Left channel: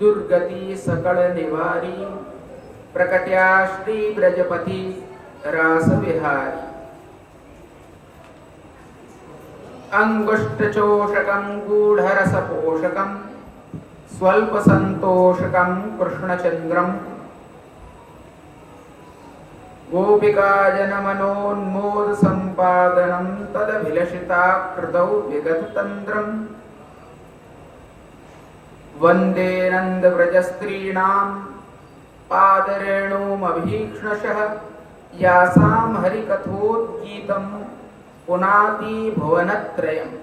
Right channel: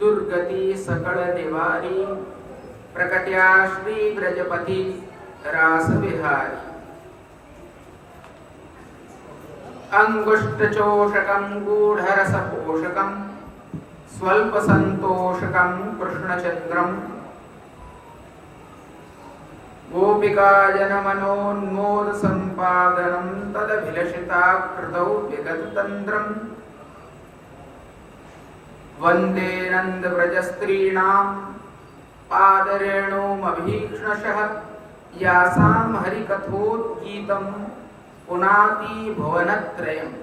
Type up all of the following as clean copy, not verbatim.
दुर्गति सकल निवारी प्रकट्या श्री ब्रजपति रास विहारी अंगुष्ठचोषकं गूढ़रसपोषकं स्वल्प संतोषकं कृष्णचंद्रम गोपिका जनमनोन्मोद संपादनं तदभिलषिताकृतौ विगततन्द्रं वन्दे नन्दव्रजस्त्रीणां पादरेणुमभीक्ष्णशः यासां हरिकथोद्गीतं पुनाति भुवनत्रयम्।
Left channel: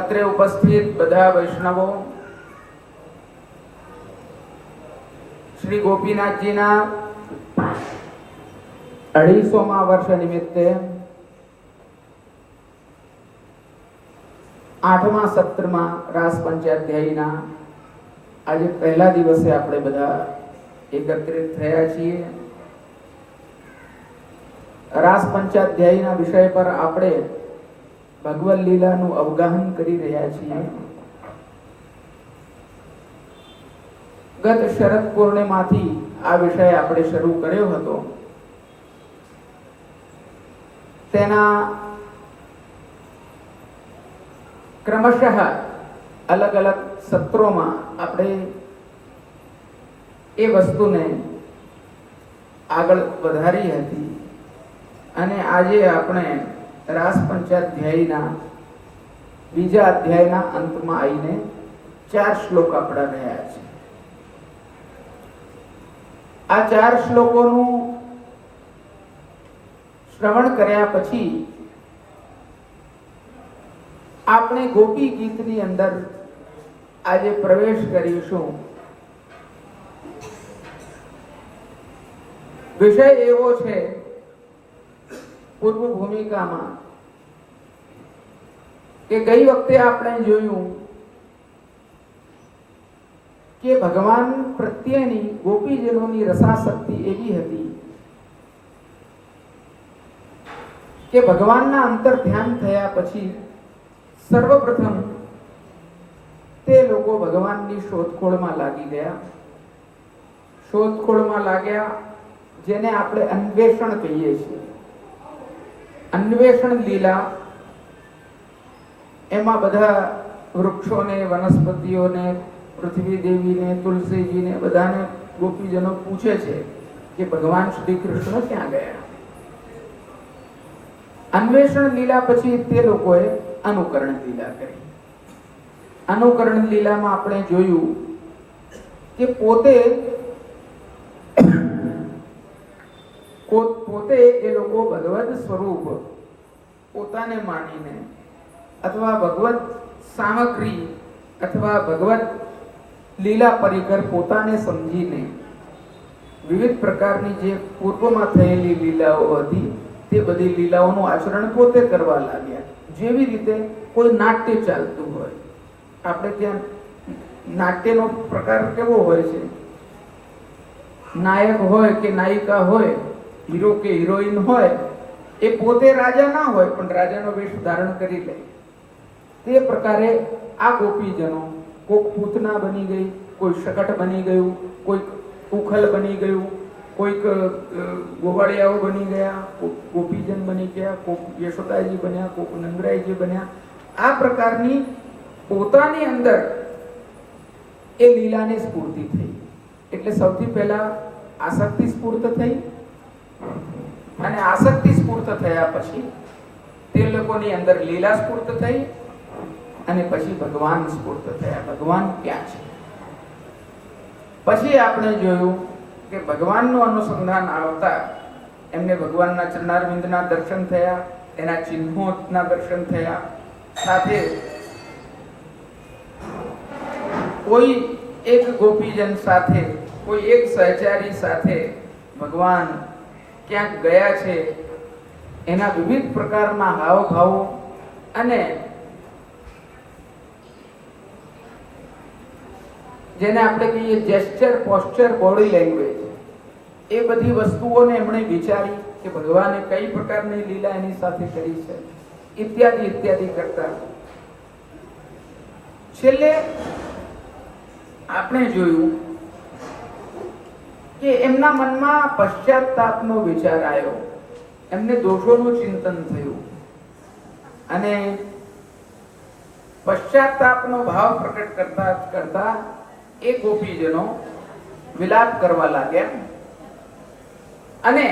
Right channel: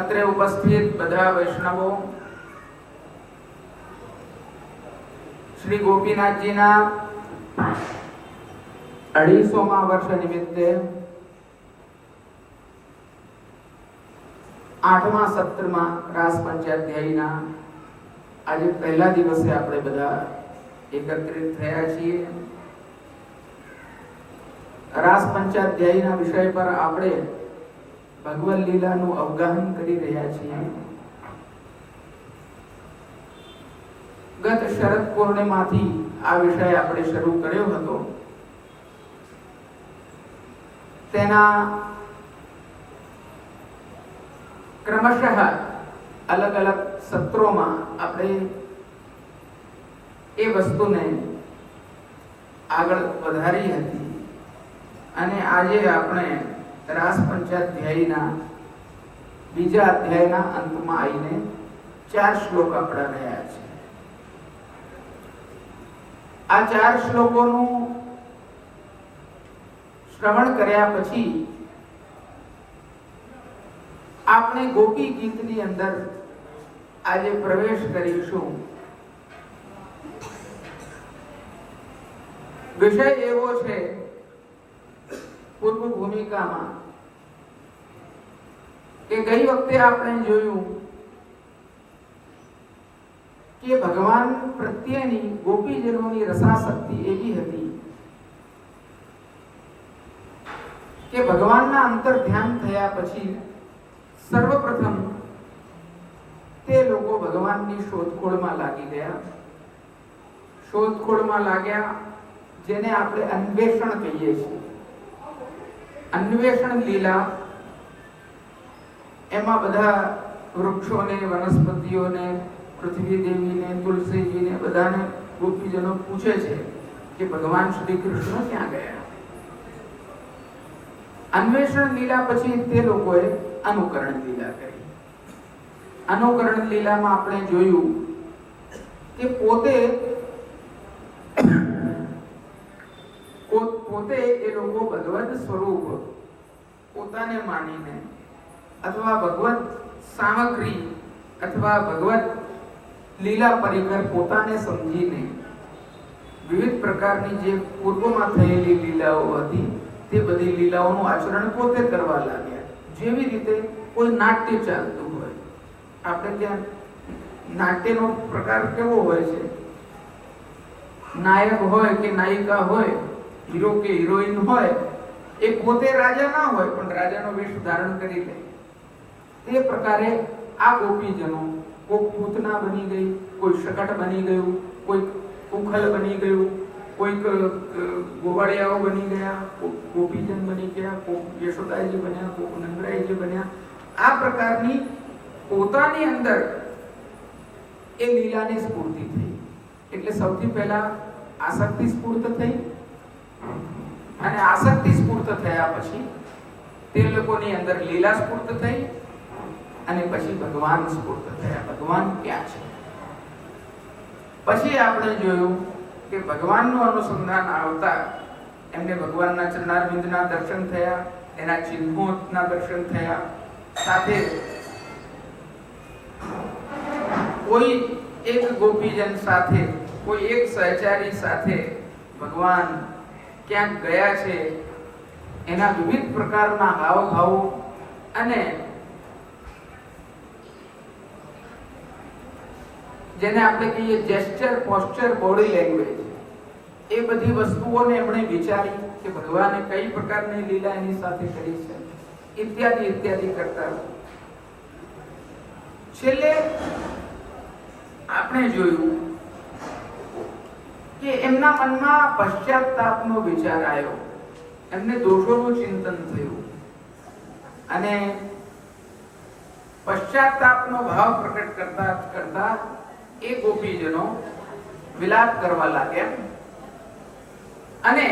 अत्र उपस्थित બધા વૈષ્ણવો શ્રી ગોપીનાથજીના 250મા વર્ષ નિમિત્તે 8મા સત્રમાં રાસ પંચાધ્યાયીના આજે પહેલા દિવસે આપણે બધા એકત્રિત થયા છીએ। રાસ પંચાધ્યાયીના વિષય પર આપણે ભગવદ લીલાનું અવગાહન કરી રહ્યા છીએ। ગત શરદ પૂર્ણિમાથી આ વિષય આપણે શરૂ કર્યો હતો। તેના ક્રમશઃ અલગ અલગ સત્રોમાં આપણે એ વસ્તુને આગળ વધારી હતી અને આજે આપણે રાસ પંચાધ્યાયીના બીજા અધ્યાયના અંતમાં આવીને 4 શ્લોક આપણા રહ્યા છે। આ 4 શ્લોકોનું શ્રવણ કર્યા પછી આપણે ગોપી ગીતની અંદર આજે પ્રવેશ કરીશું। વિષય એવો છે પૂર્વ ભૂમિકામાં કે ગઈ વખતે આપણે જોયું કે ભગવાન પ્રત્યેની ગોપીજનોની રસાસક્તિ એવી હતી કે ભગવાનના અંતર ધ્યાન થયા પછી સર્વપ્રથમ તે લોકો ભગવાનની શોધખોળમાં લાગી ગયા। શોધખોળમાં લાગ્યા જેને આપણે અન્વેષણ કહીએ છીએ। अन्वेषण लीला एमा बधा वृक्षों ने वनस्पतिओं ने पृथ्वी देवी ने तुलसी जी ने बधाने गोपीजनों पूछे छे कि भगवान श्री कृष्ण क्या गया। अन्वेषण लीला पछी ते लोकोए अनुकरण लीला करी। अनुकरण लीला में आपणे जोयुं कि पोते પોતે એ લોકો ભગવદ સ્વરૂપ પોતાને માનીને અથવા ભગવદ સામગ્રી અથવા ભગવદ લીલા પરિકર પોતાને સમજીને વિવિધ પ્રકારની જે પૂર્વમાં થયેલી લીલાઓ હતી તે બધી લીલાઓનું આચરણ પોતે કરવા લાગ્યા। જેવી રીતે કોઈ નાટ્ય ચાલતું હોય, આપણે ત્યાં નાટ્યનો પ્રકાર કેવો હોય છે, નાયક હોય કે નાયિકા હોય, हीरो के हीरोइन होय ए पोते राजा ना होय पण राजानो वेश धारण करी ले। ते प्रकारे आ गोपीजनो कोई पूतना बनी गई, कोई शकट बनी गયું, कोई उखल बनी गયું, कोई गोवाड़ियाओ बनी गया, गोपीजन बनी गया, कोई यशोदाजी बन्या, कोई नंदरायजी बन्या। आ प्रकारनी पोतानी अंदर ए लीलाने स्फूर्ति थई। એટલે સૌથી પહેલા આસક્તિ સ્ફૂર્ત થઈ અને આસક્તિ સ્ફૂર્ત થયા પછી તે લોકોની અંદર લીલા સ્ફૂર્ત થઈ અને પછી ભગવાન સ્ફૂર્ત થયા। ભગવાન ક્યાં છે? પછી આપણે જોયું કે ભગવાનનું અનુસંધાન આવતા એમને ભગવાનના ચરણારવિંદના દર્શન થયા, એના ચિહ્નોના દર્શન થયા, સાથે કોઈ એક ગોપીજન સાથે, કોઈ એક સહચારી સાથે ભગવાન ક્યાંક ગયા છે એના વિવિધ પ્રકારના હાવભાવો અને જેને આપણે કહીએ જેસ્ચર, પોસ્ચર, બોડી લેંગ્વેજ, એ બધી વસ્તુઓને એમણે વિચારી કે ભગવાને કઈ પ્રકારની લીલા એની સાથે કરી છે। ઇત્યાદિ ઇત્યાદિ કરતા. છેલ્લે આપણે જોયું કે એમના મનમાં પશ્ચાતાપનો વિચાર આવ્યો, એમને દોષોનું ચિંતન થયું અને પશ્ચાતાપનો ભાવ પ્રકટ કરતા કરતા એ ગોપીજનો વિલાપ કરવા લાગ્યા અને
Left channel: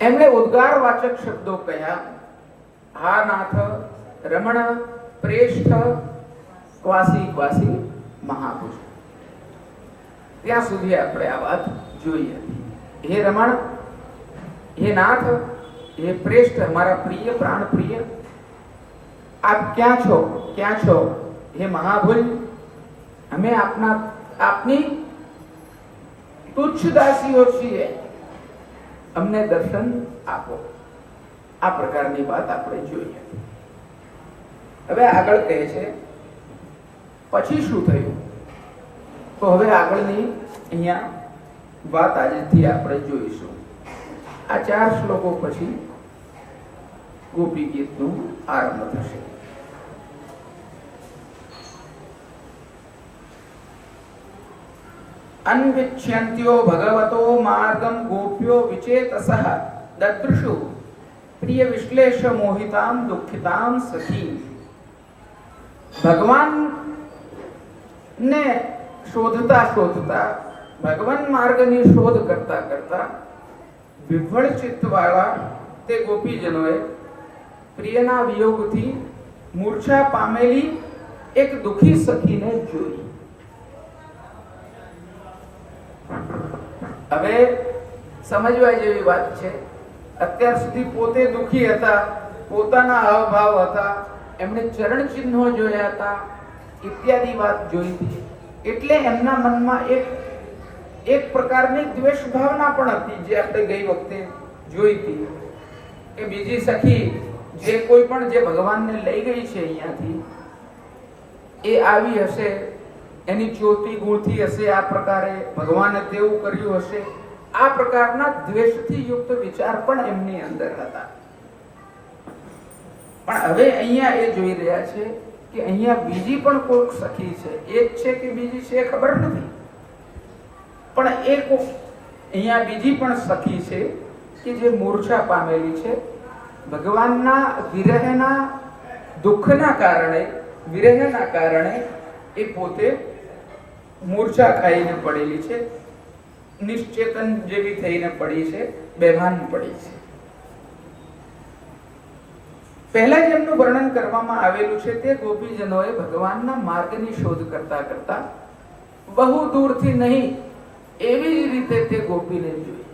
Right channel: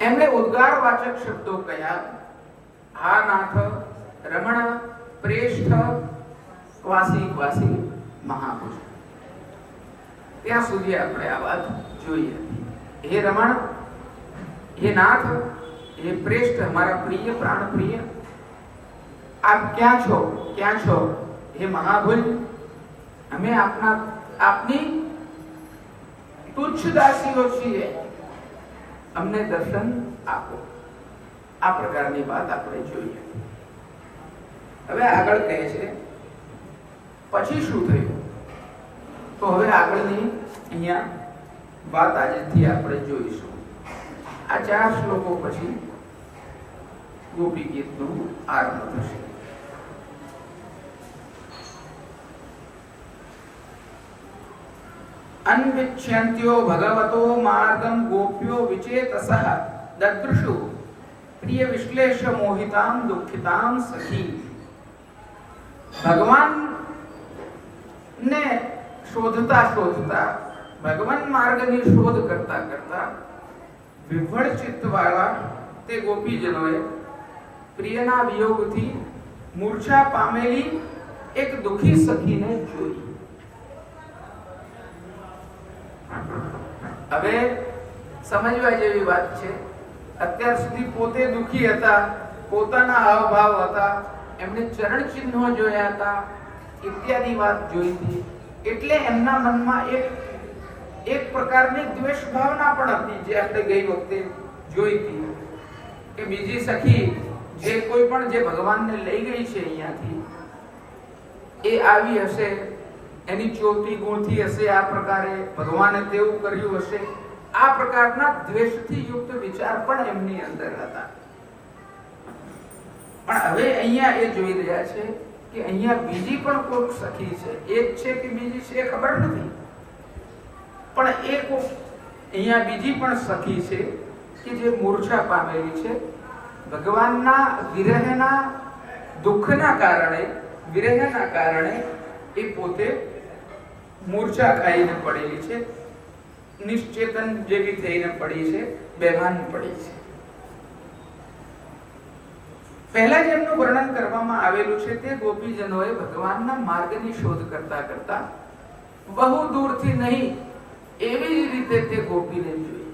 એમણે ઉદ્ગારવાચક શબ્દો કહ્યા, હા નાથ રમણ પ્રેષ્ઠ ક્વાસી ક્વાસી મહાપુરુષ. ત્યાં સુધી આપણે આ વાત જોઈ હતી. હે રમણ, હે નાથ, હે પ્રેષ્ઠ, મારા પ્રિય પ્રાણ પ્રિય, આપ ક્યાં છો, ક્યાં છો? હે મહાભુજ, અમે આપની તુચ્છ દાસીઓ છીએ, અમને દર્શન આપો. આ પ્રકારની વાત આપણે જોઈએ. હવે આગળ કહે છે પછી શું થયું? તો હવે આગળની અહીંયા વાત આજથી આપણે જોઈશું. આ 4 શ્લોકો પછી ગોપી ગીતનું આરંભ થશે. અન્વિચ્યન્ત્યો ભગવતો માર્ગમ ગોપ્યો વિચેતસઃ દદૃશુ પ્રિય વિશ્લેષ મોહિતામ દુઃખિતામ સખી. ભગવાન ને શોધતા શોધતા, ભગવાન માર્ગની શોધ કરતા કરતા વિભળ ચિત્ત વાળા તે ગોપીજનોએ પ્રિયના વિયોગથી મૂર્છા પામેલી એક દુઃખી સખીને જોઈ. હવે સમજવા જેવી વાત છે. અત્યાર સુધી પોતે દુઃખી હતા, પોતાના હાવભાવ હતા, એમણે ચરણ ચિહ્નો જોયા હતા, ઇત્યાદિ વાત જોઈ હતી. એટલે એમના મનમાં એક પ્રકારની દ્વેષ ભાવના પણ હતી, જે આપણે ગઈ વખતે જોઈ હતી કે બીજી સખી જે કોઈ પણ જે ભગવાનને લઈ ગઈ છે અહીંયાથી, એ આવી હશે, એની ચોટી ગુણથી હશે, આ પ્રકારે ભગવાને તેવું કર્યું હશે, આ પ્રકારના દ્વેષથી યુક્ત વિચાર પણ એમની અંદર હતા. પણ હવે અહીંયા એ જોઈ રહ્યા છે કે અહીંયા બીજી પણ કોઈક સખી છે. એક છે કે બીજી છે ખબર નથી, પણ એક અહીંયા બીજી પણ સખી છે કે જે મૂર્છા પામેલી છે. ભગવાનના વિરહના દુઃખના કારણે, વિરહના કારણે એ પોતે મૂર્છા ખાઈને પડેલી છે, નિશ્ચેતન જેવી થઈને પડી છે, બેભાન પડી છે. પહેલા જેમનું વર્ણન કરવામાં આવેલું છે તે ગોપીજનોએ ભગવાનના માર્ગની શોધ કરતા કરતા બહુ દૂરથી નહીં એવી જ રીતે તે ગોપીને જોઈ.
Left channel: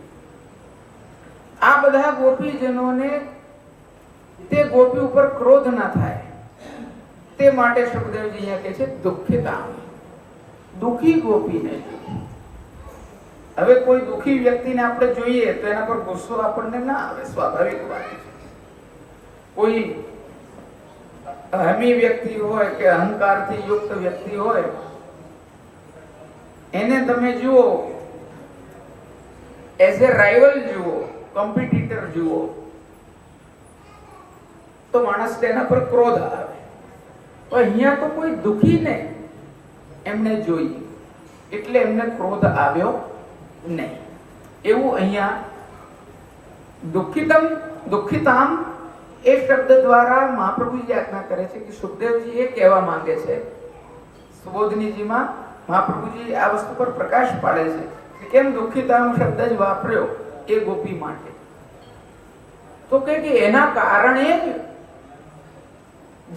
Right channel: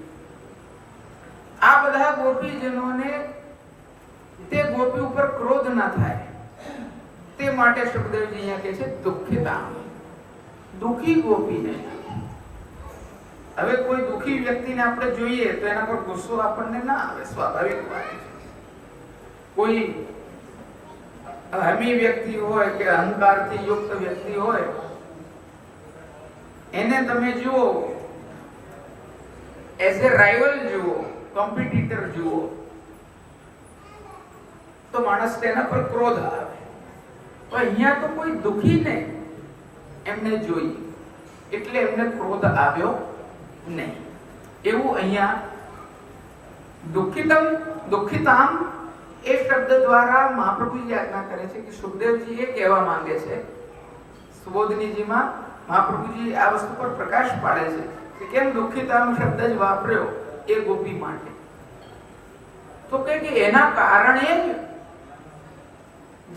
આ બધા ગોપીજનોને તે ગોપી ઉપર ક્રોધ ના થાય તે માટે સુખદેવજી અહીંયા કહે છે દુઃખિતા, દુઃખી ગોપીને. હવે કોઈ દુઃખી વ્યક્તિને આપણે જોઈએ તો એના પર ગુસ્સો આપણને ના આવે, સ્વાભાવિક વાત છે. કોઈ અહમી વ્યક્તિ હોય કે અહંકારથી યુક્ત વ્યક્તિ હોય, એને તમે જુઓ એઝ એ રાઇવલ જુઓ, કોમ્પિટિટર જુઓ, તો માણસ તેના પર ક્રોધ આવે. તો અહીંયા તો કોઈ દુઃખીને એમને જોઈ એટલે એમને ક્રોધ આવ્યો નહીં. એવું અહીંયા દુઃખિતામ એ શબ્દ દ્વારા મહાપ્રભુજી આજ્ઞા કરે છે કે સુખદેવજી એ કહેવા માંગે છે. સુબોધનીજીમાં મહાપ્રભુજી આ વસ્તુ પર પ્રકાશ પાડે છે કે કેમ દુઃખિતામ શબ્દ જ વાપર્યો એ ગોપી માટે. તો કે એના કારણે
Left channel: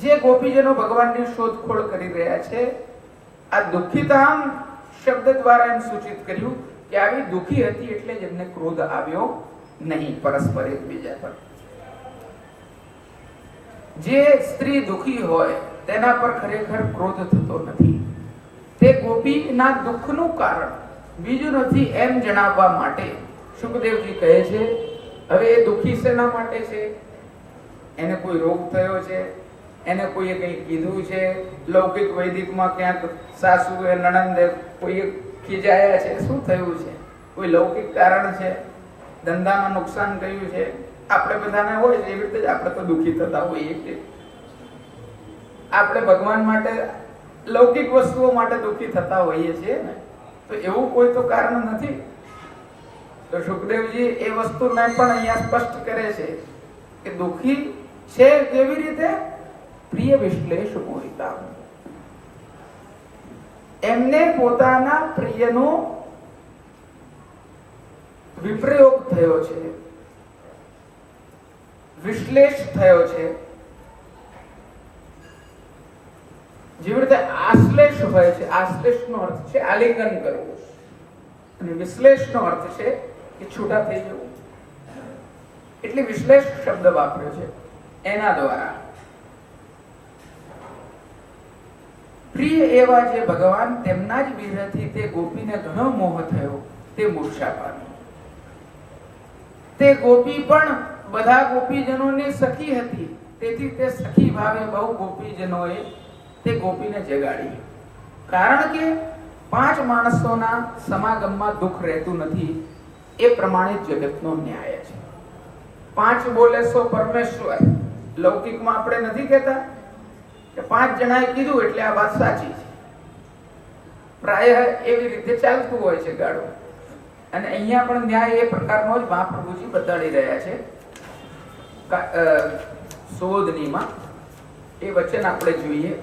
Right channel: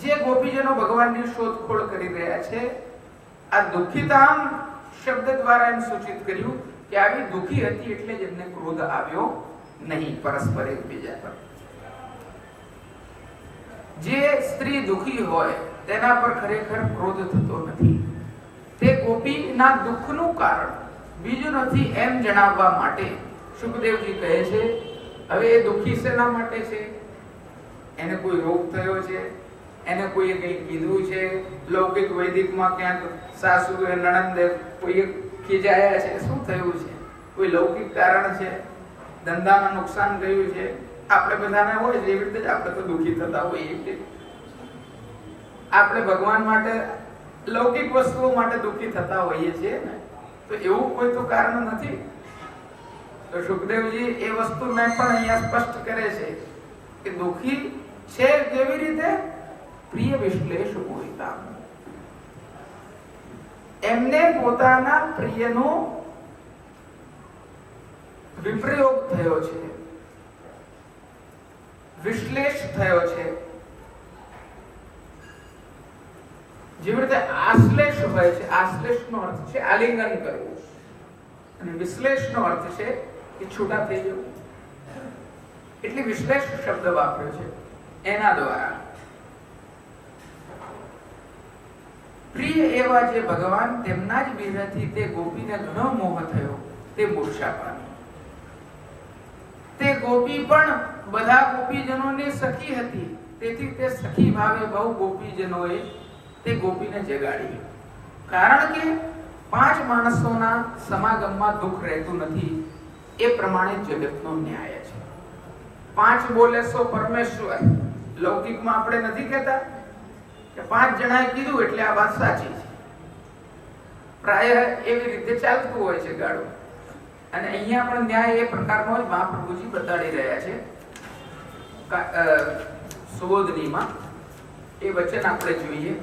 જે ગોપીજનો ભગવાનની શોધખોળ કરી રહ્યા છે, આ દુઃખિતામ શબ્દ દ્વારા એમ સૂચિત કર્યું કે આવી દુઃખી હતી એટલે જ એમને ક્રોધ આવ્યો નહીં પરસ્પર એકબીજા પર. જે સ્ત્રી દુઃખી હોય તેના પર ખરેખર ક્રોધ થતો નથી. તે ગોપીના દુઃખનું કારણ બીજું નથી એમ જણાવવા માટે સુખદેવજી કહે છે હવે એ દુઃખી શેના માટે છે? એને કોઈ રોગ થયો છે, એને કોઈએ કંઈ કીધું છે, લૌકિક વૈદિકમાં ક્યાંક સાસુએ નણંદે કોઈ ખીજાયા છે, શું થયું છે? કોઈ લૌકિક કારણ છે? ધંધામાં નુકસાન થયું છે, આપણે બધાને હોય એવી રીતે જ આપણે તો દુઃખી થતા હોઈએ છીએ. આપણે ભગવાન માટે લૌકિક વસ્તુઓ માટે દુઃખી થતા હોઈએ છીએ ને, તો એવું કોઈ તો કારણ નથી. તો સુખદેવજી એ વસ્તુને પણ અહીંયા સ્પષ્ટ કરે છે કે દુઃખી છે કેવી રીતે? પ્રિય વિશ્લેષ પૂરિતા, એમને પોતાના પ્રિયનો વિપ્રયોગ થયો છે, વિશ્લેષ થયો છે. જેવી રીતે આશ્લેષ હોય છે, આશ્લેષનો અર્થ છે આલિંગન કરવું, અને વિશ્લેષનો અર્થ છે કે છૂટા થઈ જવું. એટલે વિશ્લેષ શબ્દ વાપર્યો છે એના દ્વારા. પ્રિય એવા જે ભગવાન, તેમના જ વિરહથી તે ગોપીને ઘણો મોહ થયો, તે મૂર્છા પામી. તે ગોપી પણ બધા ગોપીજનોની સખી હતી, તેથી તે સખી ભાવે બહુ ગોપીજનોએ તે ગોપીને જગાડી. કારણ કે 5 માણસોના સમાગમમાં દુઃખ રહેતું નથી, એ પ્રમાણે જગતનો ન્યાય છે. 5 બોલે સો પરમેશ્વર. લૌકિકમાં આપણે નથી કહેતા કે 5 જણાએ કીધું એટલે આ વાત સાચી છે. પ્રાય એવી રીતે ચાલતું હોય છે ગાડું. અને અહીંયા પણ ન્યાય એ પ્રકારનો જ મહાપ્રભુજી બતાડી રહ્યા છે. 16 એ વચન આપણે જોઈએ.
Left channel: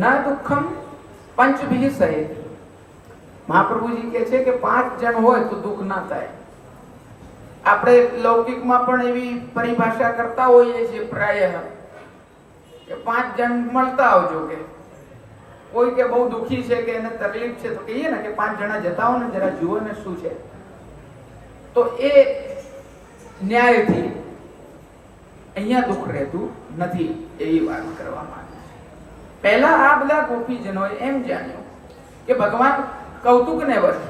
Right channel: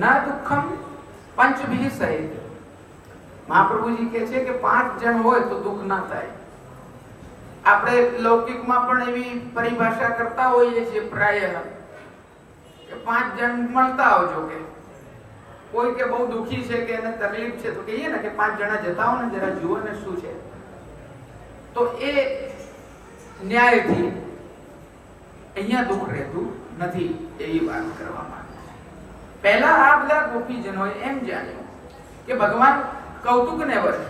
ના દુઃખમ પંચભી સહિત. મહાપ્રભુજી કહે છે કે 5 જણ હોય તો દુઃખ ના થાય. આપણે લૌકિકમાં પણ એવી પરિભાષા કરતા હોઈએ છીએ પ્રાય કે 5 જણ મળતા આવજો. કે કોઈ કે બહુ દુઃખી છે કે એને તકલીફ છે તો કહીએ ને કે 5 જણા જતા હો ને જરા જુઓ ને શું છે. તો એ ન્યાયથી અહીંયા દુઃખ રહેતું નથી એવી વાત કરવામાં. પહેલા આ બધા ગોપીજનોએ એમ જાણ્યું કે ભગવાન કૌતુકને વશ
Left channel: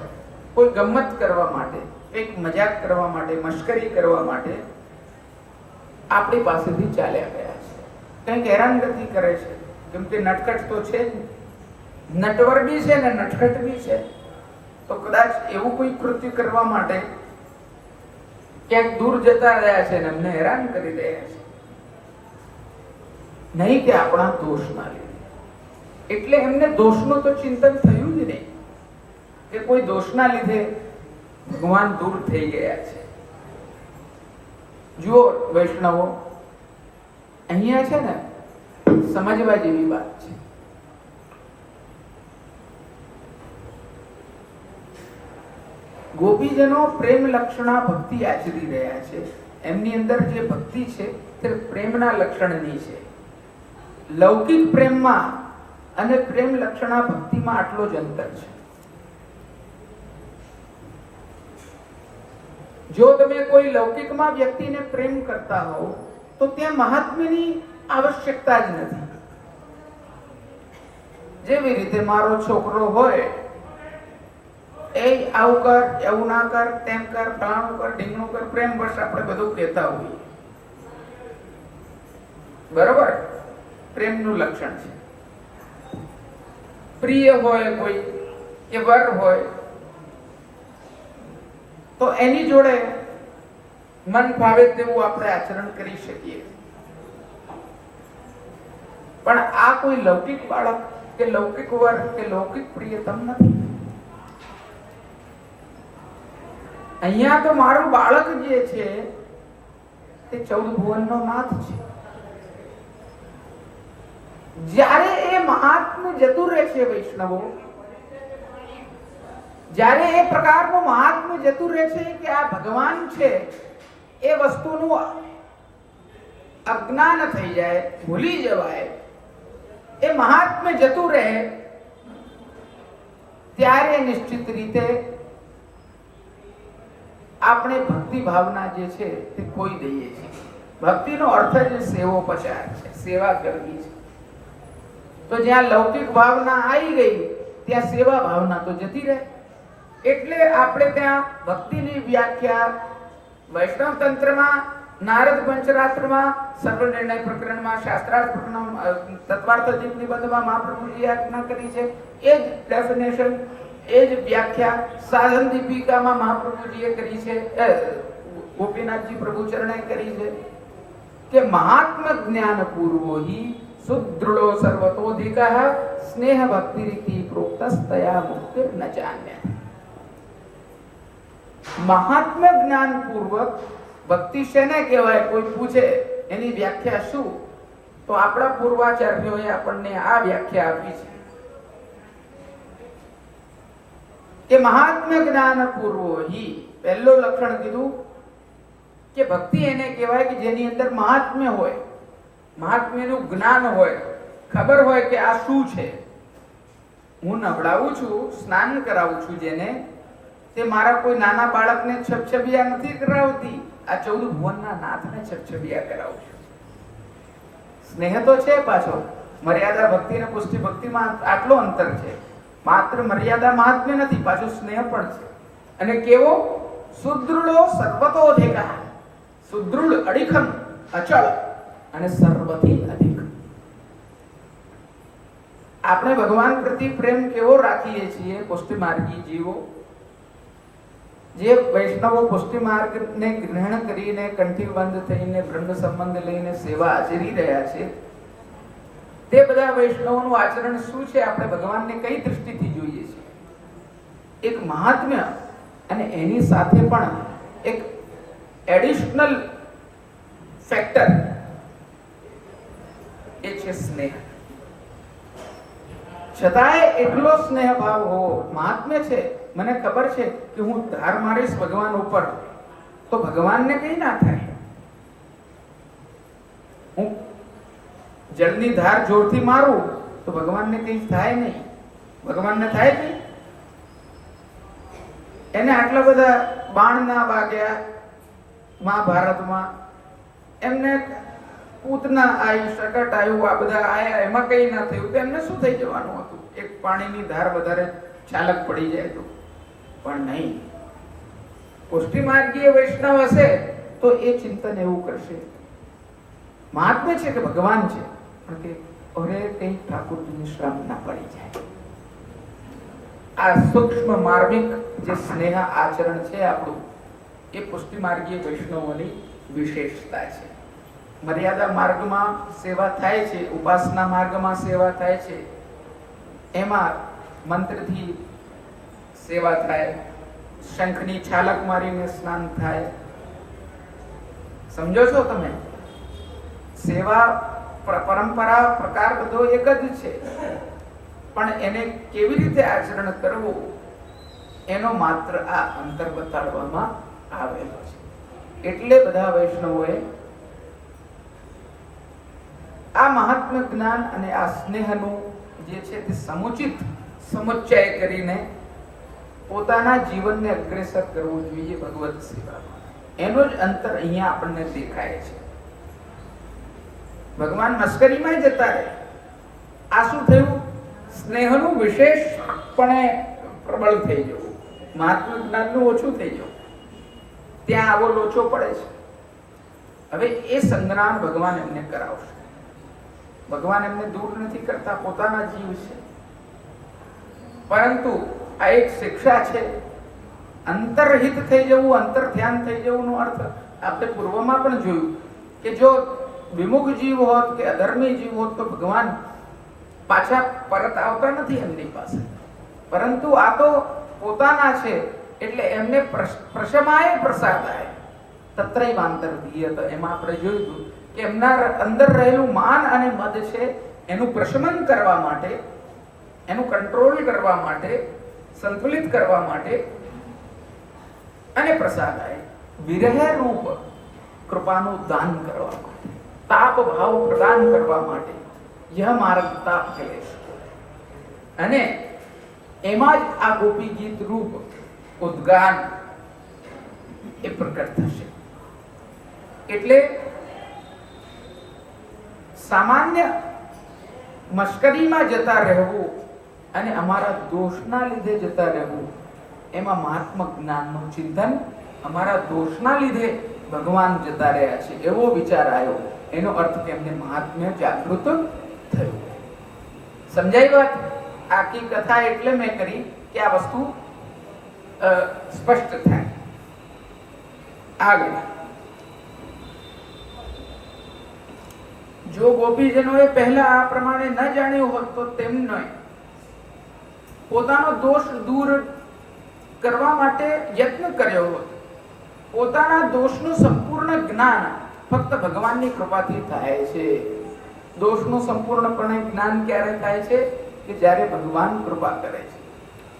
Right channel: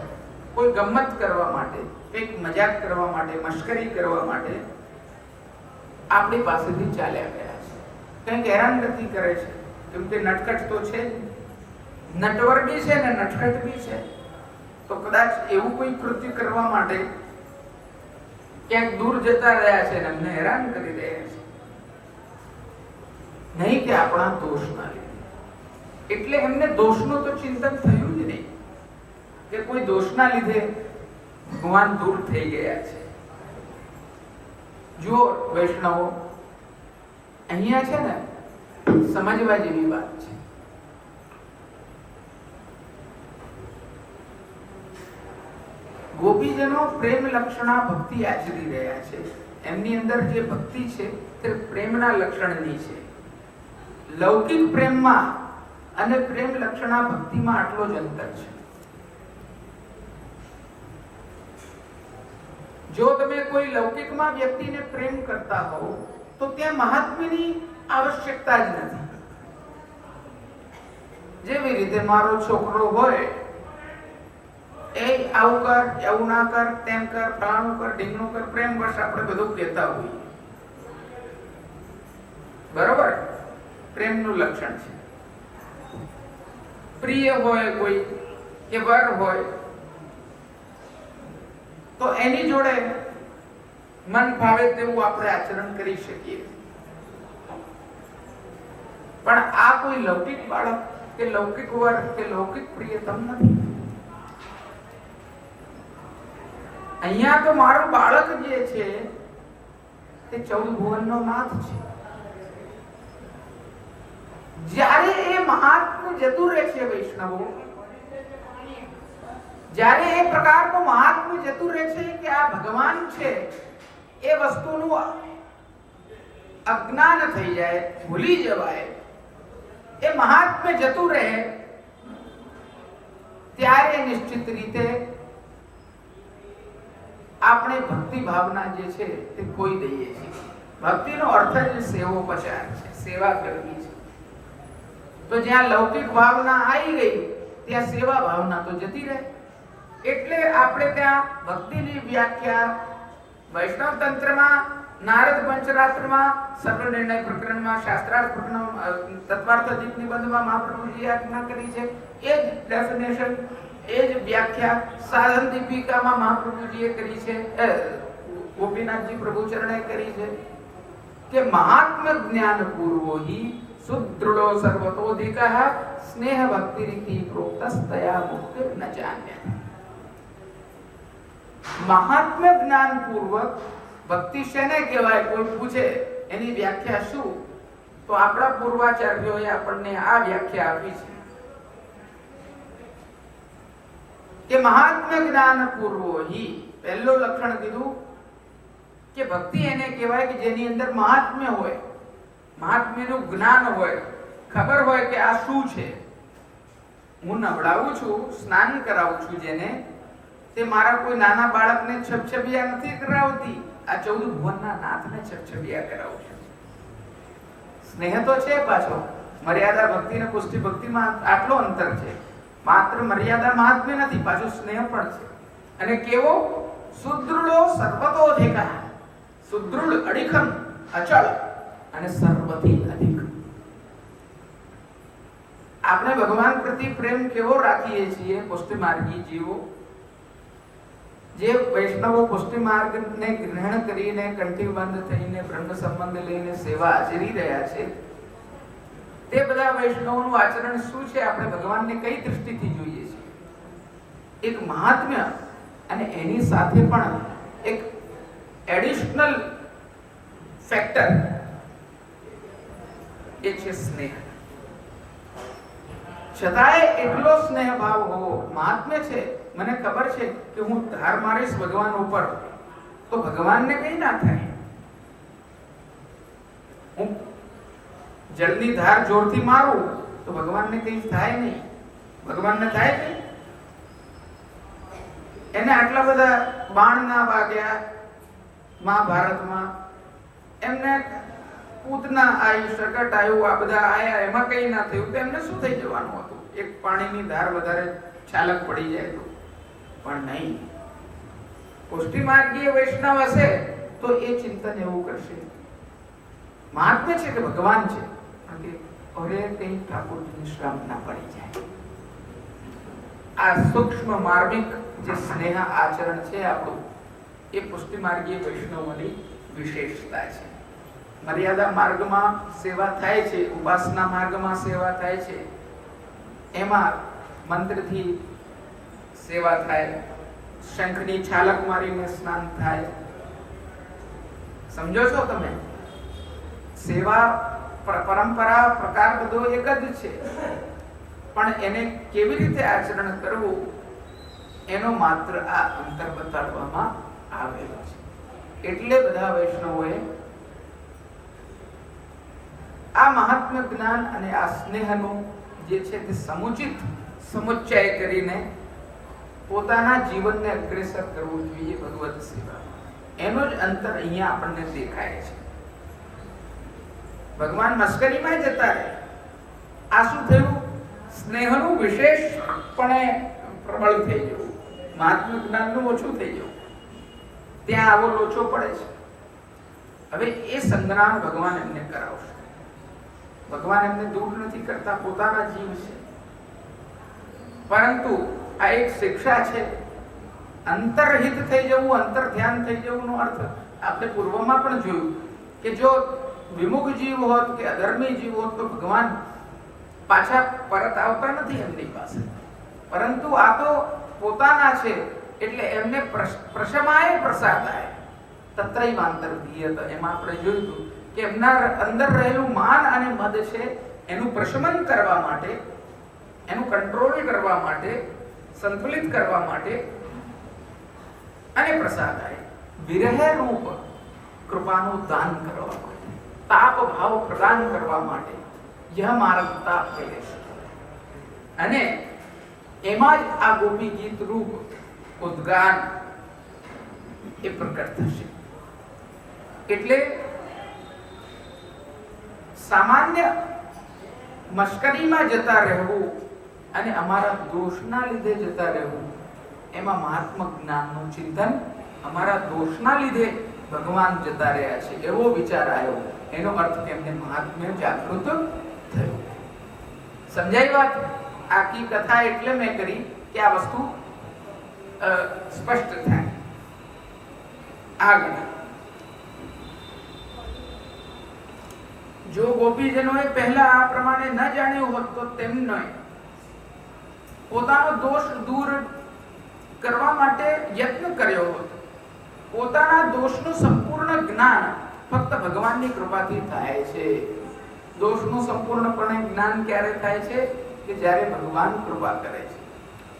કોઈ ગમ્મત કરવા માટે, કંઈક મજાક કરવા માટે, મશ્કરી કરવા માટે આપણી પાસેથી ચાલ્યા ગયા છે, કંઈક હેરાનગતિ કરે છે. કેમ કે નટખટ તો છે, નટવર બી છે ને નટખટ બી છે. તો કદાચ એવું કોઈ કૃત્ય કરવા માટે ક્યાંક દૂર જતા રહ્યા છે ને અમને હેરાન કરી રહ્યા છે, નહીં કે આપણા દોષના લીધે. એટલે એમને દોષનું તો ચિંતન થયું જ નહીં કે કોઈ દોષના લીધે ભગવાન દૂર થઈ ગયા છે. જુઓ વૈષ્ણવો, અહીંયા છે ને સમજવા જેવી વાત છે. ગોપીજનો પ્રેમ લક્ષણા ભક્તિ આચરી રહ્યા છે. એમની અંદર જે ભક્તિ છે તે પ્રેમના લક્ષણની છે. લૌકિક પ્રેમમાં અને પ્રેમ લક્ષણા ભક્તિમાં આટલો જ અંતર છે. જો તમે કોઈ લૌકિકમાં વ્યક્તિને પ્રેમ કરતા હો તો ત્યાં મહાત્મ્યની આવશ્યકતા જ નથી. જેવી રીતે મારો છોકરો હોય, એ આવું કર, એવું ના કર, તેમ કર, ફલાણું કર, ઢીંગણું કર, પ્રેમ બસ આપણે બધું કહેતા હોઈએ. બરોબર? પ્રેમનું લક્ષણ છે. પ્રિય હોય કોઈ, એ વર હોય, તો એની જોડે મન ભાવે તેવું આપણે આચરણ કરી શકીએ. પણ આ કોઈ લૌકિક બાળક કે લૌકિક વર કે લૌકિક પ્રિયતમ નથી. અહીંયા તો મારું બાળક જે છે તે 14 ભુવનનો નાથ છે. જ્યારે એ મહાત્મ્ય જતું રહે છે વૈષ્ણવો, જ્યારે એ પ્રકારનું મહાત્મ્ય જતું રહે છે કે આ ભગવાન છે એ વસ્તુનું અજ્ઞાન થઈ જાય, ભૂલી જવાય, એ મહાત્મ્ય જતું રહે, ત્યારે નિશ્ચિત રીતે આપણે ભક્તિ ભાવના જે છે તે ખોઈ દઈએ છીએ. ભક્તિનો અર્થ જ સેવોપચાર છે, સેવા કરવી છે. તો જ્યાં લૌકિક ભાવના આવી ગઈ ત્યાં સેવા ભાવના તો જતી રહે. એટલે આપણે ત્યાં ભક્તિની વ્યાખ્યા વૈષ્ણવ તંત્રમાં નારદ પંચરાત્રમાં સર્વનિર્ણય પ્રકરણમાં શાસ્ત્રાર્થ પ્રકરણમાં તત્વાર્થ જીવ નિબંધમાં મહાપ્રભુજીએ આજ્ઞા કરી છે. એ જ ડેફિનેશન, એ જ વ્યાખ્યા સાધન દીપિકામાં મહાપ્રભુજીએ કરી છે, ગોપીનાથજી પ્રભુચરણે કરી છે કે મહાત્મ જ્ઞાન પૂર્વો હિ સુદૃઢો સર્વતોધિકઃ સ્નેહ ભક્તિ રીતિ પ્રોક્તસ્તયા મુક્તિ ન જાન્ય. મહાત્મ જ્ઞાન પૂર્વક ભક્તિ શેને કહેવાય? કોઈ પૂછે એની વ્યાખ્યા શું, તો આપણા પૂર્વાચાર્યોએ આપણને આ વ્યાખ્યા આપી છે કે મહાત્મ જ્ઞાન પૂર્વો હિ, પહેલો લક્ષણ કીધું કે ભક્તિ એને કહેવાય કે જેની અંદર મહાત્મ્ય હોય, મહાત્મ્યનું જ્ઞાન હોય, ખબર હોય કે આ શું છે. હું નવડાવું છું, સ્નાન કરાવું છું જેને, તે મારા કોઈ નાના બાળકને છબછબિયા નથી કરાવતી, આ 14 ભુવનના નાથને છબછબિયા કરાવું છું. સ્નેહ તો છે, પાછો મર્યાદા ભક્તિ અને પુષ્ટિ ભક્તિમાં આટલો અંતર છે. માત્ર મર્યાદા મહાત્મ્ય નથી, પાછો સ્નેહ પણ છે. અને કેવો? સુદૃઢો સર્વતોધિકઃ, સુદૃઢ, અડીખમ, અચળ અને સર્વથી અધિક. આપણે ભગવાન પ્રતિ પ્રેમ કેવો રાખીએ છીએ? પુષ્ટિ માર્ગી જીવો, જે વૈષ્ણવો પુષ્ટિ માર્ગને ગ્રહણ કરીને કંઠીબંધ થઈને બ્રહ્મ સંબંધ લઈને સેવા આચરી રહ્યા છે, તે બધા વૈષ્ણવોનું આચરણ શું છે? આપણે ભગવાનને કઈ દૃષ્ટિથી જોઈએ છીએ? એક મહાત્મ્ય અને એની સાથે પણ એક એડિશનલ ફેક્ટર, એ છે સ્નેહ. છતાંય એટલો સ્નેહ ભાવ હોવો મહાત્મ્ય છે. મને ખબર છે કે હું ધાર મારીશ ભગવાન ઉપર તો ભગવાનને કઈ ના થાય. હું જલ્દી ધાર જોરથી મારું તો ભગવાનને કઈ થાય નહીં. ભગવાનને થાય નહીં. એને આટલા બધા બાણ ના વાગ્યા મહાભારતમાં, એમને પૂતના આવી, શકટ આવ્યું, આ બધા આયા, એમાં કઈ ના થયું તો એમને શું થઈ જવાનું હતું? એક પાણીની ધાર વધારે ચાલક પડી જાય તો. પણ નહીં, પુષ્ટિ માર્ગીય વૈષ્ણવ હશે તો એ ચિંતન એવું કરશે. મહાત્મ્ય છે કે ભગવાન છે, પણ કે અરે કઈ ઠાકોરજીની શ્રમ ના પડી જાય. આ સૂક્ષ્મ માર્મિક જે સ્નેહ આચરણ છે આપણું, એ પુષ્ટિ માર્ગીય વૈષ્ણવોની વિશેષતા છે. મર્યાદા માર્ગમાં સેવા થાય છે, ઉપાસના માર્ગમાં સેવા થાય છે, એમાં મંત્રથી સેવા થાય, શંખની છાલક મારીને સ્નાન થાય. સમજો છો તમે? સેવા પરંપરા પ્રકાર બધો એક જ છે, પણ એને કેવી રીતે આચરણ કરવું એનો માત્ર આ અંતર બતાડવામાં આવેલો છે. એટલે બધા વૈષ્ણવોએ આ મહાત્મ્ય જ્ઞાન અને આ સ્નેહનું જે છે તે સમુચિત સમુચ્ચય કરીને પોતાના જીવનને અગ્રેસર કરવું જોઈએ ભગવત સેવામાં. એનો જ અંતર અહીંયા આપણને દેખાય છે. ભગવાન મસ્કરીમાં જતા રહે. આ શું થયું? સ્નેહનું વિશેષપણે પ્રબળ થઈ જવું, મહાત્મ્ય જ્ઞાનનું ઓછું થઈ જવું. ત્યાં આવો લોચો પડે છે. હવે એ સંગ્રામ ભગવાન એમને કરાવશે. ભગવાન એમને દૂર નથી કરતા, પોતાના જીવ છે. પરંતુ આ એક શિક્ષા છે. અંતરહિત થઈ જવું, અંતર ધ્યાન થઈ જવું નો અર્થ આપણે પૂર્વમાં પણ જોયું કે જો વિમુખ જીવ હોત કે અધર્મી જીવ હોત તો ભગવાન પાછા પરત આવતા નથી એમની પાસે. પરંતુ આ તો પોતાના છે એટલે એમને પ્રશમાય પ્રસાદાય તત્રૈવાંતરધીયત. એમાં આપણે જોયું કે એમના અંદર રહેલું માન અને મદ છે એનું પ્રશમન કરવા માટે, એનું કંટ્રોલ કરવા માટે, સંતુલિત કરવા માટે અને પ્રસાદાય વિરહ રૂપ કૃપાનું દાન કરવા માટે, તાપ ભાવ પ્રદાન કરવા માટે यह मार्ग ताप कलेश. અને એમાં જ આ ગોપી ગીત રૂપ ઉદ્ગાન એ પ્રકટ થશે. એટલે સામાન્ય મશ્કરીમાં જતા રહેવું અને અમારા દોષના લીધે જતા રહેવું, એમાં મહાત્મા જ્ઞાનનું ચિંતન અમારા દોષના લીધે ભગવાન જતા રહ્યા છે એવો વિચાર આવ્યો. એનો અર્થ કે એમને મહાત્મ્ય જાગૃત થયું. સમજાય વાત? આખી કથા એટલે મેં કરી કે આ વસ્તુ સ્પષ્ટ થાય. આગળ જો ગોપીજનોએ પહેલા આ પ્રમાણે ન જાણ્યું હોત તો તેમને પોતાનો દોષ દૂર કરવા માટે યત્ન કર્યો હોત. પોતાના દોષનું સંપૂર્ણ જ્ઞાન ફક્ત ભગવાનની કૃપાથી થાય છે. દોષનું સંપૂર્ણપણે જ્ઞાન ક્યારે થાય છે? કે જ્યારે ભગવાન કૃપા કરે છે.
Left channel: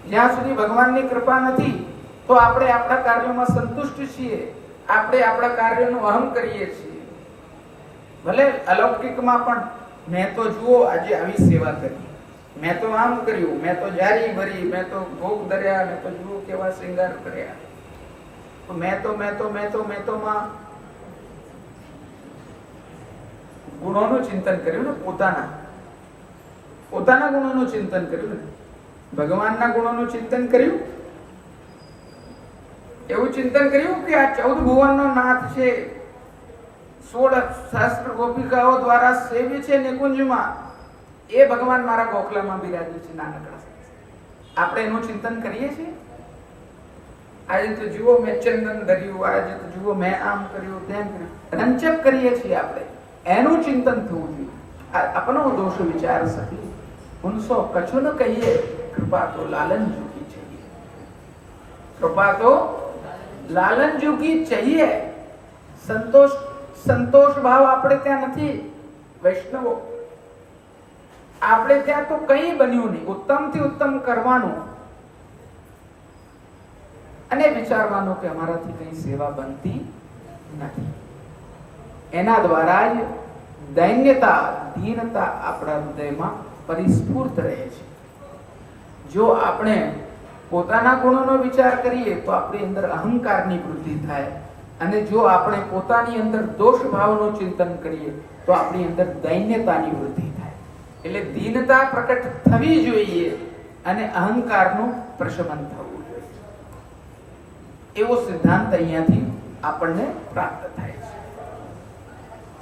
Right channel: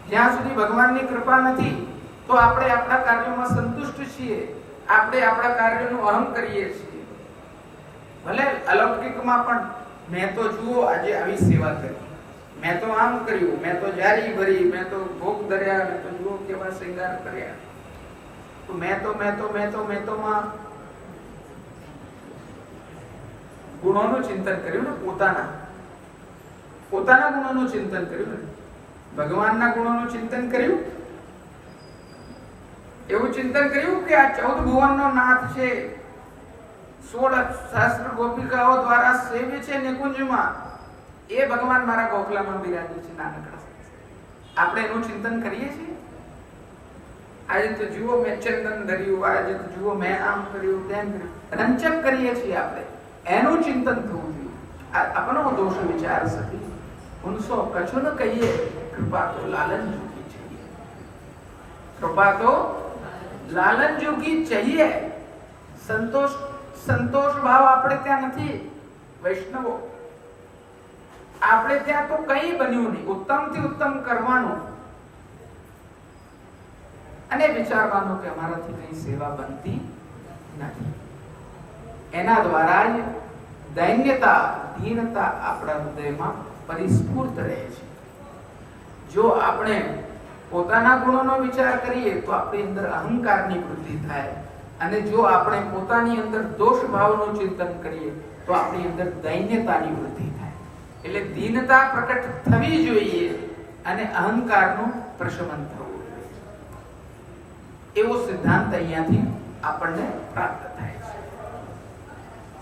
જ્યાં સુધી ભગવાનની કૃપા નથી તો આપણે આપણા કાર્યોમાં સંતુષ્ટ છીએ, આપણે આપણા કાર્યોનું અહમ કરીએ છીએ. ભલે અલૌકિકમાં પણ મેં તો જુઓ આજે આવી સેવા કરી, મેં તો આમ કર્યું, મેં તો જારી ભરી, મેં તો ભોગ ધર્યા, મેં તો જુઓ કેવા શૃંગાર કર્યા. તો મેં તો માં ગુણોનું ચિંતન કર્યું ને, પોતાના ગુણોનું ચિંતન કર્યું ને, ભગવાનના ગુણોનું ચિંતન કર્યું. એવું ચિંતન કર્યું કે આ 14 ભુવનનો નાથ છે, 16 શાસ્ત્ર ગોપિકાઓ દ્વારા સેવ્ય છે નિકુંજમાં, એ ભગવાન મારા ગોખલામાં બિરાજી છે નાનકડા. આપણે એનું ચિંતન કરીએ છીએ? આજે તો જુઓ મેં ચંદન ધર્યું, આજે તો જુઓ મેં આમ કર્યું, તેમ કર્યું, રંચક કરીએ છીએ આપણે. એનું ચિંતન થવું જોઈએ. अपनो दोष विचार सके उनसो कछु न कहिए, कृपा तो लालन जो की चाहिए, कृपा तो लालन जो की चाहिए. संतोष भाव આપણે ત્યાં નથી. વૈષ્ણવો આપણે ત્યાં તો કંઈ બન્યું નહીં. ઉત્તમથી ઉત્તમ કરવાનું અને વિચારવાનું કે અમારાથી કઈ સેવા બનતી નથી. એના દ્વારા જ દૈન્યતા, ધીરતા આપણા હૃદયમાં પરિસ્ફુટ રહે છે. જો આપણે પોતાના ગુણોનો વિચાર કરીએ તો આપણી અંદર અહંકારની વૃદ્ધિ થાય, અને જો આપણે પોતાની અંદર દોષ ભાવનું ચિંતન કરીએ તો આપણી અંદર દૈન્યતાની વૃદ્ધિ થાય. એટલે દીનતા પ્રકટ થવી જોઈએ અને અહંકારનું પ્રશમન થવું જોઈએ. એવો સિદ્ધાંત અહીંયાથી આપણને પ્રાપ્ત થાય છે.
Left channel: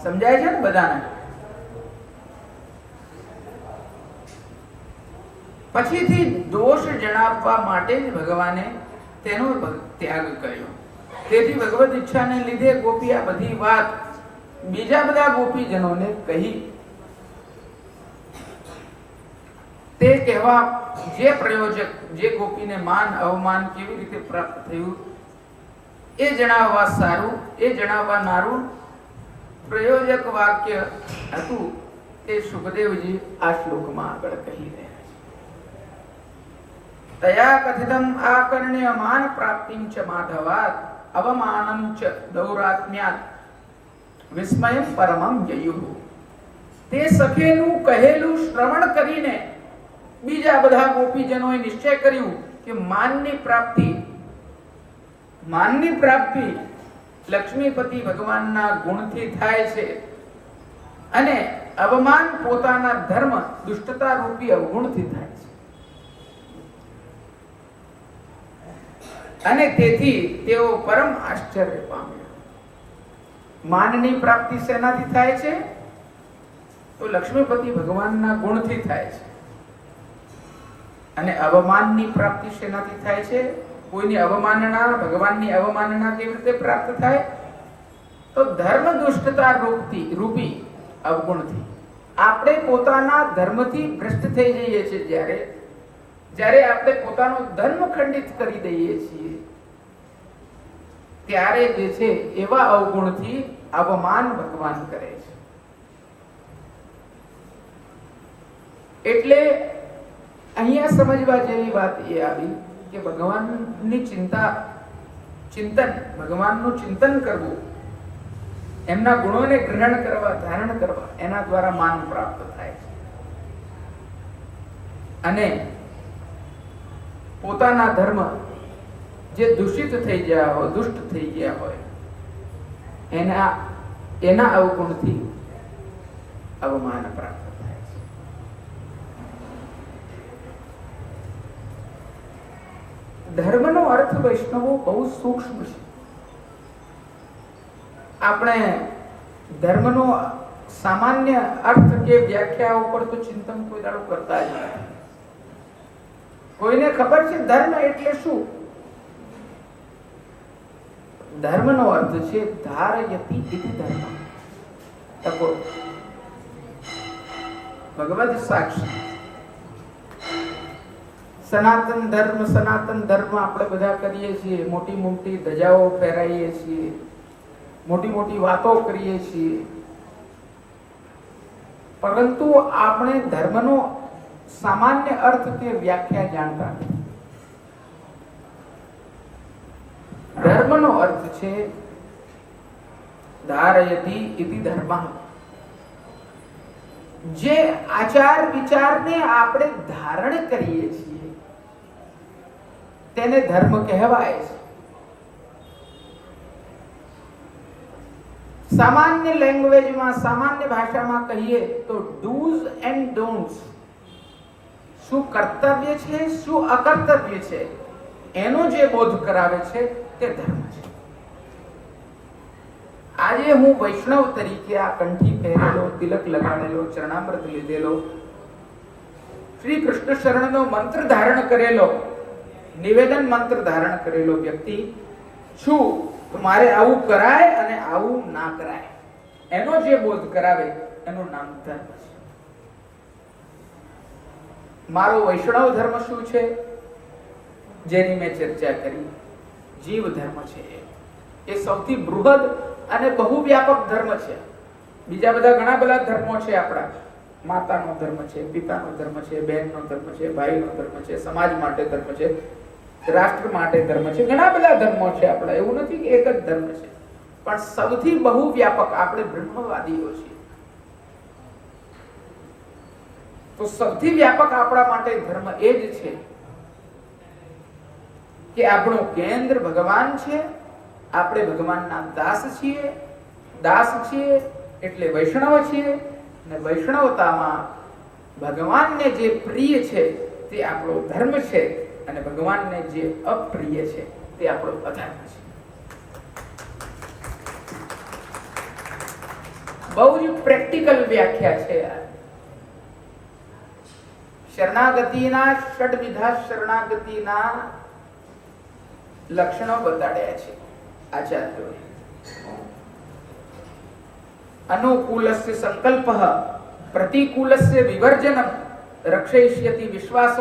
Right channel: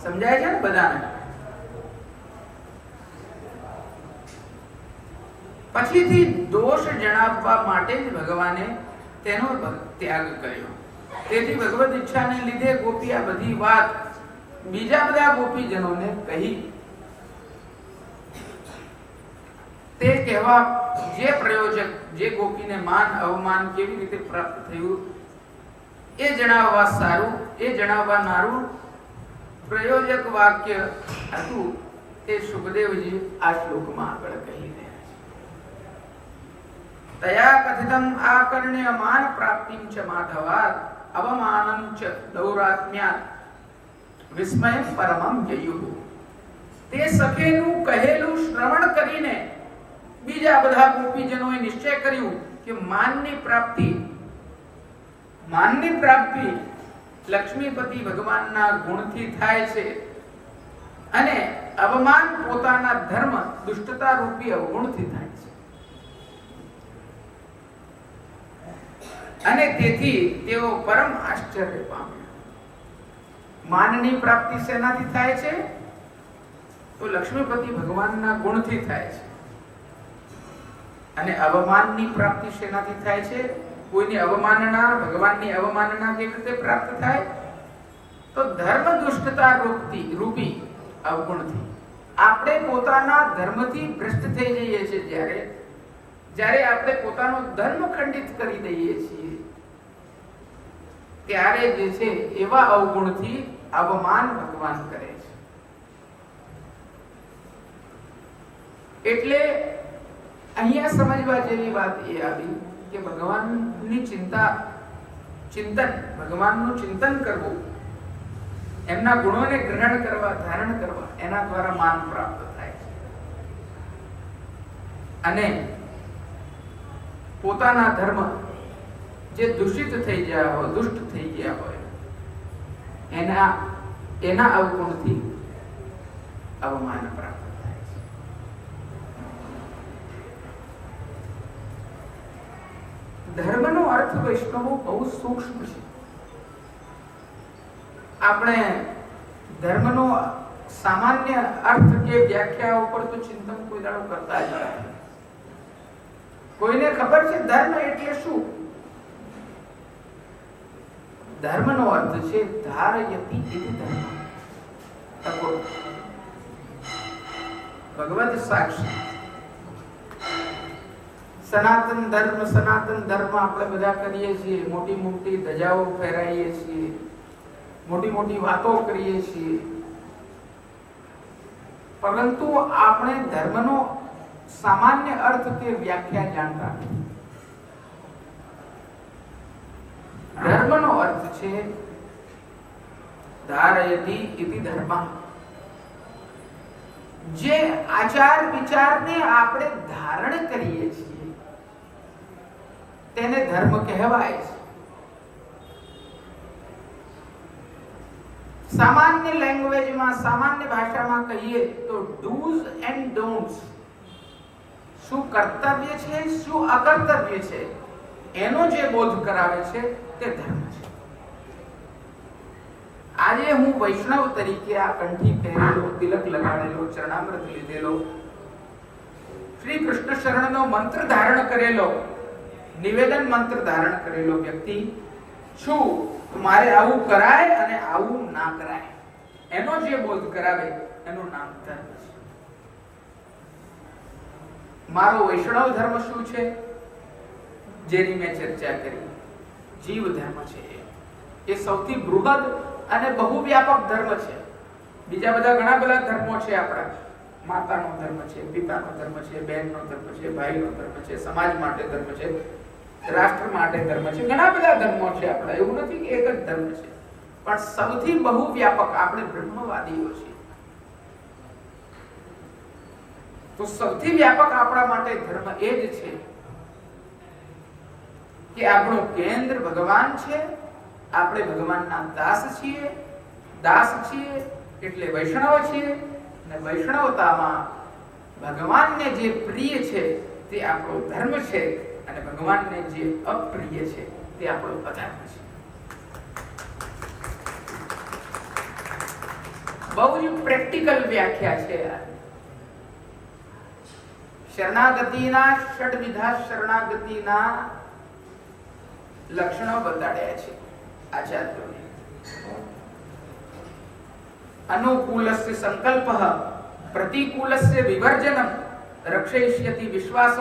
સમજાય છે ને બધાને? પછીથી દોષ જણાવવા માટે જ ભગવાને તેનો ત્યાગ કર્યો. તેથી ભગવદ ઈચ્છાને લીધે ગોપી આ બધી વાત બીજા બધા ગોપીજનોને કહી. તે કહેવા જે પ્રયોજક, જે ગોપીને માન અવમાન કેવી રીતે પ્રાપ્ત થયું એ જણાવવા સારું, એ જણાવવા નારું પ્રયોજક વાક્ય હતું તે સુખદેવજી આ શ્લોકમાં આગળ કહી રહ્યા છે. તયા કથિતમ આકર્ણ્ય માન પ્રાપ્તિમ ચ માધવાત અવમાનમ ચ દૌરાત્મ્યાત વિસ્મયમ પરમમ જયુઃ. તે સખેનું કહેલું શ્રવણ કરીને બીજા બધા ગોપીજનોએ નિશ્ચય કર્યું કે માનની પ્રાપ્તિ લક્ષ્મીપતિ ભગવાનના ગુણથી થાય છે, અને અવમાન પોતાના ધર્મ દુષ્ટતા રૂપી અવગુણથી થાય છે. અને તેથી તેઓ પરમ આશ્ચર્ય પામ્યા. માનની પ્રાપ્તિ શેનાથી થાય છે? તો લક્ષ્મીપતિ ભગવાનના ગુણથી થાય છે. અને અવમાનની પ્રાપ્તિ શેનાથી થાય છે? કોઈની અવમાનના, ભગવાનની અવમાનના કેવી રીતે પ્રાપ્ત થાય? તો ધર્મ દુષ્ટતા રૂપી અવગુણથી. આપણે પોતાના ધર્મથી ભ્રષ્ટ થઈ જઈએ છીએ. જ્યારે આપણે પોતાનો ધર્મ ખંડિત કરી દઈએ છીએ ત્યારે જે છે એવા અવગુણથી અવમાન ભગવાન કરે છે. એટલે અહીંયા સમજવા જેવી વાત એ આવી કે ભગવાનની ચિંતન, ભગવાનનું ચિંતન કરવું, એમના ગુણોને ગ્રહણ કરવા, ધારણ કરવા, એના દ્વારા માન પ્રાપ્ત થાય છે. અને પોતાના ધર્મ જે દૂષિત થઈ ગયા હોય, દુષ્ટ થઈ ગયા હોય, એના અવગુણથી અવમાન પ્રાપ્ત થાય છે. ધર્મનો અર્થ વૈષ્ણવો બહુ સૂક્ષ્મ છે. આપણે ધર્મનો સામાન્ય અર્થ કે વ્યાખ્યા ઉપર તો ચિંતન કોઈ દાડો કરતા જ નથી. કોઈને ખબર છે ધર્મ એટલે શું? ધર્મનો અર્થ છે ધારયતિ ઇતિ ધર્મ. તકો ભગવદ સાક્ષી સનાતન ધર્મ આપણે બધા કરીએ છીએ. મોટી મોટી ધજાઓ ફેરાઈએ છીએ, મોટી મોટી વાતો કરીએ છીએ, પરંતુ આપણે ધર્મનો સામાન્ય અર્થ કે વ્યાખ્યા જાણતા નથી. ધર્મનો અર્થ છે ધારયતિ ઇતિ ધર્મ. જે આચાર વિચારને આપણે ધારણ કરીએ છીએ તેને ધર્મ કહેવાય છે. સામાન્ય લેંગ્વેજમાં, સામાન્ય ભાષામાં કહીએ તો ડૂઝ એન્ડ ડોન્ટ્સ, શું કર્તવ્ય છે શું અકર્તવ્ય છે એનો જે બોધ કરાવે છે તે ધર્મ છે. આજે હું વૈષ્ણવ તરીકે આ કંઠી પહેરેલો, તિલક લગાડેલો, ચરણામૃત લીધેલો, શ્રી કૃષ્ણ શરણનો મંત્ર ધારણ કરેલો, નિવેદન મંત્ર ધારણ કરેલો વ્યક્તિ છું. મારે આવું કરાય અને આવું ના કરાય એનો જે બોધ કરાવે એનું નામ ધર્મ છે. મારો વૈષ્ણવ ધર્મ શું છે જેની મેં ચર્ચા કરી? જીવ ધર્મ છે. એ સૌથી બૃહદ અને બહુ વ્યાપક ધર્મ છે. બીજા બધા ઘણા બધા ધર્મો છે આપણા. માતાનો ધર્મ છે, પિતાનો ધર્મ છે, બહેનનો ધર્મ છે, ભાઈનો ધર્મ છે, સમાજ માટે ધર્મ છે, રાષ્ટ્ર માટે ધર્મ છે. ઘણા બધા ધર્મો છે આપણા. એવું નથી કે એક જ ધર્મ છે, પણ સૌથી બહુ વ્યાપક આપણે બ્રહ્મવાદીઓ છીએ. તો સૌથી વ્યાપક આપણા માટે ધર્મ એ જ છે કે આપણું કેન્દ્ર ભગવાન છે. આપણે ભગવાનના દાસ છીએ. દાસ છીએ એટલે વૈષ્ણવ છીએ, અને વૈષ્ણવતામાં ભગવાનને જે પ્રિય છે તે આપણો ધર્મ છે, અને ભગવાનને જે અપ્રિય છે તે આપણો અધર્મ છે. બહુ જ પ્રેક્ટિકલ વ્યાખ્યા છે. શરણાગતિના ષડવિધા શરણાગતિના લક્ષણો બતાડ્યા છે આચાર્યોએ. અનુકૂલસ્ય સંકલ્પઃ, પ્રતિકૂલસ્ય વિવર્જનમ, રક્ષયિષ્યતિ વિશ્વાસઃ.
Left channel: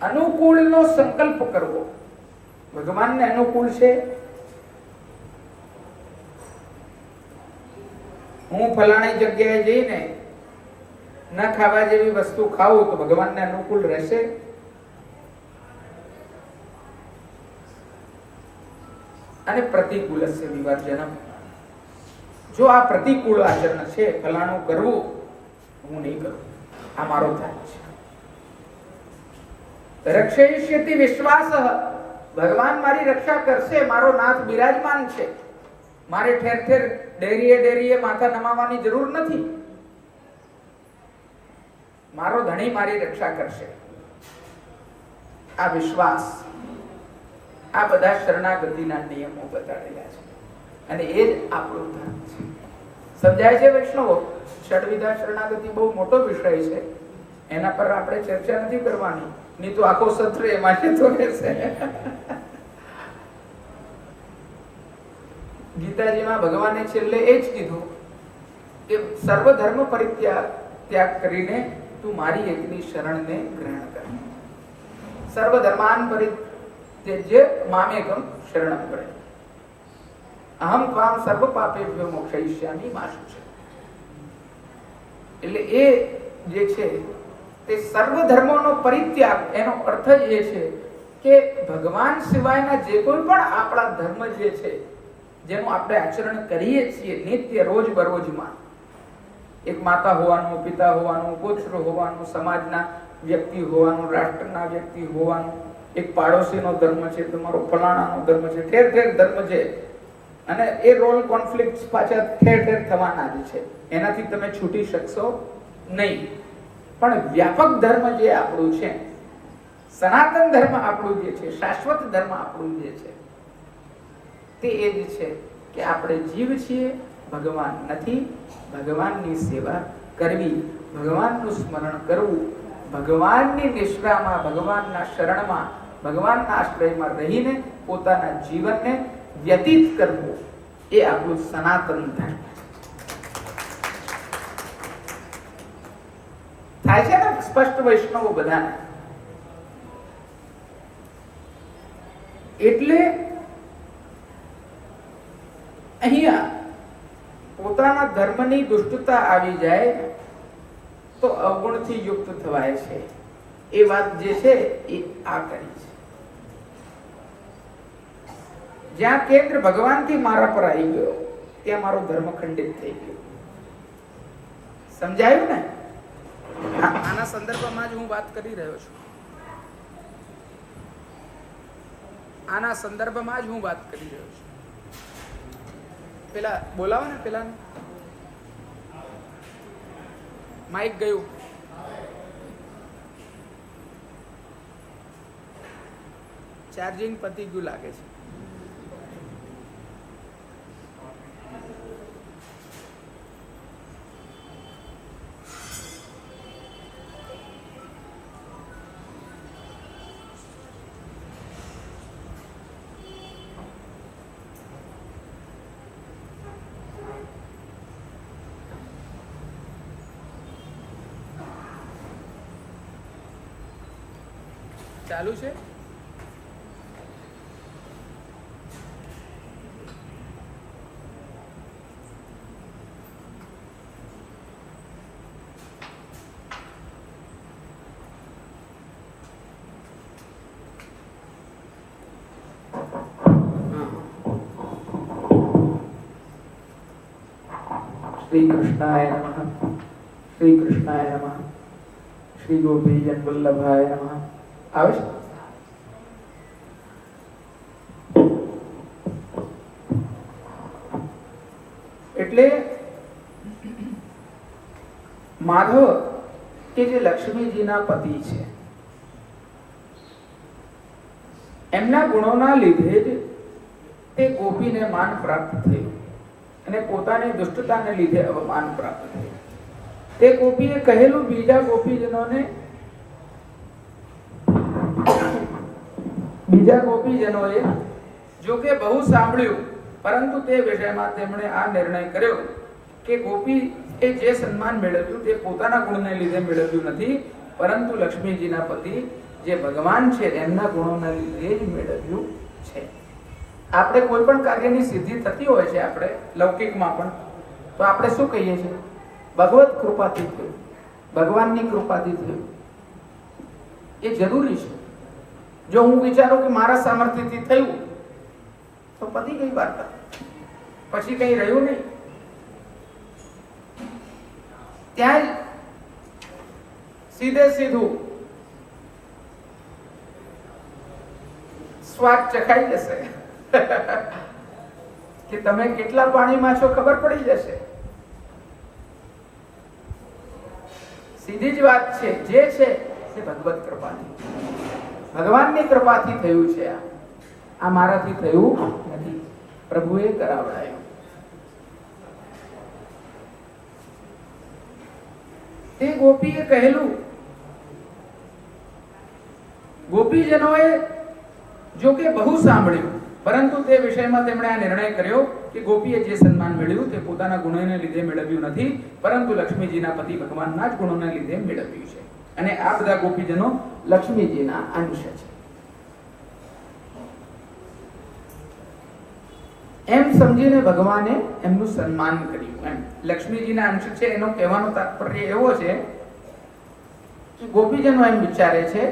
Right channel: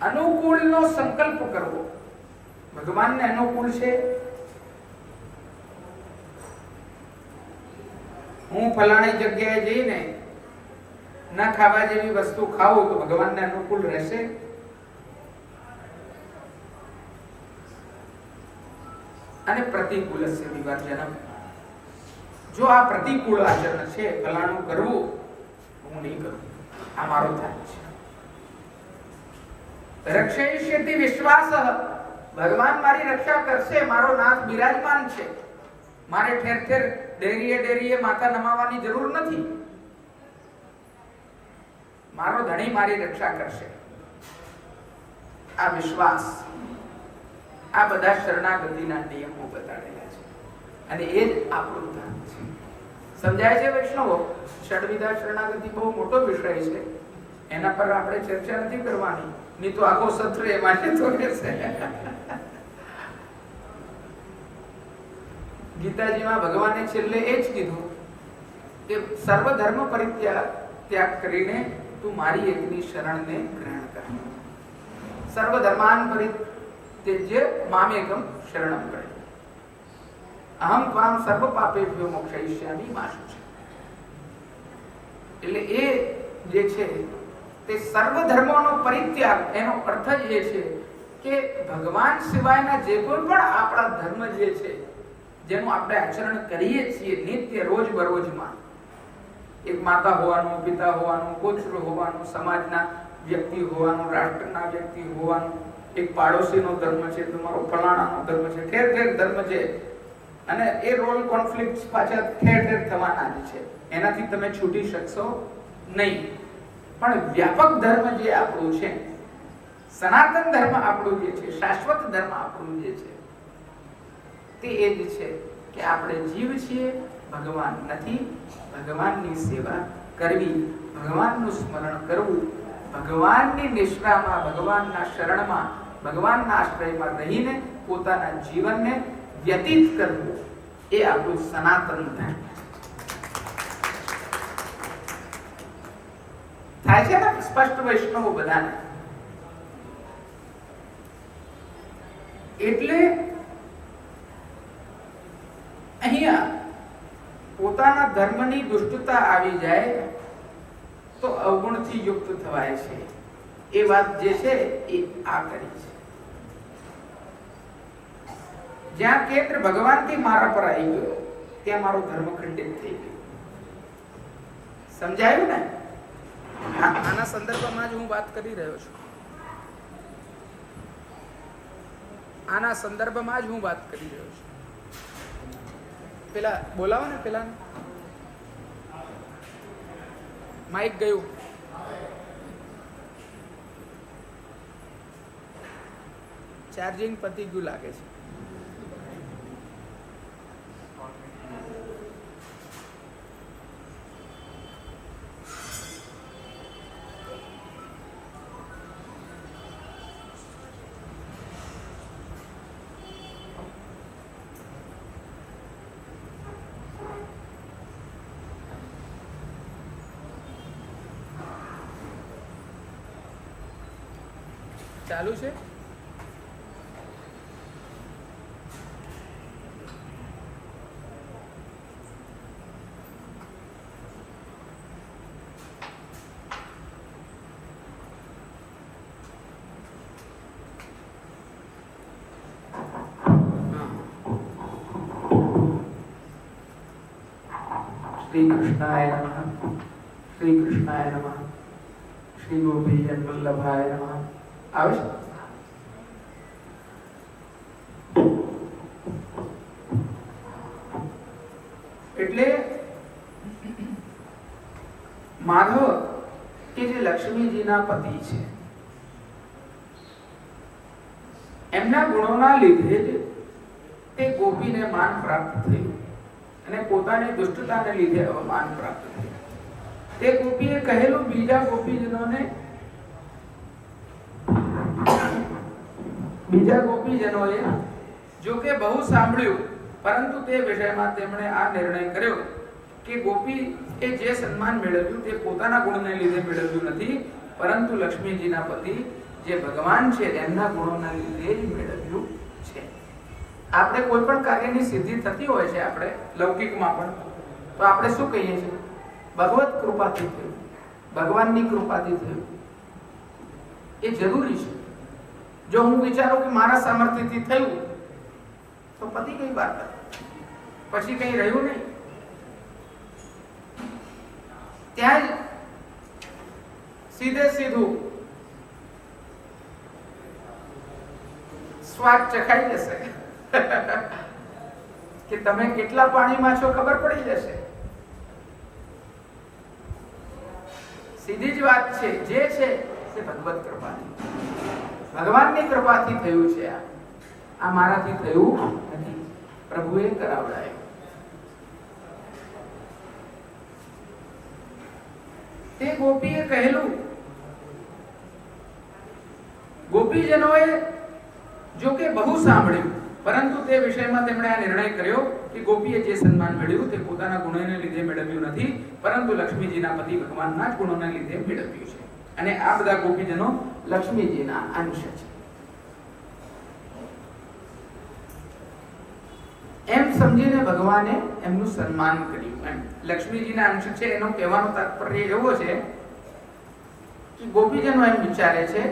અનુકૂળનો સંકલ્પ કરવો. ભગવાનને અનુકૂળ છે. હું ફલાણી જગ્યાએ જઈને ન ખાવા જેવી વસ્તુ ખાવું તો ભગવાનને અનુકૂળ રહેશે? અને પ્રતિકૂલસ્ય વિવર્જનમ, જો આ પ્રતિકૂળ આચરણ છે, ફલાણું કરવું, હું નહીં કરું, આ મારો ધર્મ છે. રક્ષયિષ્યતિ વિશ્વાસઃ, ભગવાન મારી રક્ષા કરશે, મારો નાથ બિરાજમાન છે, મારે ઠેર ઠેર ડેરીએ માથા નમાવાની જરૂર નથી, મારો ધણી મારી રક્ષા કરશે. આ વિશ્વાસ, આ બધા શરણાગતિના નિયમો બતાડેલા છે, અને એ જ આપણું ધર્મ છે. સમજાય છે વૈષ્ણવો? ષડવિધા શરણાગતિ બહુ મોટો વિષય છે, એના પર આપણે ચર્ચા નથી કરવાની, નહીં તો આખો સત્ર એમાં જતો રહેશે. ગીતાજીમાં ભગવાને છેલ્લે એ જ કીધું કે સર્વ ધર્મ ત્યાગ કરીને તું મારી એકની શરણને ગ્રહણ કર. સર્વ ધર્માન પરિત્યજ્ય મામેકમ શરણમ કરે, અહમ ત્વામ સર્વ પાપેભ્યો મોક્ષયિષ્યામિ મા શુચિ. એટલે એ જે છે તે સર્વ ધર્મોનો પરિત્યાગ, એનો અર્થ જ એ છે કે ભગવાન સિવાયના જે કોઈ પણ આપણા ધર્મ જે છે, જેનું આપણે આચરણ કરીએ છીએ નિત્ય રોજ બરોજમાં, એક માતા હોવાનું, પિતા હોવાનું, પુત્ર હોવાનું, સમાજના વ્યક્તિ હોવાનું, રાષ્ટ્રના વ્યક્તિ હોવાનું, એક પાડોશીનો ધર્મ છે, તમારો ફલાણાનો ધર્મ છે, ઠેર ઠેર ધર્મ છે, અને એ રોલ કોન્ફ્લિક્ટ પાછા ઠેર ઠેર થવાના જ છે, એનાથી તમે છૂટી શકશો નહીં. પણ વ્યાપક ધર્મ જે આપણું છે, સનાતન ધર્મ આપણું જે છે, શાશ્વત ધર્મ આપણું જે છે, તે એ જ છે કે આપણે જીવ છીએ, ભગવાન નથી. ભગવાનની સેવા કરવી, ભગવાનનું સ્મરણ કરવું, ભગવાનની નિષ્ઠામાં, ભગવાનના શરણમાં, ભગવાનના આશ્રયમાં રહીને પોતાના જીવનને વ્યતીત કરવું, એ આપણું સનાતન ધર્મ થાય છે ને. સ્પષ્ટ વૈષ્ણવો બધાને. એટલે અહીંયા પોતાના ધર્મની દુષ્ટતા આવી જાય તો અવગુણથી યુક્ત થવાય છે. એ વાત જે છે એ આ કરી છે. જ્યાં કેન્દ્ર ભગવાનથી મારા પર આવી ગયો ત્યાં મારો ધર્મ ખંડિત થઈ ગયો. સમજાયું ને? આના સંદર્ભમાં જ હું વાત કરી રહ્યો છું. આના સંદર્ભમાં જ હું વાત કરી રહ્યો છું. પેલા બોલાવો ને, પેલા માઇક ગયું. ચાર્જિંગ પતી ગયું લાગે છે. ચાલુ છે? શ્રી કૃષ્ણાય નમઃ. શ્રી કૃષ્ણાય નમઃ. શ્રી ગોપીજન વલ્લભાય નમઃ. આવે છે? એટલે માધવ કે જે લક્ષ્મીજીના પતિ છે, એમના ગુણોના લીધે જ તે ગોપીને માન પ્રાપ્ત થયું અને પોતાની દુષ્ટતાને લીધે અવમાન પ્રાપ્ત થયું. તે ગોપીએ કહેલું બીજા ગોપીજનોને, બીજા ગોપીજનોએ જો કે બહુ સાંભળ્યું, પરંતુ તે વિષયમાં તેમણે આ નિર્ણય કર્યો કે ગોપી એ જે સન્માન મેળવ્યું તે પોતાના ગુણને લીધે મેળવ્યું નથી, પરંતુ લક્ષ્મીજીના પતિ જે ભગવાન છે એમના ગુણોના લીધે જ મેળવ્યું છે. આપણે કોઈ પણ કાર્યની સિદ્ધિ થતી હોય છે, આપણે લૌકિકમાં પણ, તો આપણે શું કહીએ છીએ? ભગવત કૃપાથી થયું, ભગવાનની કૃપાથી થયું. એ જરૂરી છે. જો હું વિચારું કે મારા સામર્થ્યથી થયું તો પતી ગઈ વાર્તા, પછી કઈ રહ્યું નહીં. ત્યાં જ સીધે સીધું સ્વાદ ચખાઈ જશે કે તમે કેટલા પાણીમાં છો ખબર પડી જશે. સીધી જ વાત છે. જે છે તે ભગવત કૃપાથી, ભગવાનની કૃપાથી થયું છે. આ મારાથી થયું નથી, પ્રભુએ કરાવડાયું. તે ગોપીએ કહેલું, ગોપીજનોએ જો કે બહુ સાંભળ્યું, પરંતુ તે વિષયમાં તેમણે આ નિર્ણય કર્યો કે ગોપીએ જે સન્માન મેળવ્યું તે પોતાના ગુણોને લીધે મેળવ્યું નથી, પરંતુ લક્ષ્મીજીના પતિ ભગવાનના જ ગુણોને લીધે મેળવ્યું છે. અને આ બધા ગોપીજનો લક્ષ્મીજીના અંશ છે. એમ સમજીને ભગવાને એમનું સન્માન કર્યું. એમ લક્ષ્મીજીના અંશ છે એનો કહેવાનો તાત્પર્ય એવો છે કે ગોપીજનો એમ વિચારે છે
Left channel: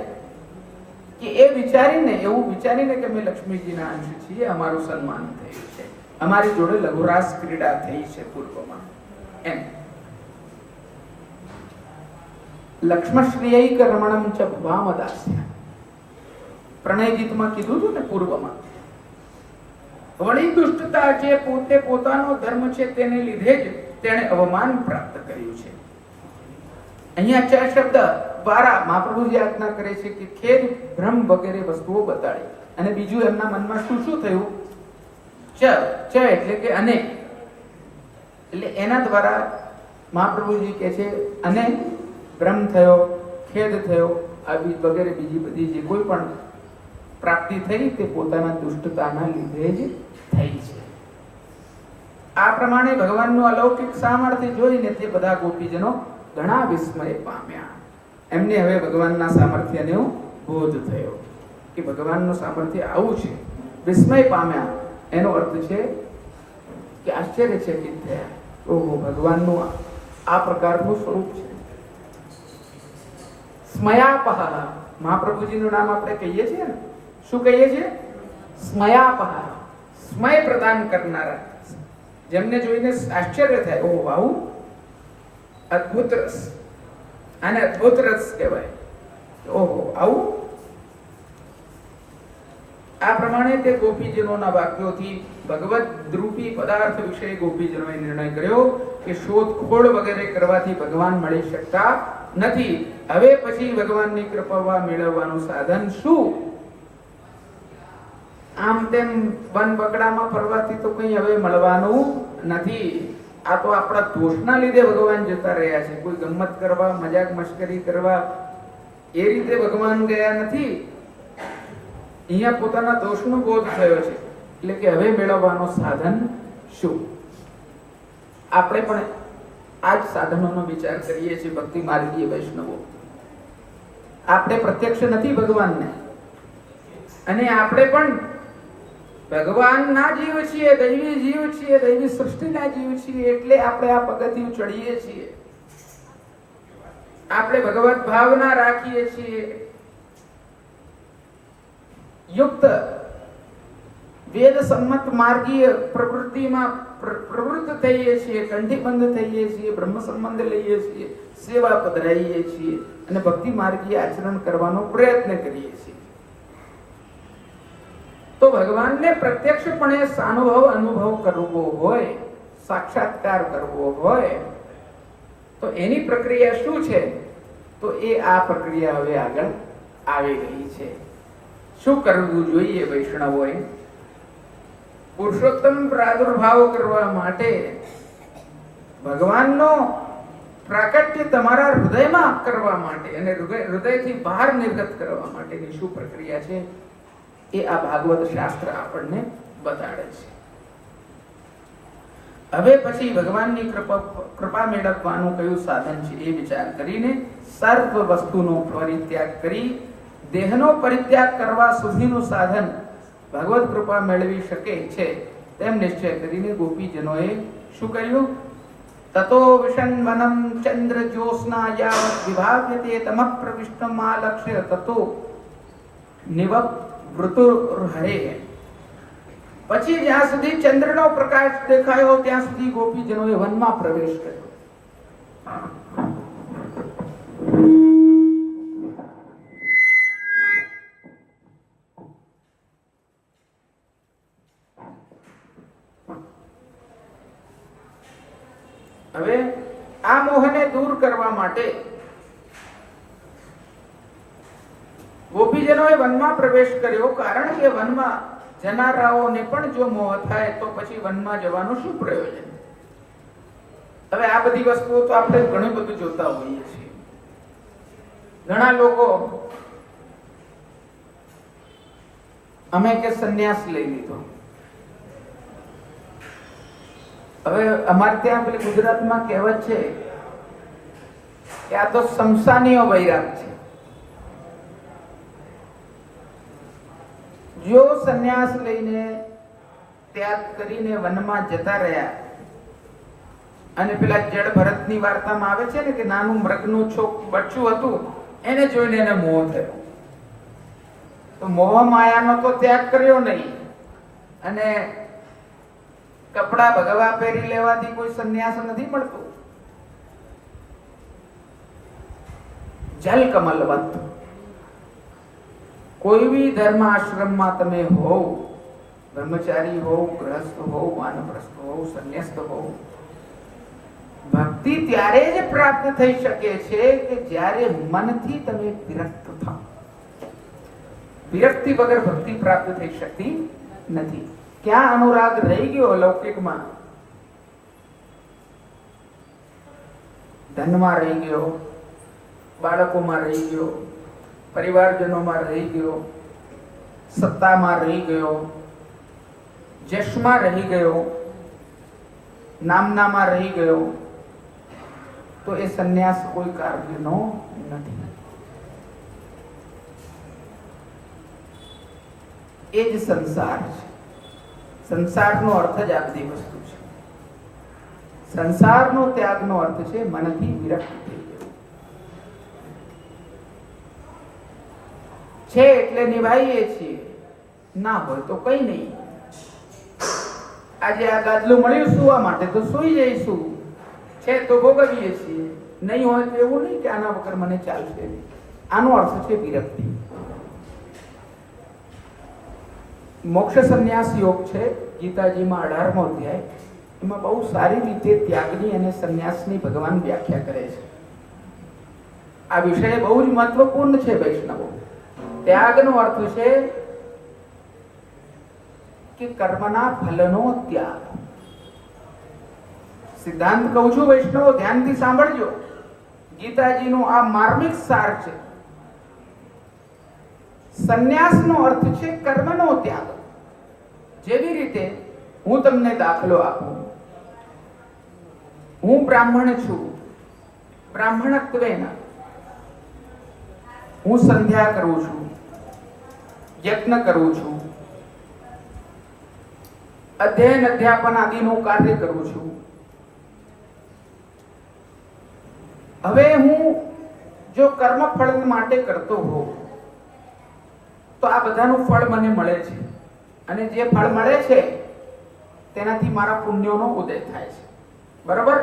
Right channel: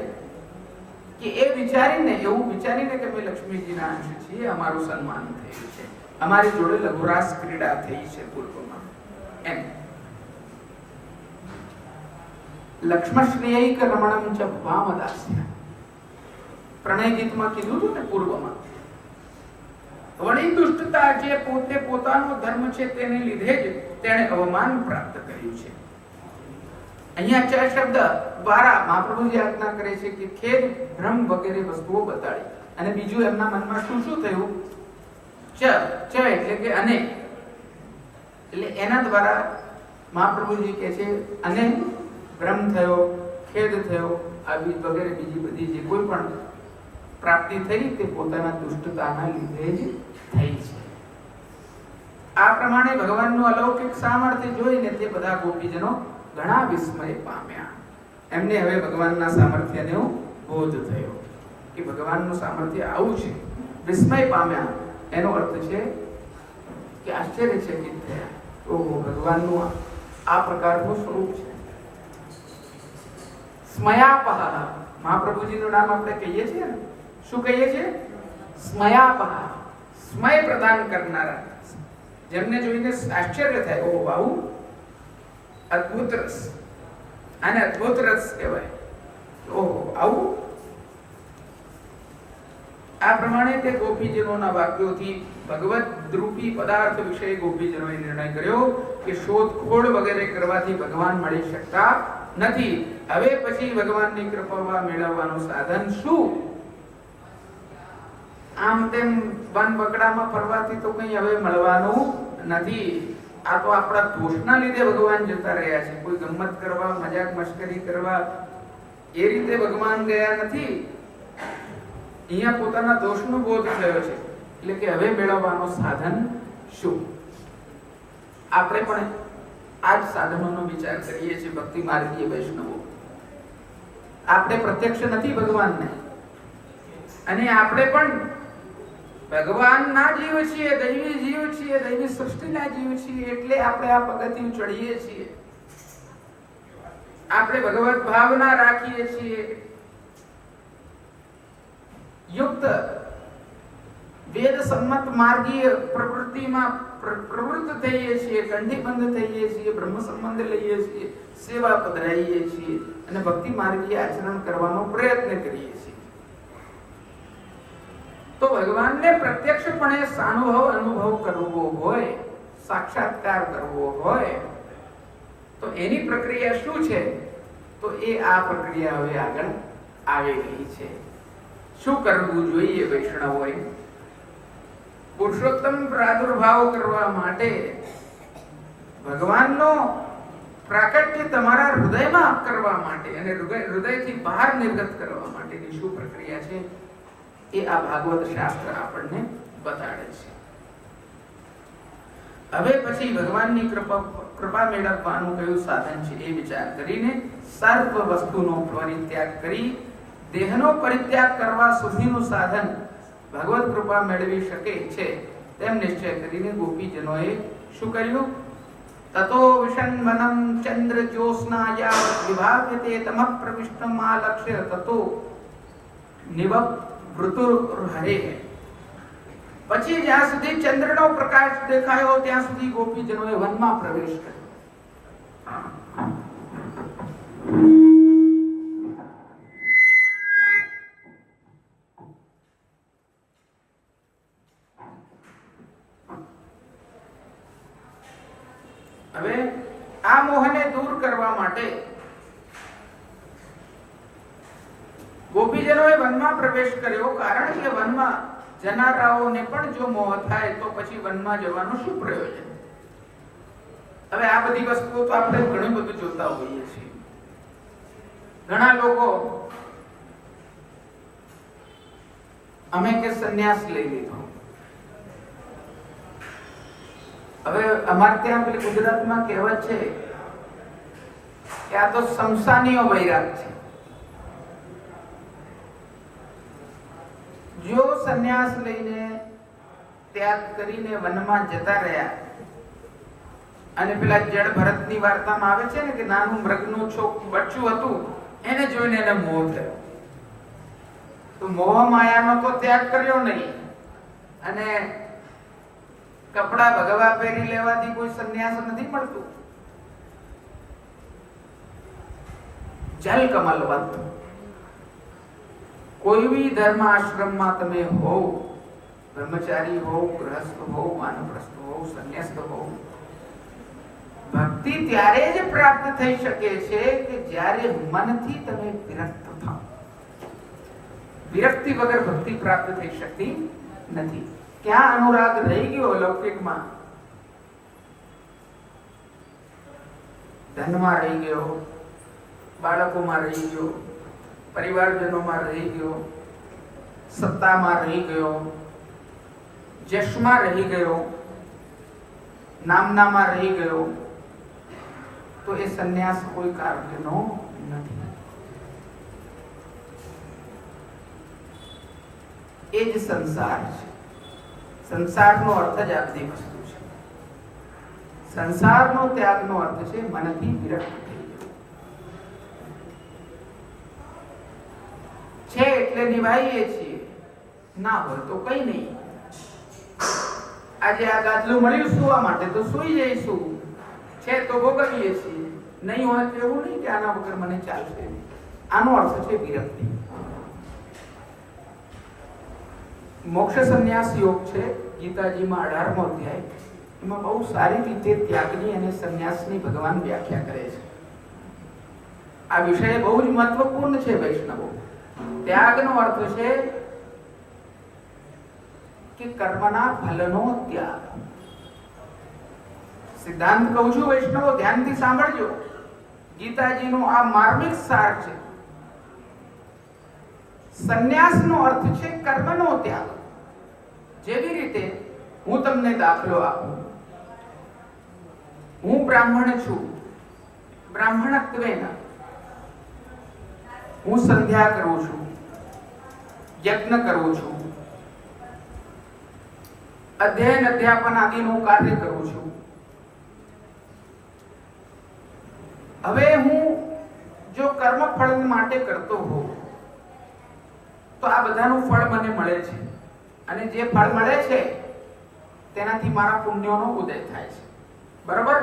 કે એ વિચારીને, એવું વિચારીને કે અમે લક્ષ્મીજીના અંશ છીએ, અમારું સન્માન થયું છે, અમારી જોડે લઘુરાસ ક્રીડા થઈ છે પૂર્વમાં. એમ લક્ષ્મશ્રેયૈક રમણમ ચ વામદાસ્ય પ્રણય ગીતમાં કીધું હતું ને પૂર્વમાં. વળી દુષ્ટતા જે પોતે પોતાનો ધર્મ છે તેને લીધે જ તેણે અવમાન પ્રાપ્ત કર્યું છે. અહીંયા 4 શબ્દ દ્વારા મહાપ્રભુજી આજ્ઞા કરે છે કે ખેદ, ભ્રમ વગેરે વસ્તુઓ બતાડી. અને બીજું એમના મનમાં શું શું થયું ચ એટલે કે અને, એટલે એના દ્વારા મહાપ્રભુજી કહે છે અને ભ્રમ થયો, ખેદ થયો, આવી વગેરે બીજી બધી જે કોઈ પણ પ્રાપ્તિ થઈ તે પોતાના દુષ્ટતાના લીધે જ થઈ છે. આ પ્રમાણે ભગવાનનું અલૌકિક સામર્થ્ય જોઈને તે બધા ગોપીજનો ઘણા વિસ્મય પામ્યા. એમને હવે ભગવાનના સામર્થ્યનો બોધ થયો કે ભગવાનનું સામર્થ્ય આવું છે. વિસ્મય પામ્યા એનો અર્થ છે કે આશ્ચર્યચકિત થયા. ઓહો, ભગવાનનું આ પ્રકારનું સ્વરૂપ છે. સ્મયાપહ, મહાપ્રભુજીનું નામ આપણે કહીએ છીએ ને, શું કહીએ છીએ? સ્મયાપહ, સ્મય પ્રદાન કરનારા, જેમને જોઈને આશ્ચર્ય થાય. ઓહ, આવું અદ્ભુત રસ, આને અદ્ભુત રસ કહેવાય. ઓહો, આવું. આ પ્રમાણે તે ગોપીજનોના વાક્યોથી ભગવત રૂપી પદાર્થ વિશે ગોપીજનોએ નિર્ણય કર્યો કે શોધખોળ વગેરે કરવાથી ભગવાન મળી શકતા નથી. હવે પછી ભગવાનની કૃપા મેળવવાનું સાધન શું? આમ તેમ વન બકડામાં ફરવાથી તો કંઈ હવે મળવાનું નથી. આ તો આપણા દોષના લીધે ભગવાન જતા રહ્યા છે. કોઈ ગમ્મત કરવા, મજાક મશ્કરી કરવા એ રીતે ભગવાન ગયા નથી. અહીંયા પોતાના દોષનો બોધ થયો છે. એટલે કે હવે મેળવવાનો સાધન શું? આપણે પણ આ જ સાધનોનો વિચાર કરીએ છીએ. ભક્તિ માર્ગીય વૈષ્ણવો, આપણે પ્રત્યક્ષ નથી ભગવાનને, અને આપણે પણ ભગવાનના જીવ છીએ, દૈવી જીવ છીએ, દૈવી સૃષ્ટિના જીવ છીએ. એટલે આપણે આ પગથિયું ચડીએ છીએ. આપણે ભગવત ભાવના રાખીએ છીએ. યુક્ત વેદ સંમત માર્ગીય પ્રવૃત્તિમાં પ્રવૃત્ત થઈએ છીએ, કંઠીબંધ થઈએ છીએ, બ્રહ્મ સંબંધ લઈએ છીએ, સેવા પધરાઈએ છીએ અને ભક્તિ માર્ગીય આચરણ કરવાનો પ્રયત્ન કરીએ છીએ. તો ભગવાનને પ્રત્યક્ષપણે અનુભવ કરવો હોય, સાક્ષાત્કાર કરવો હોય તો એની પ્રક્રિયા શું છે? તો એ આ પ્રક્રિયા હવે આગળ આવી ગઈ છે. શું કરવું જોઈએ વૈષ્ણવોએ? પુરુષોત્તમ પ્રાદુર્ભાવ કરવા માટે, ભગવાનનો પ્રાકટ્ય તમારા હૃદયમાં કરવા માટે અને હૃદયથી બહાર નિર્ગત કરવા માટેની શું પ્રક્રિયા છે એ આ ભાગવત શાસ્ત્ર આપણને બતાડે છે. હવે પછી ભગવાનની કૃપા મેળવવાનું કયું સાધન છે એ વિચાર કરીને સર્વ વસ્તુનો પરિત્યાગ કરી દેહનો પરિત્યાગ કરવા સુધીનું સાધન ભગવત કૃપા મેળવી શકે છે તેમ નિશ્ચય કરીને ગોપીજનોએ શું કર્યું? તતો વિષન્વનમ ચંદ્ર જ્યોત્સ્ના યાવત વિભાવ્યતે તમઃ પ્રવિષ્ટમ આલક્ષ્ય તતો નિવૃત્તુર્હરે. પછી જ્યાં સુધી ચંદ્રનો પ્રકાશ દેખાયો ત્યાં સુધી ગોપીજનોએ વનમાં પ્રવેશ કર્યો. હવે આ મોહને દૂર કરવા માટે ગોપીજનોએ વનમાં પ્રવેશ કર્યો. કારણ કે વનમાં જનારાઓને પણ જો મોહ થાય તો પછી વનમાં જવાનું શું પ્રયોજન? હવે આ બધી વસ્તુઓ તો આપણે ઘણું બધું જોતા હોઈએ છીએ. ઘણા લોકો અમે કે સંન્યાસ લઈ લીધો. હવે અમારે ત્યાં પેલી ગુજરાતમાં કહેવત છે કે આ તો સમસાનીઓ વૈરાગ છે. જો સંન્યાસ લઈને ત્યાગ કરીને વનમાં જતા રહ્યા અને પેલા જડ ભરતની વાર્તામાં આવે છે ને કે નાનું મૃગનું બચ્ચું હતું, એને જોઈને એને મોહ થયો. તો મોહ માયાનો તો ત્યાગ કર્યો નહીં અને કપડા ભગવા પહેરી લેવાથી કોઈ સંન્યાસ નથી મળતું. જલ કમલવંત કોઈ બી ધર્મ આશ્રમમાં તમે હોવ, બ્રહ્મચારી હોવ, ગ્રહસ્થ હોવ, વાનપ્રસ્થ હોવ, સંન્યસ્ત હોવ, ભક્તિ ત્યારે જ પ્રાપ્ત થઈ શકે છે કે જ્યારે મનથી તમે વિરક્ત થાઓ. વિરક્તિ વગર ભક્તિ પ્રાપ્ત થઈ શકતી નથી. ક્યાં અનુરાગ રહી ગયો લૌકિકમાં? ધનમાં રહી ગયો, બાળકોમાં રહી ગયો, પરિવારજનોમાં રહી ગયો, સત્તામાં રહી ગયો, જશમાં રહી ગયો, નામનામાં રહી ગયો, તો એ સંન્યાસ કોઈ કાર્યનો નથી. એ જ સંસાર છે. સંસારનો અર્થ જ આ બધી વસ્તુ છે. સંસારનો ત્યાગનો અર્થ છે મનથી વિરક્ત થઈ જવું. છે એટલે નિભાઈએ છીએ, ના હોય તો કઈ નહીં. આજે આ ગાદલું મળ્યું સુવા માટે તો સુઈ જઈશું, છે તો ભોગવીએ છીએ, નહીં હોય તો એવું નહીં કે આના વગર મને ચાલશે. આનો અર્થ છે વિરક્તિ. મોક્ષ સંન્યાસ યોગ છે ગીતાજીમાં 18મો અધ્યાય. એમાં બહુ સારી રીતે ત્યાગની અને સંન્યાસની ભગવાન વ્યાખ્યા કરે છે. આ વિષય બહુ જ મહત્વપૂર્ણ છે વૈષ્ણવો. ત્યાગનો અર્થ છે કે કર્મના ફલનો ત્યાગ. સિદ્ધાંત કહું છું વૈષ્ણવો, ધ્યાનથી સાંભળજો. ગીતાજીનો આ માર્મિક સાર છે. સંન્યાસનો અર્થ છે કર્મનો ત્યાગ. જેવી રીતે હું તમને દાખલો આપું. હું બ્રાહ્મણ છું, બ્રાહ્મણત્વેન હું સંધ્યા કરું છું, યજ્ઞ કરું છું, અધ્યયન અધ્યાપન આદિનું કાર્ય કરું છું. હવે હું જો કર્મ ફળ માટે કરતો હોઉં તો આ બધાનું ફળ મને મળે છે, અને જે ફળ મળે છે તેનાથી મારા પુણ્યોનો ઉદય થાય છે. બરાબર?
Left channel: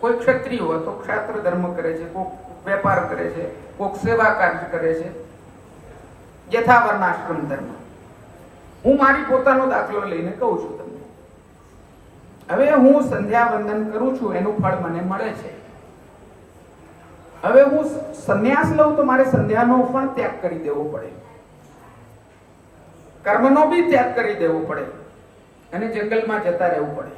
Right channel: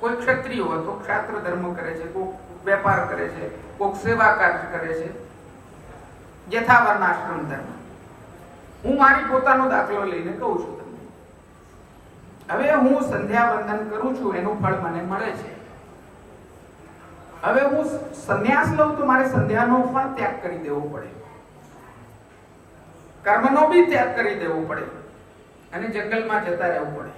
કોઈ ક્ષત્રિય હોય તો ક્ષાત્ર ધર્મ કરે છે, કોઈ વેપાર કરે છે, કોઈ સેવા કાર્ય કરે છે, યથાવર્ણાશ્રમ ધર્મ. હું મારી પોતાનો દાખલો લઈને કહું છું તમને. હવે હું સંધ્યા વંદન કરું છું, એનું ફળ મને મળે છે. હવે હું સંન્યાસ લઉં તો મારે સંધ્યાનો પણ ત્યાગ કરી દેવો પડે, કર્મનો બી ત્યાગ કરી દેવો પડે, અને જંગલમાં જતા રહેવું પડે.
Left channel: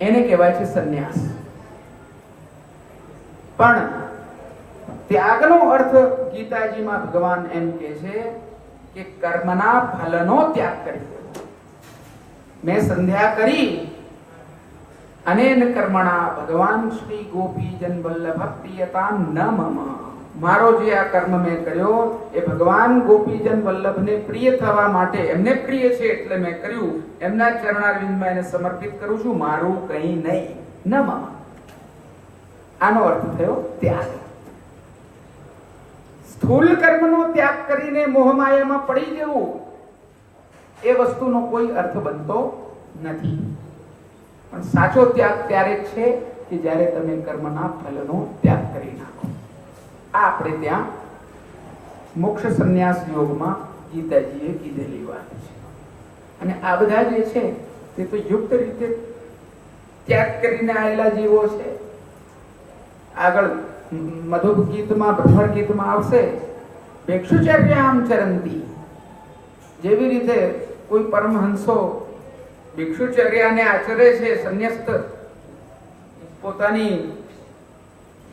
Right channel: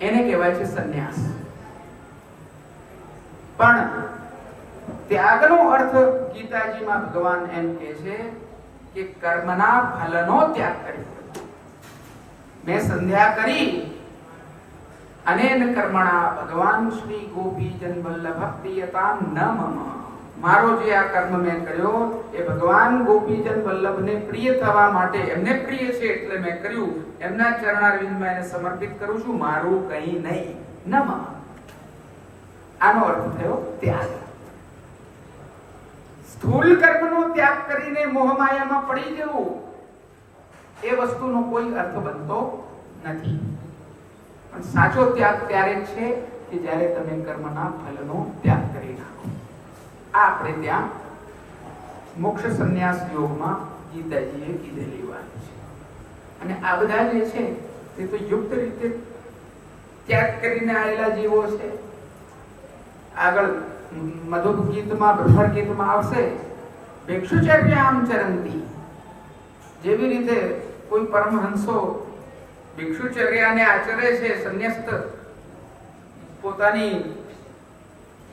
એને કહેવાય છે સંન્યાસ. પણ ત્યાગનો અર્થ ગીતાજીમાં ભગવાન એમ કહે છે કે કર્મના ફલનો ત્યાગ કરી. મેં સંધ્યા કરી અનેન કર્મણા ભગવાન શ્રી ગોપીજન વલ્લભ પ્રિયતામ ન મમ. મારો જે આ કર્મ મેં કર્યો એ ભગવાન ગોપીજન વલ્લભને પ્રિય થવા માટે, એમને પ્રિય છે એટલે મેં કર્યું. એમના ચરણારવિંદમાં એને સમર્પિત કરું છું, મારું કંઈ નહીં. ન મમ. આનો અર્થ થયો ત્યાગ. સ્થૂલ કર્મનો ત્યાગ કરીને મોહમાયામાં પડી જવું એ વસ્તુનો કોઈ અર્થ બનતો નથી. પણ સાચો ત્યાગ ત્યારે છે કે જ્યારે તમે કર્મના ફલનો ત્યાગ કરી નાખો. આ આપણે ત્યાં મોક્ષ સંન્યાસ યોગમાં ગીતાજીએ કીધેલી વાત છે. અને આ બધા જે છે તે તો યુક્ત રીતે ત્યાગ કરીને આવેલા જીવો છે. આગળ મધુપ ગીતમાં, બ્રહ્મણ ગીતમાં આવશે ભિક્ષુચર્યામ ચરંતી. જેવી રીતે કોઈ પરમહંસો ભિક્ષુચર્યાને આચરે છે, સંન્યસ્ત પોતાની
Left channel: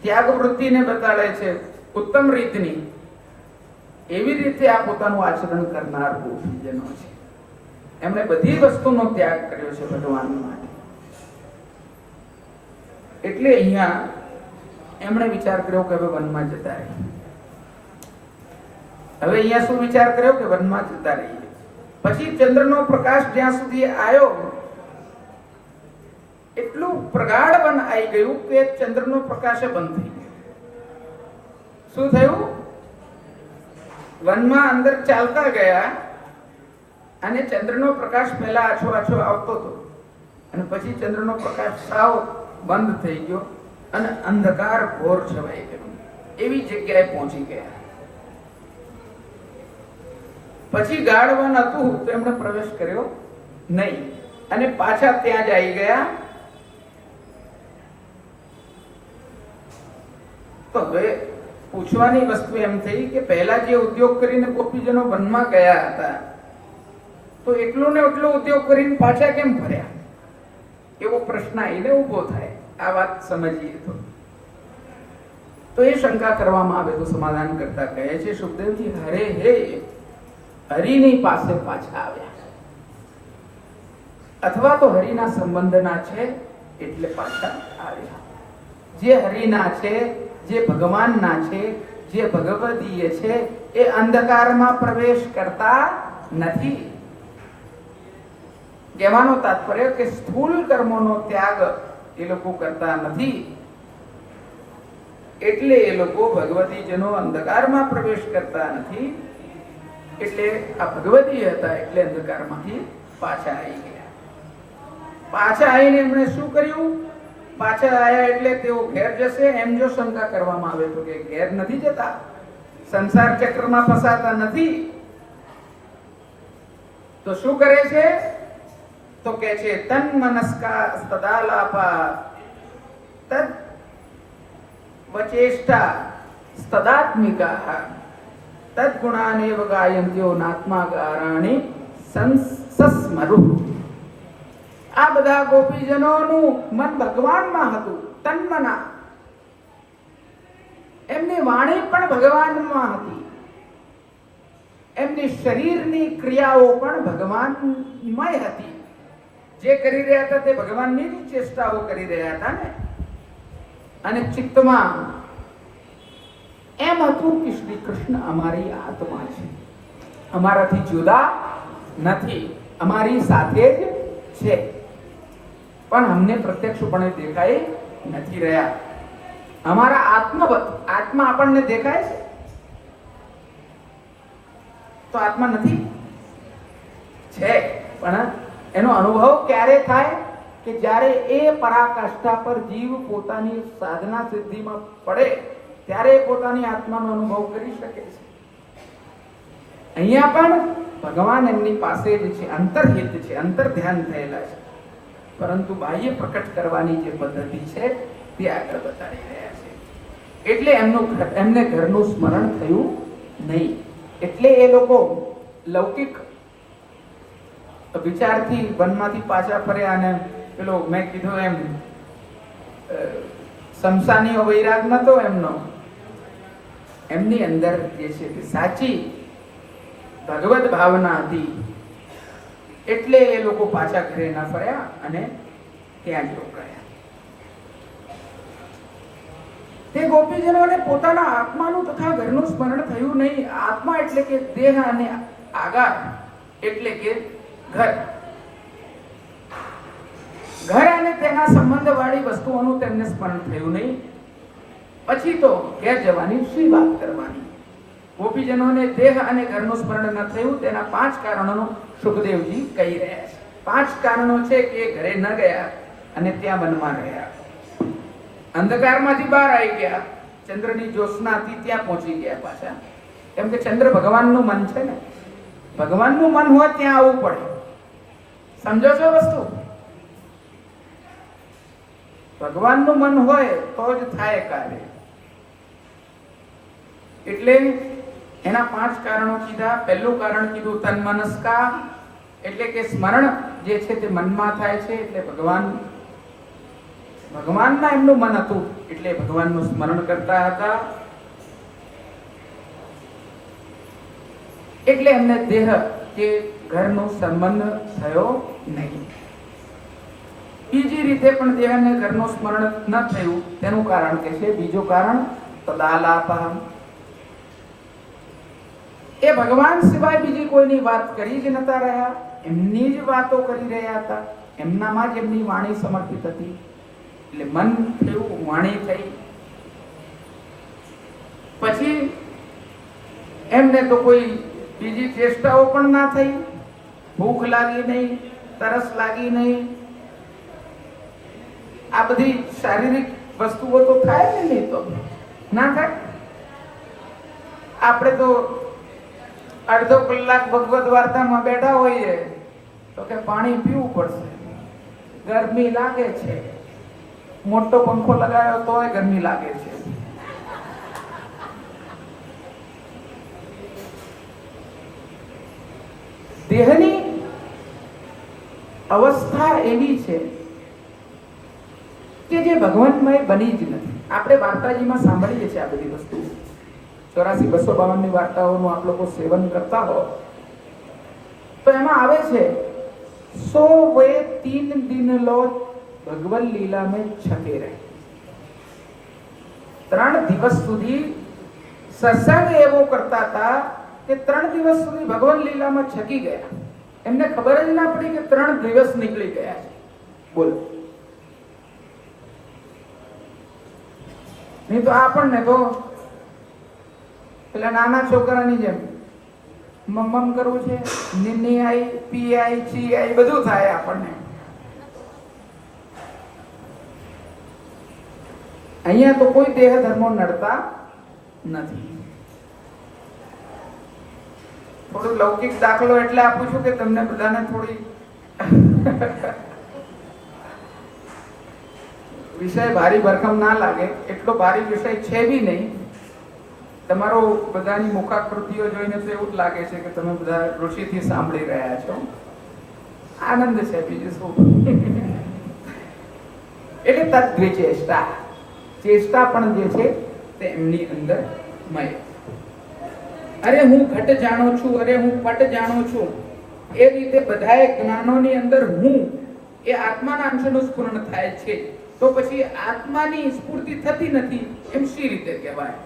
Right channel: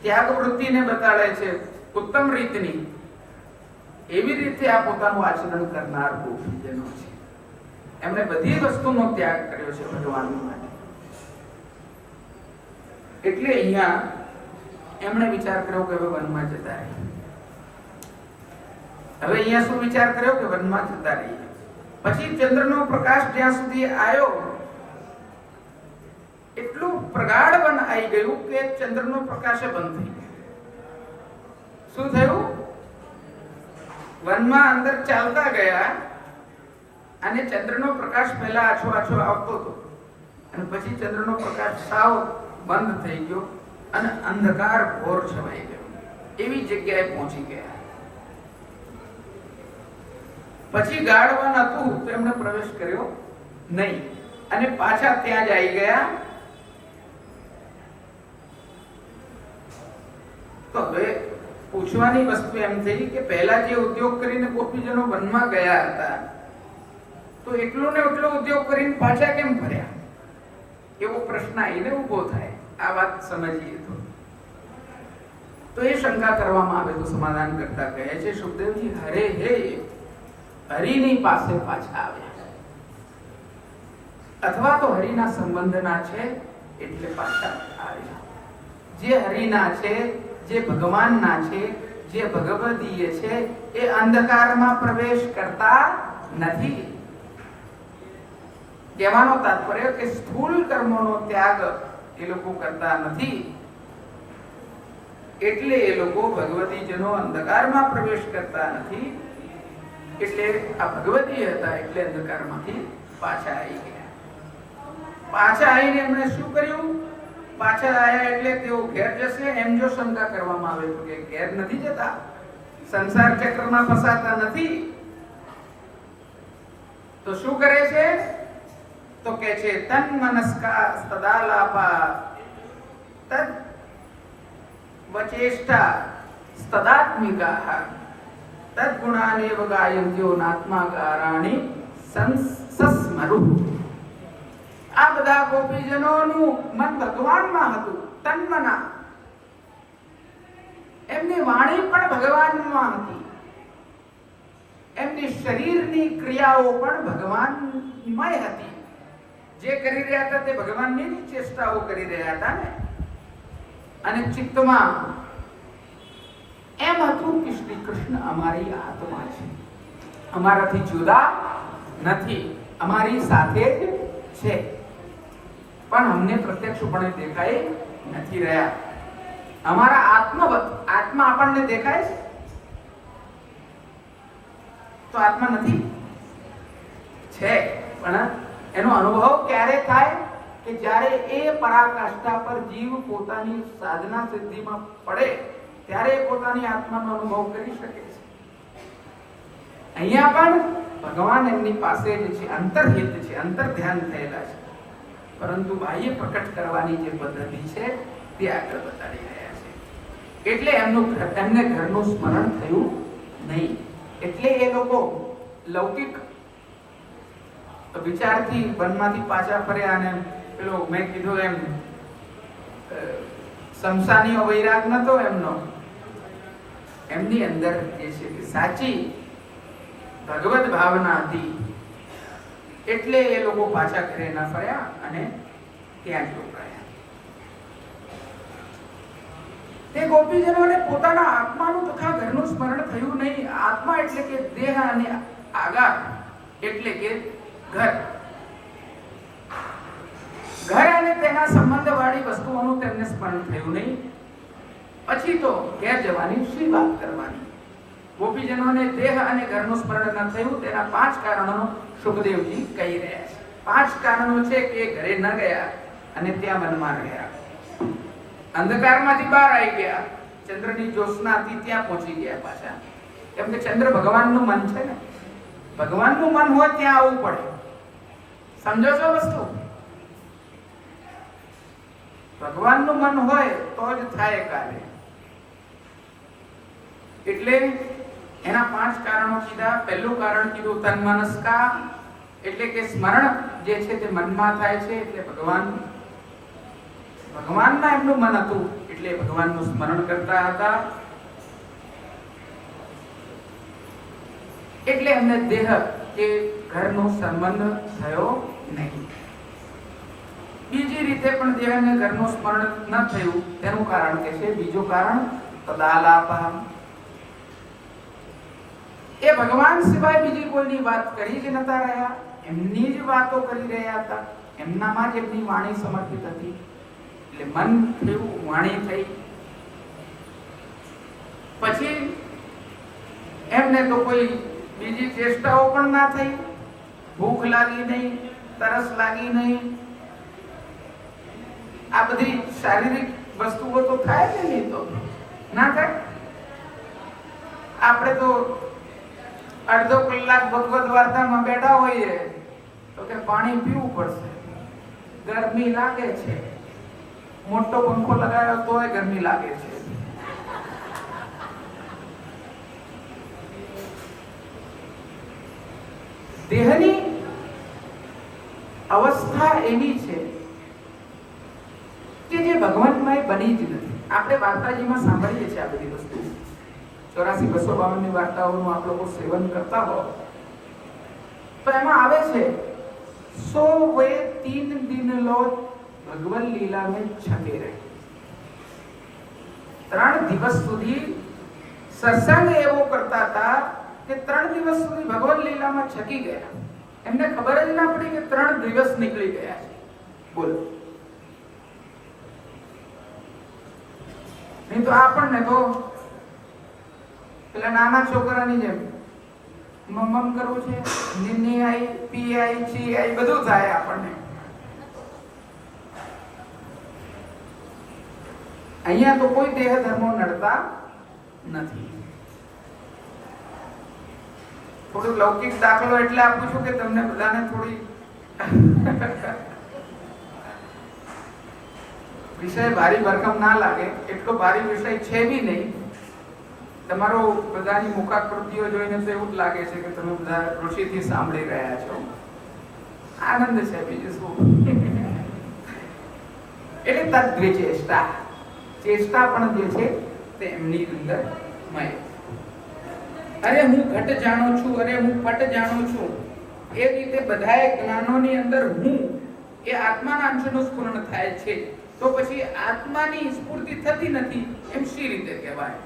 ત્યાગ વૃત્તિને બતાડે છે ઉત્તમ રીતની, એવી રીતે આ પોતાનું આચરણ કરનાર ગોપીજનો છે. એમણે બધી વસ્તુનો ત્યાગ કર્યો છે ભગવાન માટે. એટલે અહીંયા એમણે વિચાર કર્યો કે હવે વનમાં જતા રહીએ. હવે અહીંયા શું વિચાર કર્યો કે વનમાં જતા રહીએ. પછી ચંદ્રનો પ્રકાશ જ્યાં સુધી આવ્યો એટલું પ્રગાઢ વન આવી ગયું કે ચંદ્રનો પ્રકાશ બંધ થઈ ગયો. શું થયું? વનમાં અંદર ચાલતા ગયા અને ચંદ્રનો પ્રકાશ પહેલા આછો આછો આવતો હતો, અને પછી ચંદ્રનો પ્રકાશ સાવ બંધ થઈ ગયો અને અંધકાર ઘોર છવાઈ ગયો. એવી જગ્યાએ પહોંચી ગયા. પછી ગાઢ વન હતું તો એમણે પ્રવેશ કર્યો નહીં, અને પાછા ત્યાં જ આવી ગયા. તો હવે પૂછવાની વસ્તુ એમ થઈ કે પહેલા જે ઉદ્યોગ કરીને ગોપીજનો વનમાં ગયા હતા તો એટલો ને એટલો ઉદ્યોગ કરીને પાછા કેમ ફર્યા? એવો પ્રશ્ન એને ઉભો થાય. આ વાત સમજીએ તો એ શંકા કરવામાં આવે તો સમાધાન કરતા કહે છે સુખદેવજી, હરે હે હરિની પાસે પાછા આવ્યા, અથવા તો હરિના સંબંધના છે એટલે પાછા આવ્યા. જે હરિના છે, જે ભગવાનના છે, જે ભગવદીય છે, એ અંધકારમાં પ્રવેશ કરતા નથી. કહેવાનો તાત્પર્ય કે સ્થૂલ કર્મોનો ત્યાગ એ લોકો કરતા નથી, એટલે એ લોકો ભગવતીજનો અંધકારમાં પ્રવેશ કરતા નથી. એટલે આ ભગવતી હતા એટલે અંધકારમાંથી પાછા આવી ગયા. પાછા આવીને એમણે શું કર્યું? પાછા આયા એટલે તેઓ ઘેર જશે એમ જો શંકા કરવામાં આવે તો કે ઘેર નથી જતા, સંસાર ચક્રમાં ફસાતા નથી. તો શું કરે છે? તો કે છે તન મનસ્કા તદાલાપા તદ વચેષ્ટા તદાત્મિકા તદ્ગુણાનેવ ગાયંત્યો નાત્મા ગારાણિ સંસસ્મરુ. આ બધા ગોપીજનોનું મન ભગવાનમાં હતું, તન્મના. એમની વાણી પણ ભગવાનમાં હતી, એમની શરીરની ક્રિયાઓ પણ ભગવાનમય હતી. જે કરી રહ્યા હતા તે ભગવાનની જ ચેષ્ટાઓ કરી રહ્યા હતા ને. અને ચિત્તમાં એમ હતું કે શ્રી કૃષ્ણ અમારી આત્મા છે, અમારાથી જુદા નથી, અમારી સાથે જ છે, પણ અમને પ્રત્યક્ષપણે દેખાય નથી રહ્યા. અમારા આત્મા આપણને દેખાય છે તો આત્મા નથી છે. પણ એનો અનુભવ ક્યારે થાય? કે જ્યારે એ પરાકાષ્ઠા પર જીવ પોતાની સાધના સિદ્ધિમાં પડે ત્યારે પોતાની આત્માનો અનુભવ કરી શકે છે. અહીંયા પણ ભગવાન એમની પાસે જ છે, અંતર્હિત છે, અંતર ધ્યાન થયેલા છે, પરંતુ બાહ્ય પ્રકટ કરવાની જે પદ્ધતિ છે તે આગળ બતાડી રહ્યા છે. એટલે એમને ઘરનું સ્મરણ થયું નહીં. એટલે એ લોકો લૌકિક વિચારથી વનમાંથી પાછા ફર્યા. અને પેલો મેં કીધું એમ સમસાનીઓ વૈરાગ નતો એમનો, એમની અંદર જે છે કે સાચી ભગવત ભાવના હતી. એટલે એ લોકો પાછા ઘરે ના ફર્યા અને ત્યાં જ રોકાયા. તે ગોપીજનોને પોતાના આત્માનું તથા ઘરનું સ્મરણ થયું નહીં. આત્મા એટલે કે દેહ અને આગાર એટલે કે ઘર અને તેના સંબંધ વાળી વસ્તુઓનું તેમને સ્મરણ થયું નહીં. પછી તો ઘેર જવાની શી વાત કરવાની? ગોપીજનોને દેહ અને ઘરનું સ્મરણ ન થયું તેના 5 કારણોનો સુખદેવજી કહી રહ્યા છે. 5 કારણો છે કે ઘરે ન ગયા અને ત્યાં વનમાં રહ્યા, અંધકારમાંથી બહાર આવી ગયા, ચંદ્રની જ્યોત્સનાથી ત્યાં પહોંચી ગયા પાછા. કેમ કે ચંદ્ર ભગવાનનું મન છે ને, ભગવાનનું મન હોય ત્યાં આવવું પડે. સમજો છો વસ્તુ? ભગવાનનું મન હોય તો જ થાય કાર્ય. એટલે એના 5 કારણો કીધા. પહેલું કારણ કીધું તન મનસ્કા, એટલે કે સ્મરણ જે છે તે મનમાં થાય છે. એટલે ભગવાનમાં એમનું મન હતું એટલે ભગવાનનું સ્મરણ કરતા હતા. એટલે એમને દેહ કે ઘરનો સંબંધ થયો નહીં. બીજી રીતે પણ દેહ અને ઘરનું સ્મરણ ન થયું તેનું કારણ કે છે બીજું કારણ તદાલાપા. એ ભગવાન સિવાય બીજી કોઈની વાત કરી જ નતા રહ્યા, એમની જ વાતો કરી રહ્યા હતા. એમનામાં જ એમની વાણી સમર્પિત હતી. એટલે મન થયું, વાણી થઈ. પછી એમને તો કોઈ બીજી ચેષ્ટાઓ પણ ના થઈ. ભૂખ લાગી નહીં, તરસ લાગી નહીં. આ બધી શારીરિક વસ્તુઓ તો થાય ને, નહીં તો ના થાય. આપણે તો અડધો કલાક ભગવદ વાર્તામાં બેઠા હોઈએ તો કે પાણી પીવું પડશે, ગરમી લાગે છે, મોટો પંખો લગાવ્યો તોય ગરમી લાગે છે. દેહની અવસ્થા એવી છે કે જે ભગવાનમય બની જ નથી. આપણે વાર્તાજીમાં સાંભળીએ છીએ આ બધી વસ્તુ. 84-252 ની વાર્તાઓનું આપ લોકો સેવન કરતા હો તો એમાં આવે છે 100 वे 3 दिन लो ભગવન લીલા में छके रहे. 3 દિવસ સુધી સત્સંગ એવો કરતા હતા કે 3 દિવસ સુધી ભગવાન લીલામાં છકી ગયા. એમને ખબર જ ના પડી કે 3 દિવસ નીકળી ગયા છે. બોલો. નહીં તો આપણને તો પેલા નાના છોકરાની જેમ મમ્મમ કરવું છે, નીની આઈ, પી આઈ, ચી આઈ બધું થાય આપણને. અહીંયા તો કોઈ દેહ ધર્મો નડતા નથી. થોડું લૌકિક દાખલો એટલે આપું છું કે તમને બધાને થોડી વિષય ભારી ભરકમ ના લાગે. એટલો ભારી વિષય છે બી નહીં. તમારો બધાની મુખાકૃતિઓ જોઈને તો એવું જ લાગે છે કે તમે બધા ઋષિથી સાંભળી રહ્યા છો. આનંદ છે, બીજું શું. એટલે તદ્વિચેષ્ટા, ચેષ્ટા પણ જે છે તે એમની અંદર મય. અરે હું ઘટ જાણું છું, અરે હું પટ જાણું છું, એ રીતે બધાએ જ્ઞાનોની અંદર હું એ આત્માના અંશનું સ્ફુરણ થાય છે. તો પછી આત્માની સ્ફૂર્તિ થતી નથી એમ શી રીતે કહેવાય?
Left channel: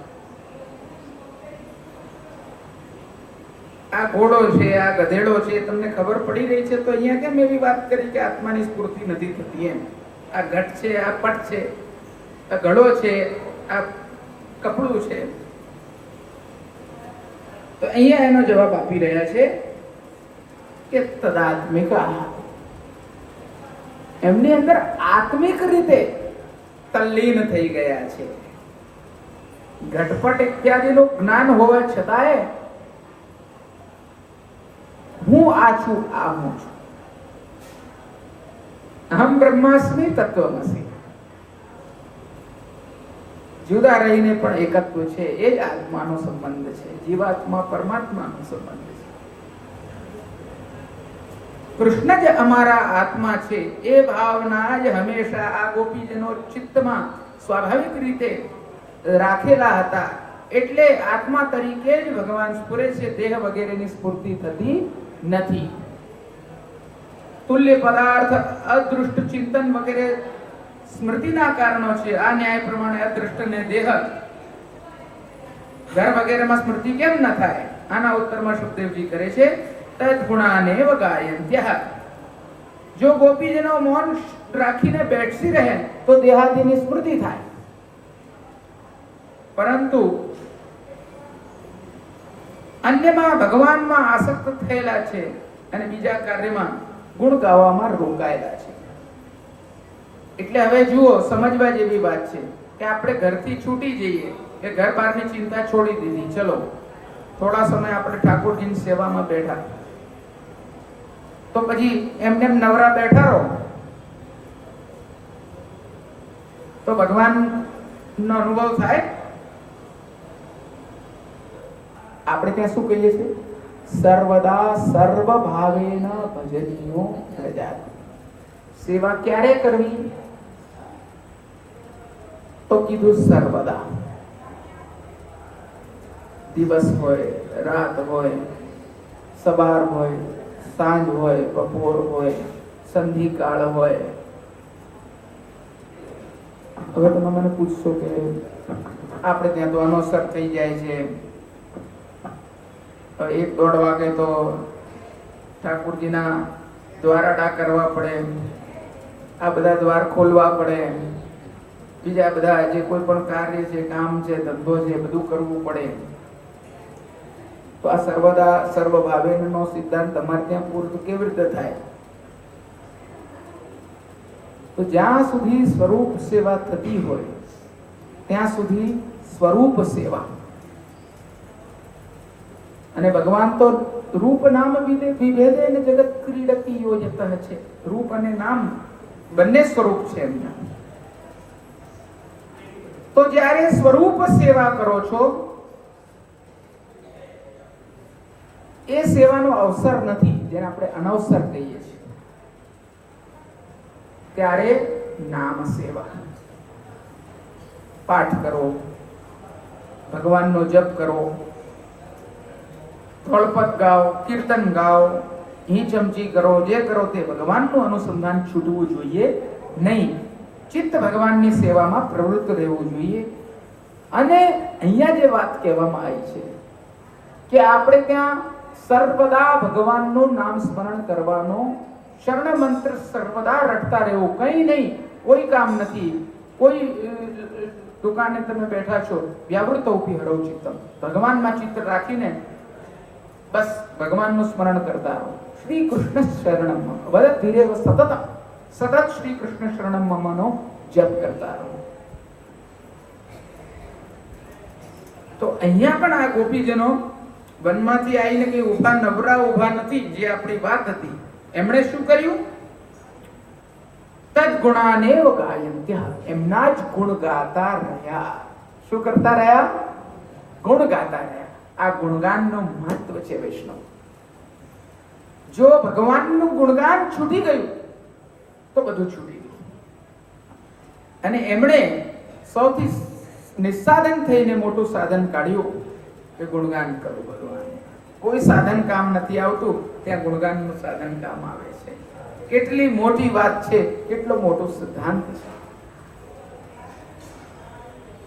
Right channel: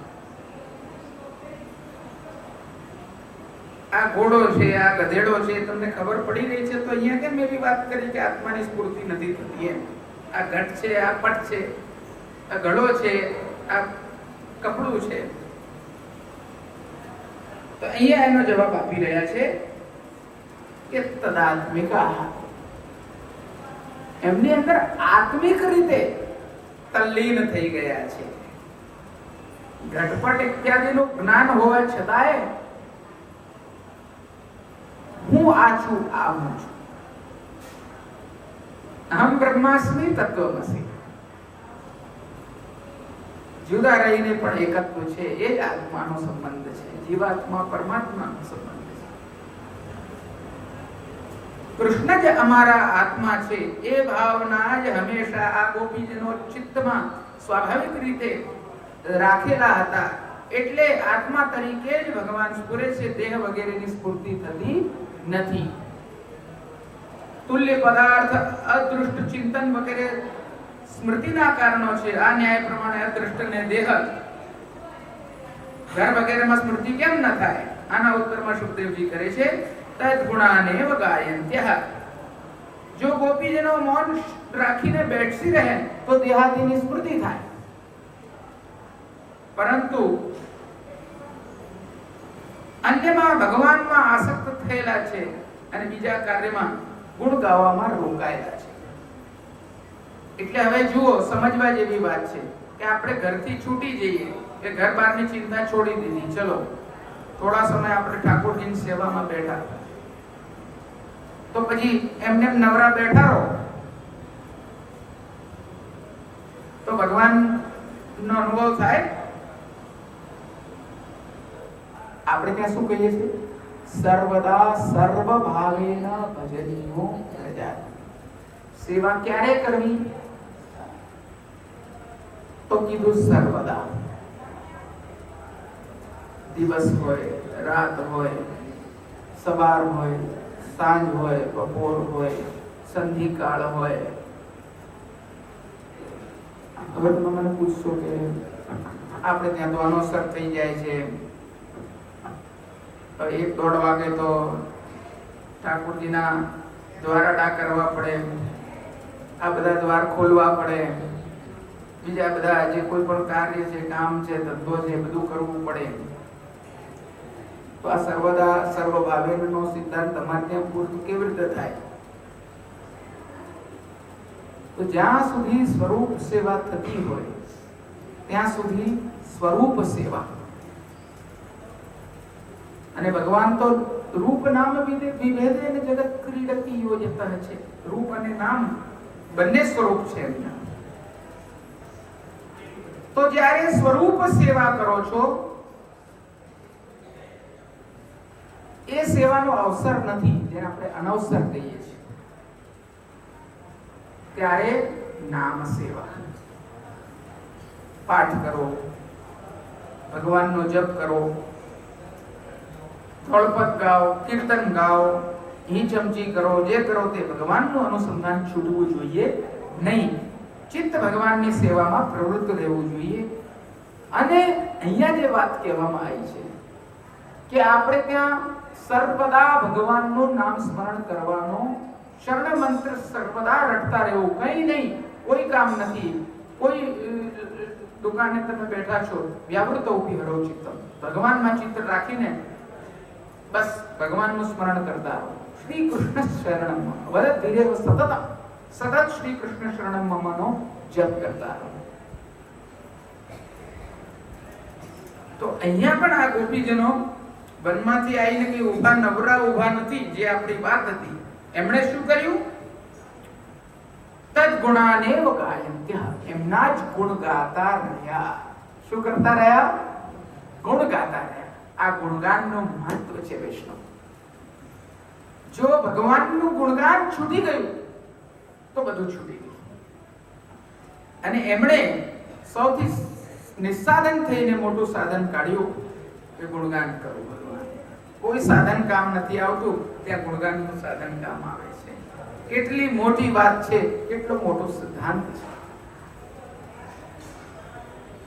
આ ઘોડો છે, આ ગધેડો છે, તમને ખબર પડી રહી છે તો અહીંયા કેમ એવી વાત કરી કે આત્માની સ્ફૂર્તિ નથી થતી એમ? આ ઘટ છે, આ પટ છે, આ ઘડો છે, આ કપડું છે. તો અહીંયા એનો જવાબ આપી રહ્યા છે કે તદાત્મિકા, એમની અંદર આત્મિક રીતે તલ્લીન થઈ ગયા છે. ઘટપટ ઇત્યાદિનું જ્ઞાન હોવા છતાંય હું આ છું, આ હું છું. અહમ બ્રહ્માસ્મિ તત્વમસી. જુદા રહીને પણ એકત્વ છે. એ જ આત્માનો સંબંધ છે. જીવાત્મા પરમાત્માનો સંબંધ છે. કૃષ્ણ જ અમારા આત્મા છે એ ભાવના જ હંમેશા આ ગોપીજનો ચિત્તમાં સ્વાભાવિક રીતે રાખેલા હતા. એટલે આત્મા તરીકે જ ભગવાન સ્ફુરે છે. દેહ વગેરેની સ્ફૂર્તિ થતી નથી. તુલ્ય પદાર્થ, અદૃષ્ટ ચિંતન વગેરે સ્મૃતિના કારણો છે. આ ન્યાય પ્રમાણે અદૃષ્ટ ને દેહ ઘર વગેરેમાં સ્મૃતિ કેમ ન થાય? આના ઉત્તરમાં સુખદેવજી કરે છે તદ્ગુણાનેવ ગાયન્ત્યઃ. જો ગોપીજનો મૌન રાખીને બેઠી રહે તો દેહાદિની સ્મૃતિ થાય, પરંતુ અન્યમાં ભગવાનમાં આસક્ત થયેલા છે અને બીજા કાર્યમાં ગુણ ગાવામાં રોકાયેલા છે. એટલે હવે જુઓ, સમજવા જેવી વાત છે કે આપણે ઘરથી છૂટી જઈએ કે ઘર બહારની ચિંતા છોડી દીધી, ચલો થોડા સમય આપણે ઠાકોરજીની સેવામાં બેઠા, તો પછી એમને નવરા બેઠા રહો તો ભગવાનનો અનુભવ થાય? આપણે ત્યાં શું કહીએ છીએ? સર્વદા સર્વ ભાવેન ભજનીયો પ્રજાત. સેવા ક્યારે કરવી? તો કીધું સર્વદા. દિવસ હોય, રાત હોય, સવાર હોય, સાંજ હોય, બપોર હોય, સંધિકાળ હોય. હવે તમે મને પૂછશો કે આપણે ત્યાં તો અનોસર થઈ જાય છે, 1-1.5 વાગે તો ઠાકોરજીના દ્વારડા કરવા પડે, આ બધા દ્વાર ખોલવા પડે, બીજા બધા જે કોઈ પણ કાર્ય છે, કામ છે, ધંધો છે, બધું કરવું પડે. તો આ સર્વદા સર્વ ભાવેનનો સિદ્ધાંત તમારે ત્યાં પૂર્ણ કેવી રીતે થાય? તો જ્યાં સુધી સ્વરૂપ સેવા થતી હોય ત્યાં સુધી સ્વરૂપ સેવા. અને ભગવાન તો રૂપ નામ વિભેદેન જગત ક્રીડતી યોજતઃ છે. રૂપ અને નામ બંને સ્વરૂપ છે એમના. તો જ્યારે સ્વરૂપ સેવા કરો છો એ સેવાનો અવસર નથી, જેને આપણે અનવસર કહીએ છીએ. ત્યારે નામ સેવા, પાઠ કરો, ભગવાનનો જપ કરો, થોળપદ ગાઓ, કીર્તન ગાઓ, હિ ચમચી કરો, જે કરો તે ભગવાનનું અનુસંધાન છૂટવું જોઈએ નહીં. ચિત્ત ભગવાનની સેવામાં પ્રવૃત્ત રહેવું જોઈએ. અને અહીંયા જે વાત કહેવામાં આવી છે કે આપણે ત્યાં સર્વદા ભગવાનનું નામ સ્મરણ કરવાનો, શરણ મંત્ર સર્વદા રટતા રહેવું, કંઈ નહીં, કોઈ કામ નથી. કોઈ દુકાને તમે બેઠા છો, વ્યાવૃતોપી હરો ચિત્તમ, ભગવાનમાં ચિત્ત રાખીને બસ ભગવાનનું સ્મરણ કરતા રહો. શ્રી કૃષ્ણ શરણમ મમ, વદ ધીરે સતત સતત શ્રી કૃષ્ણ શરણમ મમનો જપ કરતા રહો. તો અહીંયા પણ આ ગોપીજનો વનમાંથી આવીને કે ઉભા નવરા ઉભા નથી, જે આપણી વાત હતી, એમણે શું કર્યું? તદ્ગુણાનેવ ગાયન્ત્યઃ, એમના જ ગુણ ગાતા રહ્યા. શું કરતા રહ્યા? ગુણ ગાતા રહ્યા. આ ગુણગાનનું મહત્વ છે વૈષ્ણવ. જો ભગવાનનું ગુણગાન છૂટી ગયું તો બધું છૂટી ગયું. અને એમણે સૌથી નિસ્સાધન થઈને મોટું સાધન કાઢ્યું કે ગુણગાન કરવું ભગવાન. કોઈ સાધન કામ નથી આવતું, ત્યાં ગુણગાનનું સાધન કામ આવે છે. કેટલી મોટી વાત છે, કેટલો મોટો સિદ્ધાંત છે.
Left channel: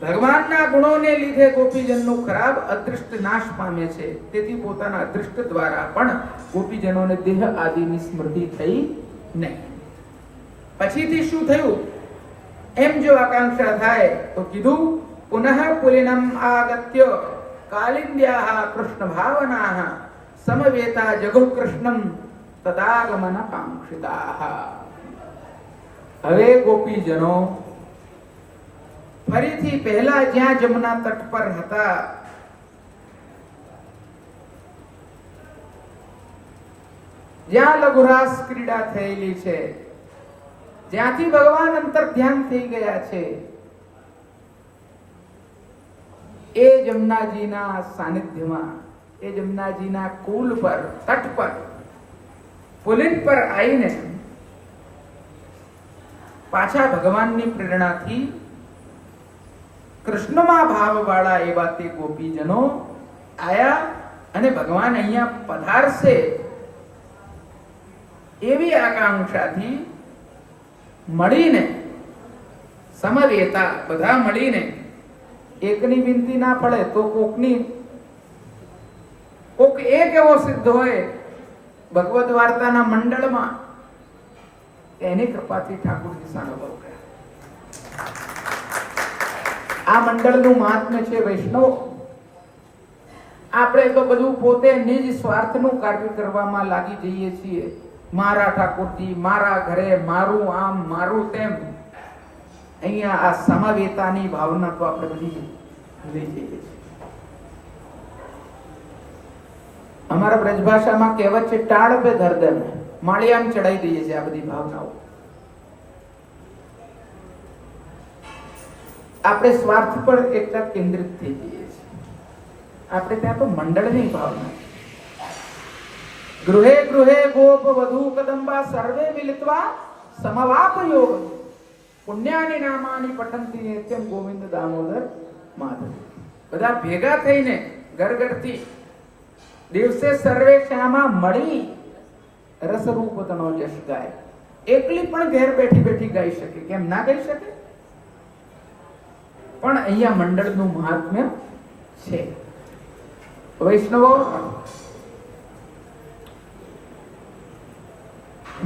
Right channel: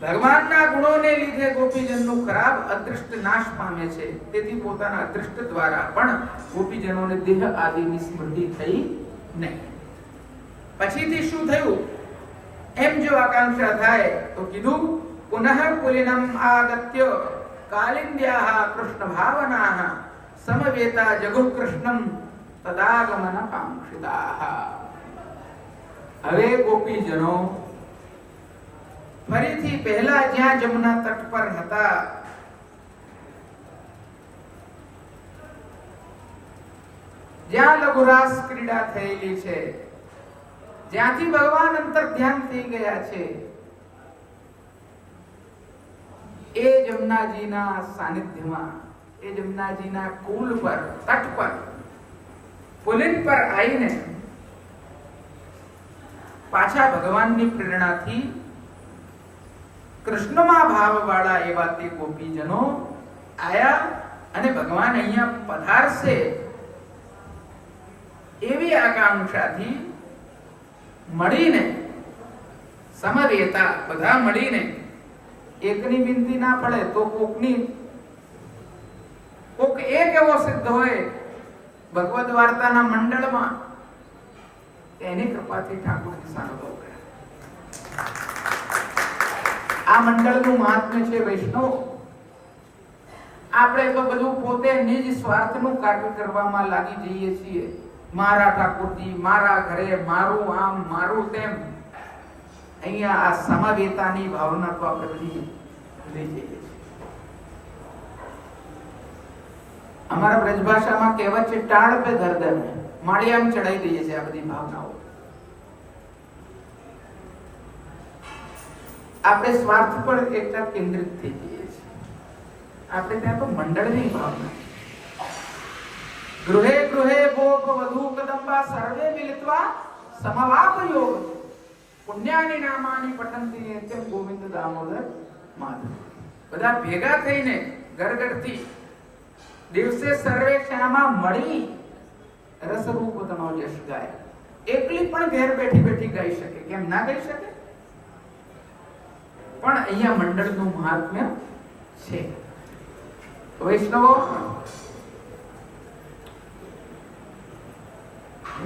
ભગવાનના ગુણોને લીધે ગોપીજનનું ખરાબ અદૃષ્ટ નાશ પામે છે. તેથી પોતાના અદૃષ્ટ દ્વારા પણ ગોપીજનોને દેહ આદિની સ્મૃતિ થઈ નહીં. પછીથી શું થયું? એમ જો આકાંક્ષા થાય તો કીધું, પુનઃ પુલિનમ આગત્ય કાલિંદ્યાઃ કૃષ્ણ ભાવનાઃ સમવેતા જગુઃ કૃષ્ણમ તદાગમન કાંક્ષિતાઃ. હવે ગોપીજનો ફરીથી પહેલા જ્યાં જમુના તટ પર હતા જ્યાં લઘુરાસ ક્રીડા થયેલી છે, જ્યાંથી ભગવાન અંતર ધ્યાન થઈ ગયા છે, એ જમનાજીના સાનિધ્યમાં, એ જમનાજીના કુલ પર, તટ પર, પુલિન પર આવીને પાછા ભગવાનની પ્રેરણાથી કૃષ્ણમાં ભાવવાળા એવા તે ગોપીજનો આયા અને ભગવાન અહીંયા પધારશે એવી આકાંક્ષાથી મળીને સમવેતા, બધા મળીને, એકની વિનંતી ના પડે તો કોક એક એવો સિદ્ધ હોય ભગવદ વાર્તાના મંડળમાં, એની કૃપાથી ઠાકોરજી સાનુભવ કર્યા. આ મંડળનું મહાત્મ્ય છે વૈષ્ણવ. આપણે તો બધું પોતે નિજ સ્વાર્થનું કાર્ય કરવામાં લાગી જઈએ છીએ. મારા ઠાકોરજી, મારા ઘરે, મારું આમ, મારું તેમ. અહીંયા આ સમવેતાની ભાવના તો આપણે બધી લઈ જઈએ છીએ. અમારા બ્રજભાષામાં કહેવત છે, ટાળ પે ધર દે, માળિયામાં ચડાઈ દઈએ છીએ આ બધી ભાવનાઓ. આપણે સ્વાર્થ પર એટલા કેન્દ્રિત થઈ જઈએ છીએ. આપણે ત્યાં તો મંડળની ભાવના. ગૃહે ગૃહે ગોપ વધુ કદંબા સર્વે મિલિત્વા સમવાપ યોગ પુણ્યાની નામાની પઠંતી નિત્યમ ગોવિંદ દામોદર માધવ. બધા ભેગા થઈને ગરગરથી દિવસે સર્વે શ્યામા મળી રસરૂપ તનો યશ ગાય. એકલી પણ ઘેર બેઠી બેઠી ગાઈ શકે, કેમ ના ગાઈ શકે? પણ અહીંયા મંડળનું મહાત્મ્ય છે. વૈષ્ણવો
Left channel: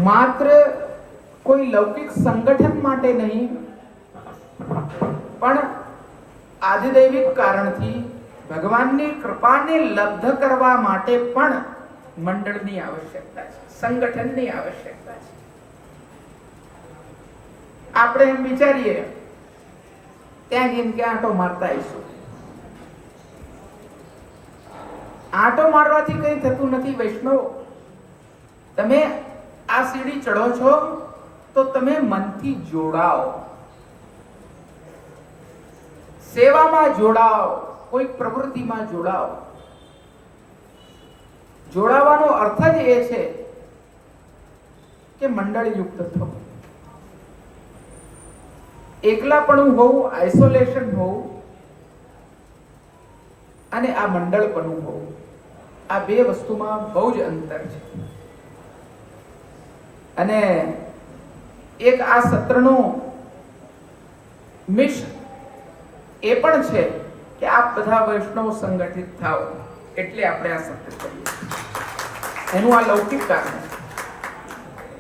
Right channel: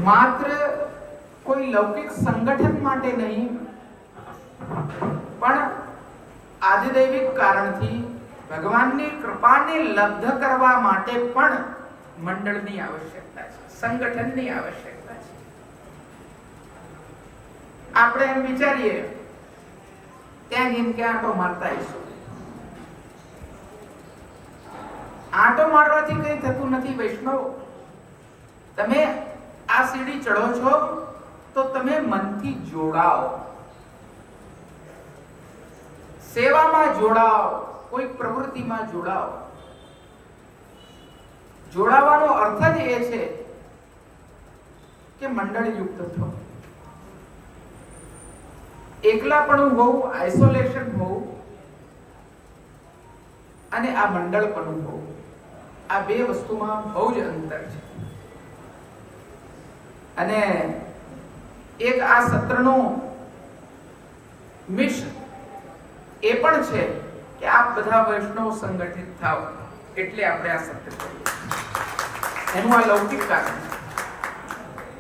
માત્ર કોઈ લૌકિક સંગઠન માટે નહીં, પણ આદિદૈવિક કારણથી ભગવાનની કૃપાને લબ્ધ કરવા માટે પણ મંડળની આવશ્યકતા છે, સંગઠનની આવશ્યકતા છે. આપણે એમ વિચારીએ ત્યાં જઈને કે આંટો મારતા આવીશું. આંટો મારવાથી કઈ થતું નથી વૈષ્ણવ. તમે આ સીડી ચડો છો તો તમે મનથી જોડાઓ, સેવામાં જોડાઓ, કોઈ પ્રવૃત્તિમાં જોડાઓ. જોડાવાનો અર્થ જ એ છે કે મંડળ યુક્ત થો. એકલાપણું હોવું, આઇસોલેશન હોવું અને આ મંડળપણું હોવું, આ બે વસ્તુમાં બહુ જ અંતર છે. અને એક આ સત્રનું મિશન એ પણ છે કે આપ બધા વૈષ્ણવ સંગઠિત થાઓ, એટલે આપણે આ સત્ય કરીએ. એનું આ લૌકિક કારણ છે.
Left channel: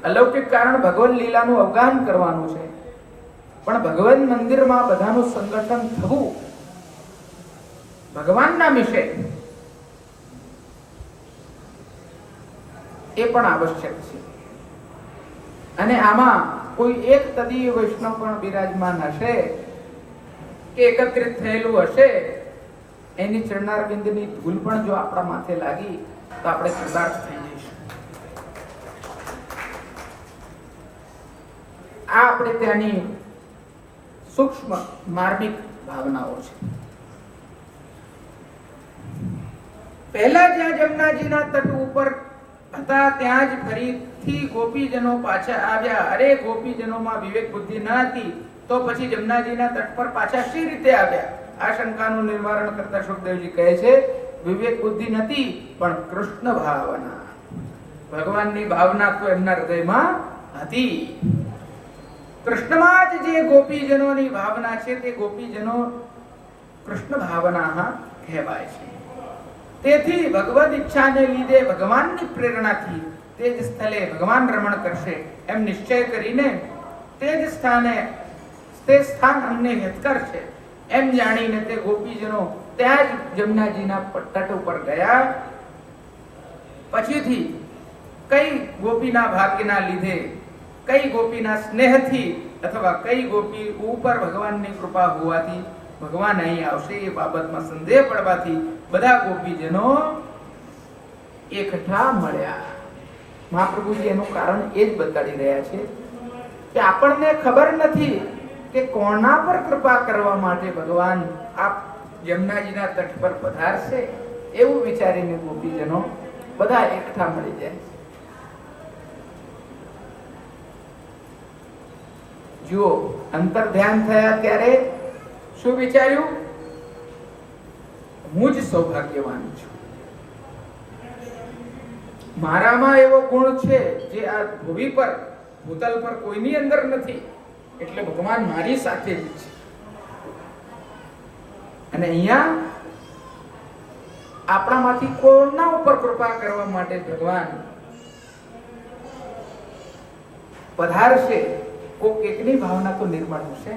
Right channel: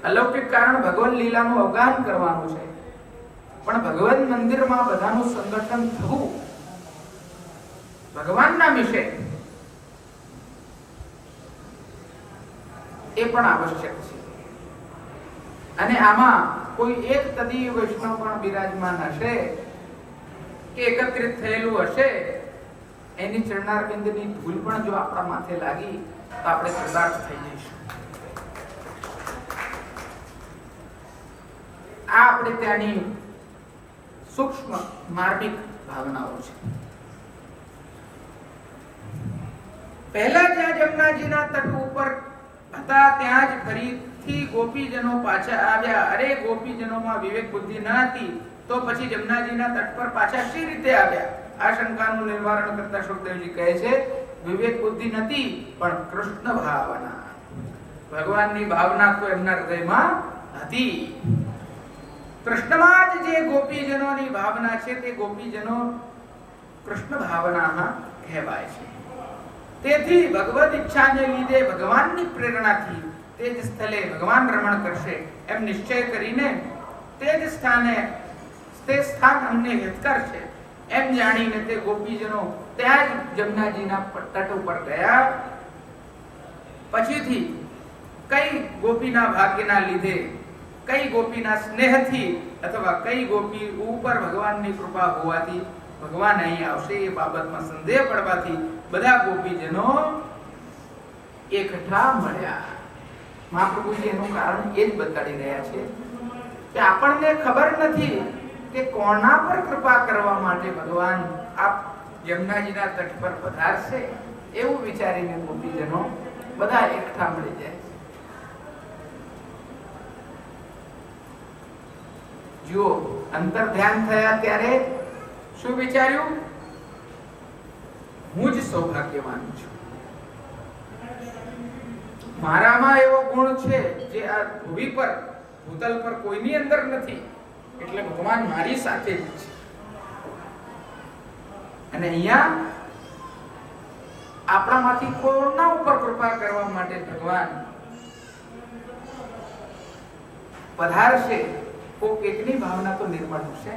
અલૌકિક કારણ ભગવાન લીલાનું અવગાહન કરવાનું છે, પણ ભગવાન મંદિરમાં બધાનું સંગઠન થવું ભગવાનના વિશે એ પણ આવશ્યક છે. અને આમાં કોઈ એક તદીય વૈષ્ણવ પણ બિરાજમાન હશે કે એકત્રિત થયેલું હશે, એની ચરણારવિંદની ધૂળ પણ જો આપણા માથે લાગી તો આપણે કૃતાર્થ થઈ જઈશું. આ આપણે ત્યાંની સૂક્ષ્મ માર્મિક ભાવનાઓ છે. પહેલા જ્યાં જમનાજીના તટ ઉપર હતા ત્યાં જ ફરીથી ગોપીજનો પાછા આવ્યા. અરે ગોપીજનોમાં વિવેક બુદ્ધિ ન હતી તો પછી જમનાજીના તટ પર પાછા શી રીતે આવ્યા? આ શંકાનું નિવારણ કરતા સુખદેવજી કહે છે, વિવેક બુદ્ધિ નથી પણ કૃષ્ણ ભાવના, ભગવાનની ભાવના તો એમના હૃદયમાં હતી. કૃષ્ણમાં જ જે ગોપીજનોની ભાવના છે તે ગોપીજનો કૃષ્ણ ભાવના કહેવાય છે. તેથી ભગવદ ઈચ્છાને લીધે ભગવાનની પ્રેરણાથી તે જ સ્થળે ભગવાન રમણ કરશે એમ નિશ્ચય કરીને તે જ સ્થાને તે સ્થાન અમને હિતકર છે એમ જાણીને તે ગોપીજનો ત્યાં જ જમનાજીના તટ ઉપર ગયા. પછીથી કઈ ગોપીના ભાગ્યના લીધે, કઈ ગોપીના સ્નેહથી અથવા કઈ ગોપી ઉપર ભગવાનની કૃપા હોવાથી ભગવાન અહીં આવશે એ બાબતમાં સંદેહ પડવાથી બધા ગોપીજનો એકઠા મળ્યા. મહાપ્રભુજી એનું કારણ એ જ બતાડી રહ્યા છે કે આપણને ખબર નથી કે કોના પર કૃપા કરવા માટે ભગવાન આ જમનાજીના તટ પર પધારશે, એવું વિચારીને ગોપીજનો બધા એકઠા મળી જાય. જુઓ, અંતર ધ્યાન થયા ત્યારે શું વિચાર્યું? હું જ સૌભાગ્યવાન છું, મારામાં એવો ગુણ છે જે આ ભૂમિ પર, ભૂતલ પર કોઈની અંદર નથી, એટલે ભગવાન મારી સાથે જ છે. અને અહીંયા આપણામાંથી કોના ઉપર કૃપા કરવા માટે ભગવાન પધારશે, કોક એકની ભાવના તો નિર્માણ હશે.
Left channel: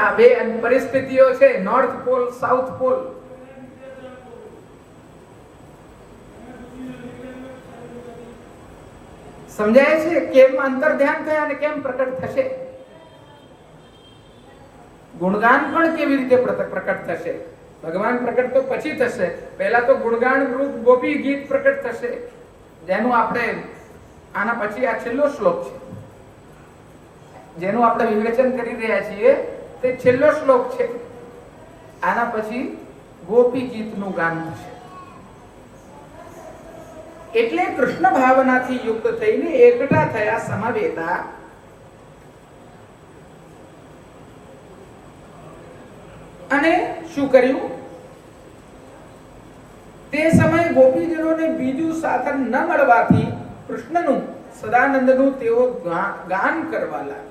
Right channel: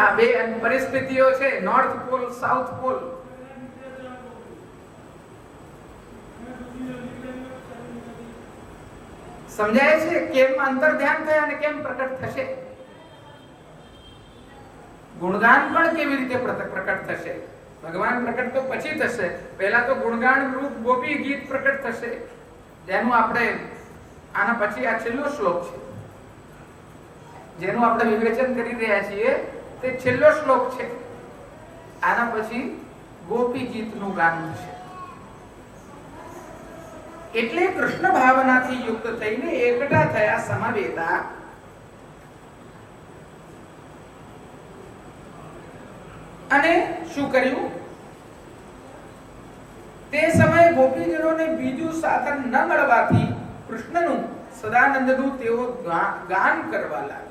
આ બે પરિસ્થિતિઓ છે, નોર્થ પોલ, સાઉથ પોલ. સમજાય છે કેમ અંતર ધ્યાન થયા અને કેમ પ્રકટ થશે? ગુણગાન પણ કેવી રીતે પ્રકટ થશે? ભગવાન પ્રકટ તો પછી થશે, પહેલા તો ગુણગાન રૂપ ગોપી ગીત પ્રકટ થશે, જેનું આપણે આના પછી આ છેલ્લો શ્લોક છે જેનું આપણે વિવેચન કરી રહ્યા છીએ, તે છેલ્લો શ્લોક છે. આના પછી ગોપી ગીતનું ગાન થશે. એટલે કૃષ્ણ ભાવનાથી યુક્ત થઈને એકઠા થયા, સમવેતા. અને શું કર્યું? તે સમયે ગોપીજનોને બીજું સાધન ન મળવાથી કૃષ્ણનું, સદાનંદનું તેઓ ગાન કરવા લાગ્યા.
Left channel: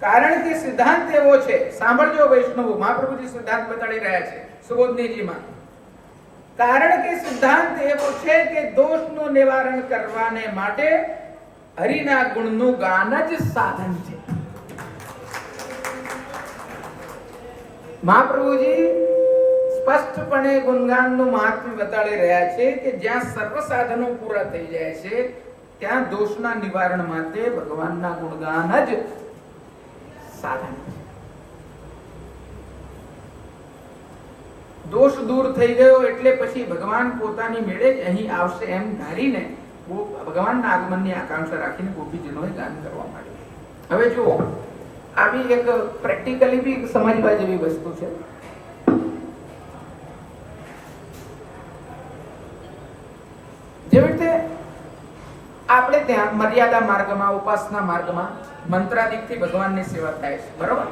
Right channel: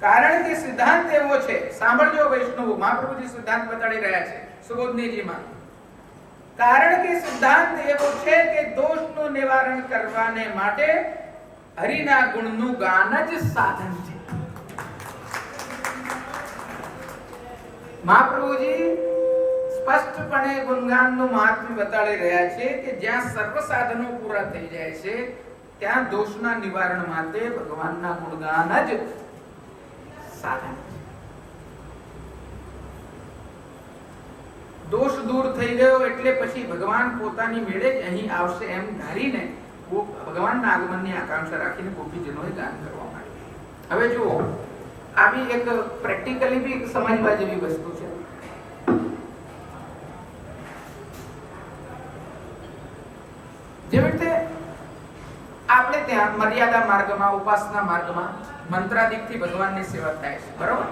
કારણ કે સિદ્ધાંત એવો છે, સાંભળજો વૈષ્ણવો, મહાપ્રભુજી સિદ્ધાંત બતાડી રહ્યા છે સુબોધનીજીમાં. કારણ કે સિદ્ધાંત એવો છે કે દોષનું નિવારણ કરવાને માટે હરિના ગુણનું ગાન જ સાધન છે. મહાપ્રભુજી સ્પષ્ટપણે ગુણગાનનું મહાત્મ્ય બતાડી રહ્યા છે કે જ્યાં સર્વ સાધનો પૂરા થઈ જાય છે ત્યાં દોષના નિવારણ માટે ભગવાનના ગુણગાન જ સાધન છે. દોષ દૂર થઈ ગયો એટલે પછી ભગવાન પોતાની મેળે જ અહીં આવશે એમ ધારીને ભગવાનના આગમનની આકાંક્ષા રાખીને ગોપીજનોએ ગાન કરવા માંડ્યું. હવે જુઓ, આવી એક પ્રેક્ટિકલી બી સમજવા જેવી વસ્તુ છે. જેવી રીતે આપણે ત્યાં મર્યાદા માર્ગમાં, ઉપાસના માર્ગમાં મંત્રાદિકથી ભગવાનની સેવા થાય છે, બરોબર?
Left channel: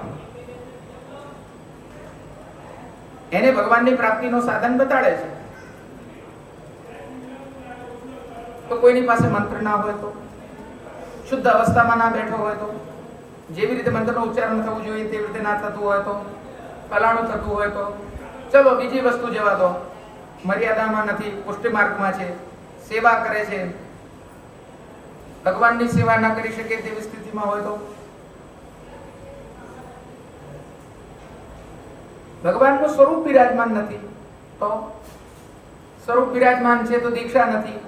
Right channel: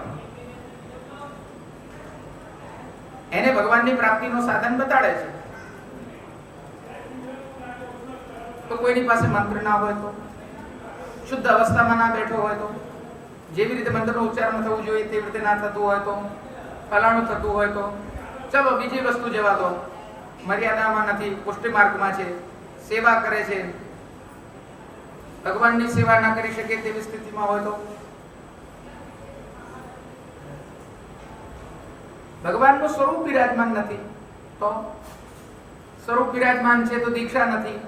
એને ભગવાનની પ્રાપ્તિનું સાધન બતાડે છે. તો કોઈની પાસે મંત્ર ના હોય તો, શુદ્ધ અવસ્થામાં ના બેઠો હોય તો, જેવી રીતે મંત્રનું ઉચ્ચારણ થવું જોઈએ તેવી રીતે ના થતું હોય તો, ફલાણું થતું હોય તો, ચલો બીજી વસ્તુ જવા દો, મર્યાદામાં નથી, પુષ્ટિ માર્ગમાં છે, સેવા કરે છે, ભગવાનની સેવા ના કરી શકે તેવી સ્થિતિમાં હોય તો, ભગવાનનું સ્વરૂપ વિરાજમાન નથી તો, સ્વરૂપ વિરાજમાન છે તો દીક્ષા નથી,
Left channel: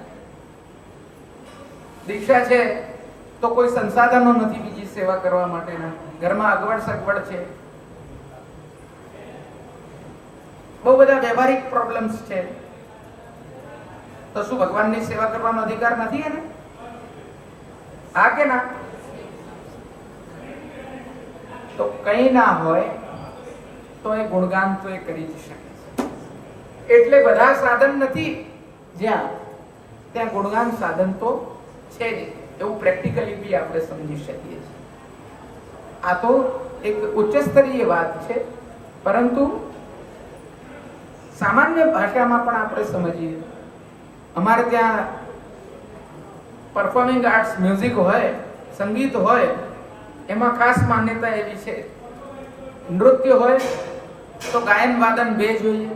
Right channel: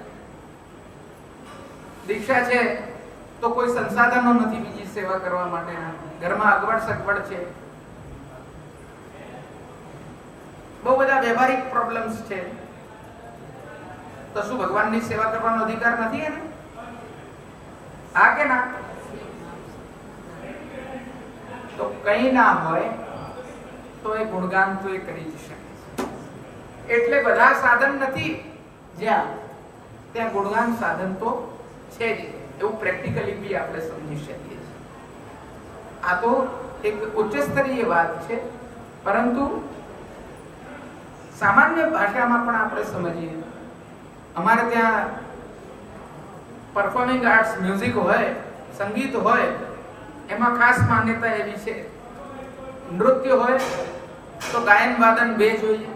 દીક્ષા છે તો કોઈ સંસાધનો નથી બીજી સેવા કરવા માટેના, ઘરમાં અગવડ સગવડ છે, બહુ બધા વ્યવહારિક પ્રોબ્લેમ્સ છે, તો શું ભગવાનની સેવા કરવાનો અધિકાર નથી એને? હા કે ના? તો કઈ ના હોય તો એ ગુણગાન તો એ કરી જ શકે છે. એટલે બધા સાધન નથી જ્યાં ત્યાં ગુણગાન સાધન તો છે જ, એવું પ્રેક્ટિકલી બી આપણે સમજી શકીએ છીએ. આ તો એક ઉચ્ચ સ્તરીય વાત છે, પરંતુ સામાન્ય ભાષામાં પણ આપણે સમજીએ. અમારે ત્યાં પરફોર્મિંગ આર્ટ્સ, મ્યુઝિક હોય, સંગીત હોય, એમાં ખાસ માન્યતા એવી છે, નૃત્ય હોય તો ગાયન વાદન બે જોઈએ,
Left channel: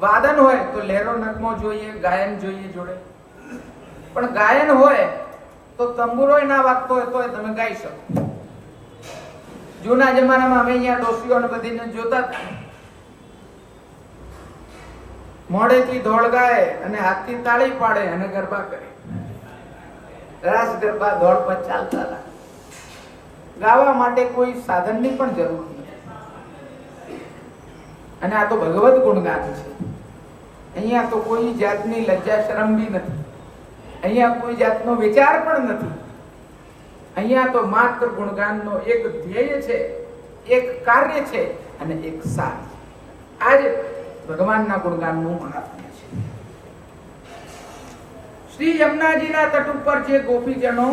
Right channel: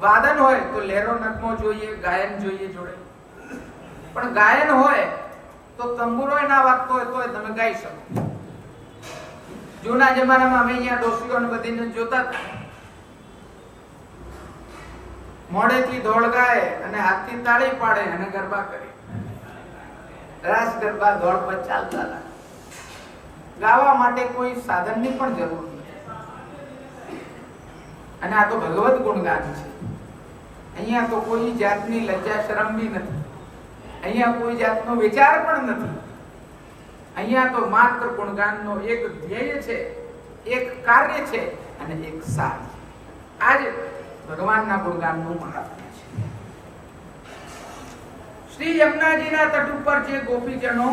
વાદન હોય તો લહેરો નગમો જોઈએ, ગાયન જોઈએ જોડે. પણ ગાયન હોય તો તંબુરો ના વાગતો હોય તો તમે ગાઈ શકો. જૂના જમાનામાં અમે અહીંયા ડોસીઓને બધીને જોતા હતા, મોડેથી ધોળ ગાય અને હાથથી તાળી પાડે અને ગરબા કરે, રાસ ગરબા ધોળ પર ચાલતા હતા. ગાવા માટે કોઈ સાધનની પણ જરૂર નથી. અને આ તો ભગવત ગુણગાન છે. અહીંયા તો કોઈ જાતની લજ્જા શરમ બી નથી, અહીંયા કોઈ જાતનો વિચાર પણ નથી. અહીંયા તો માત્ર ગુણગાનનો એક ધ્યેય છે, એક કાર્ય છે અને એક સાર. આજ ભગવાનના ગુણગાનનું મહાત્મ્ય છે. શ્રી યમુનાજીના તટ ઉપર જે ગોપીજનો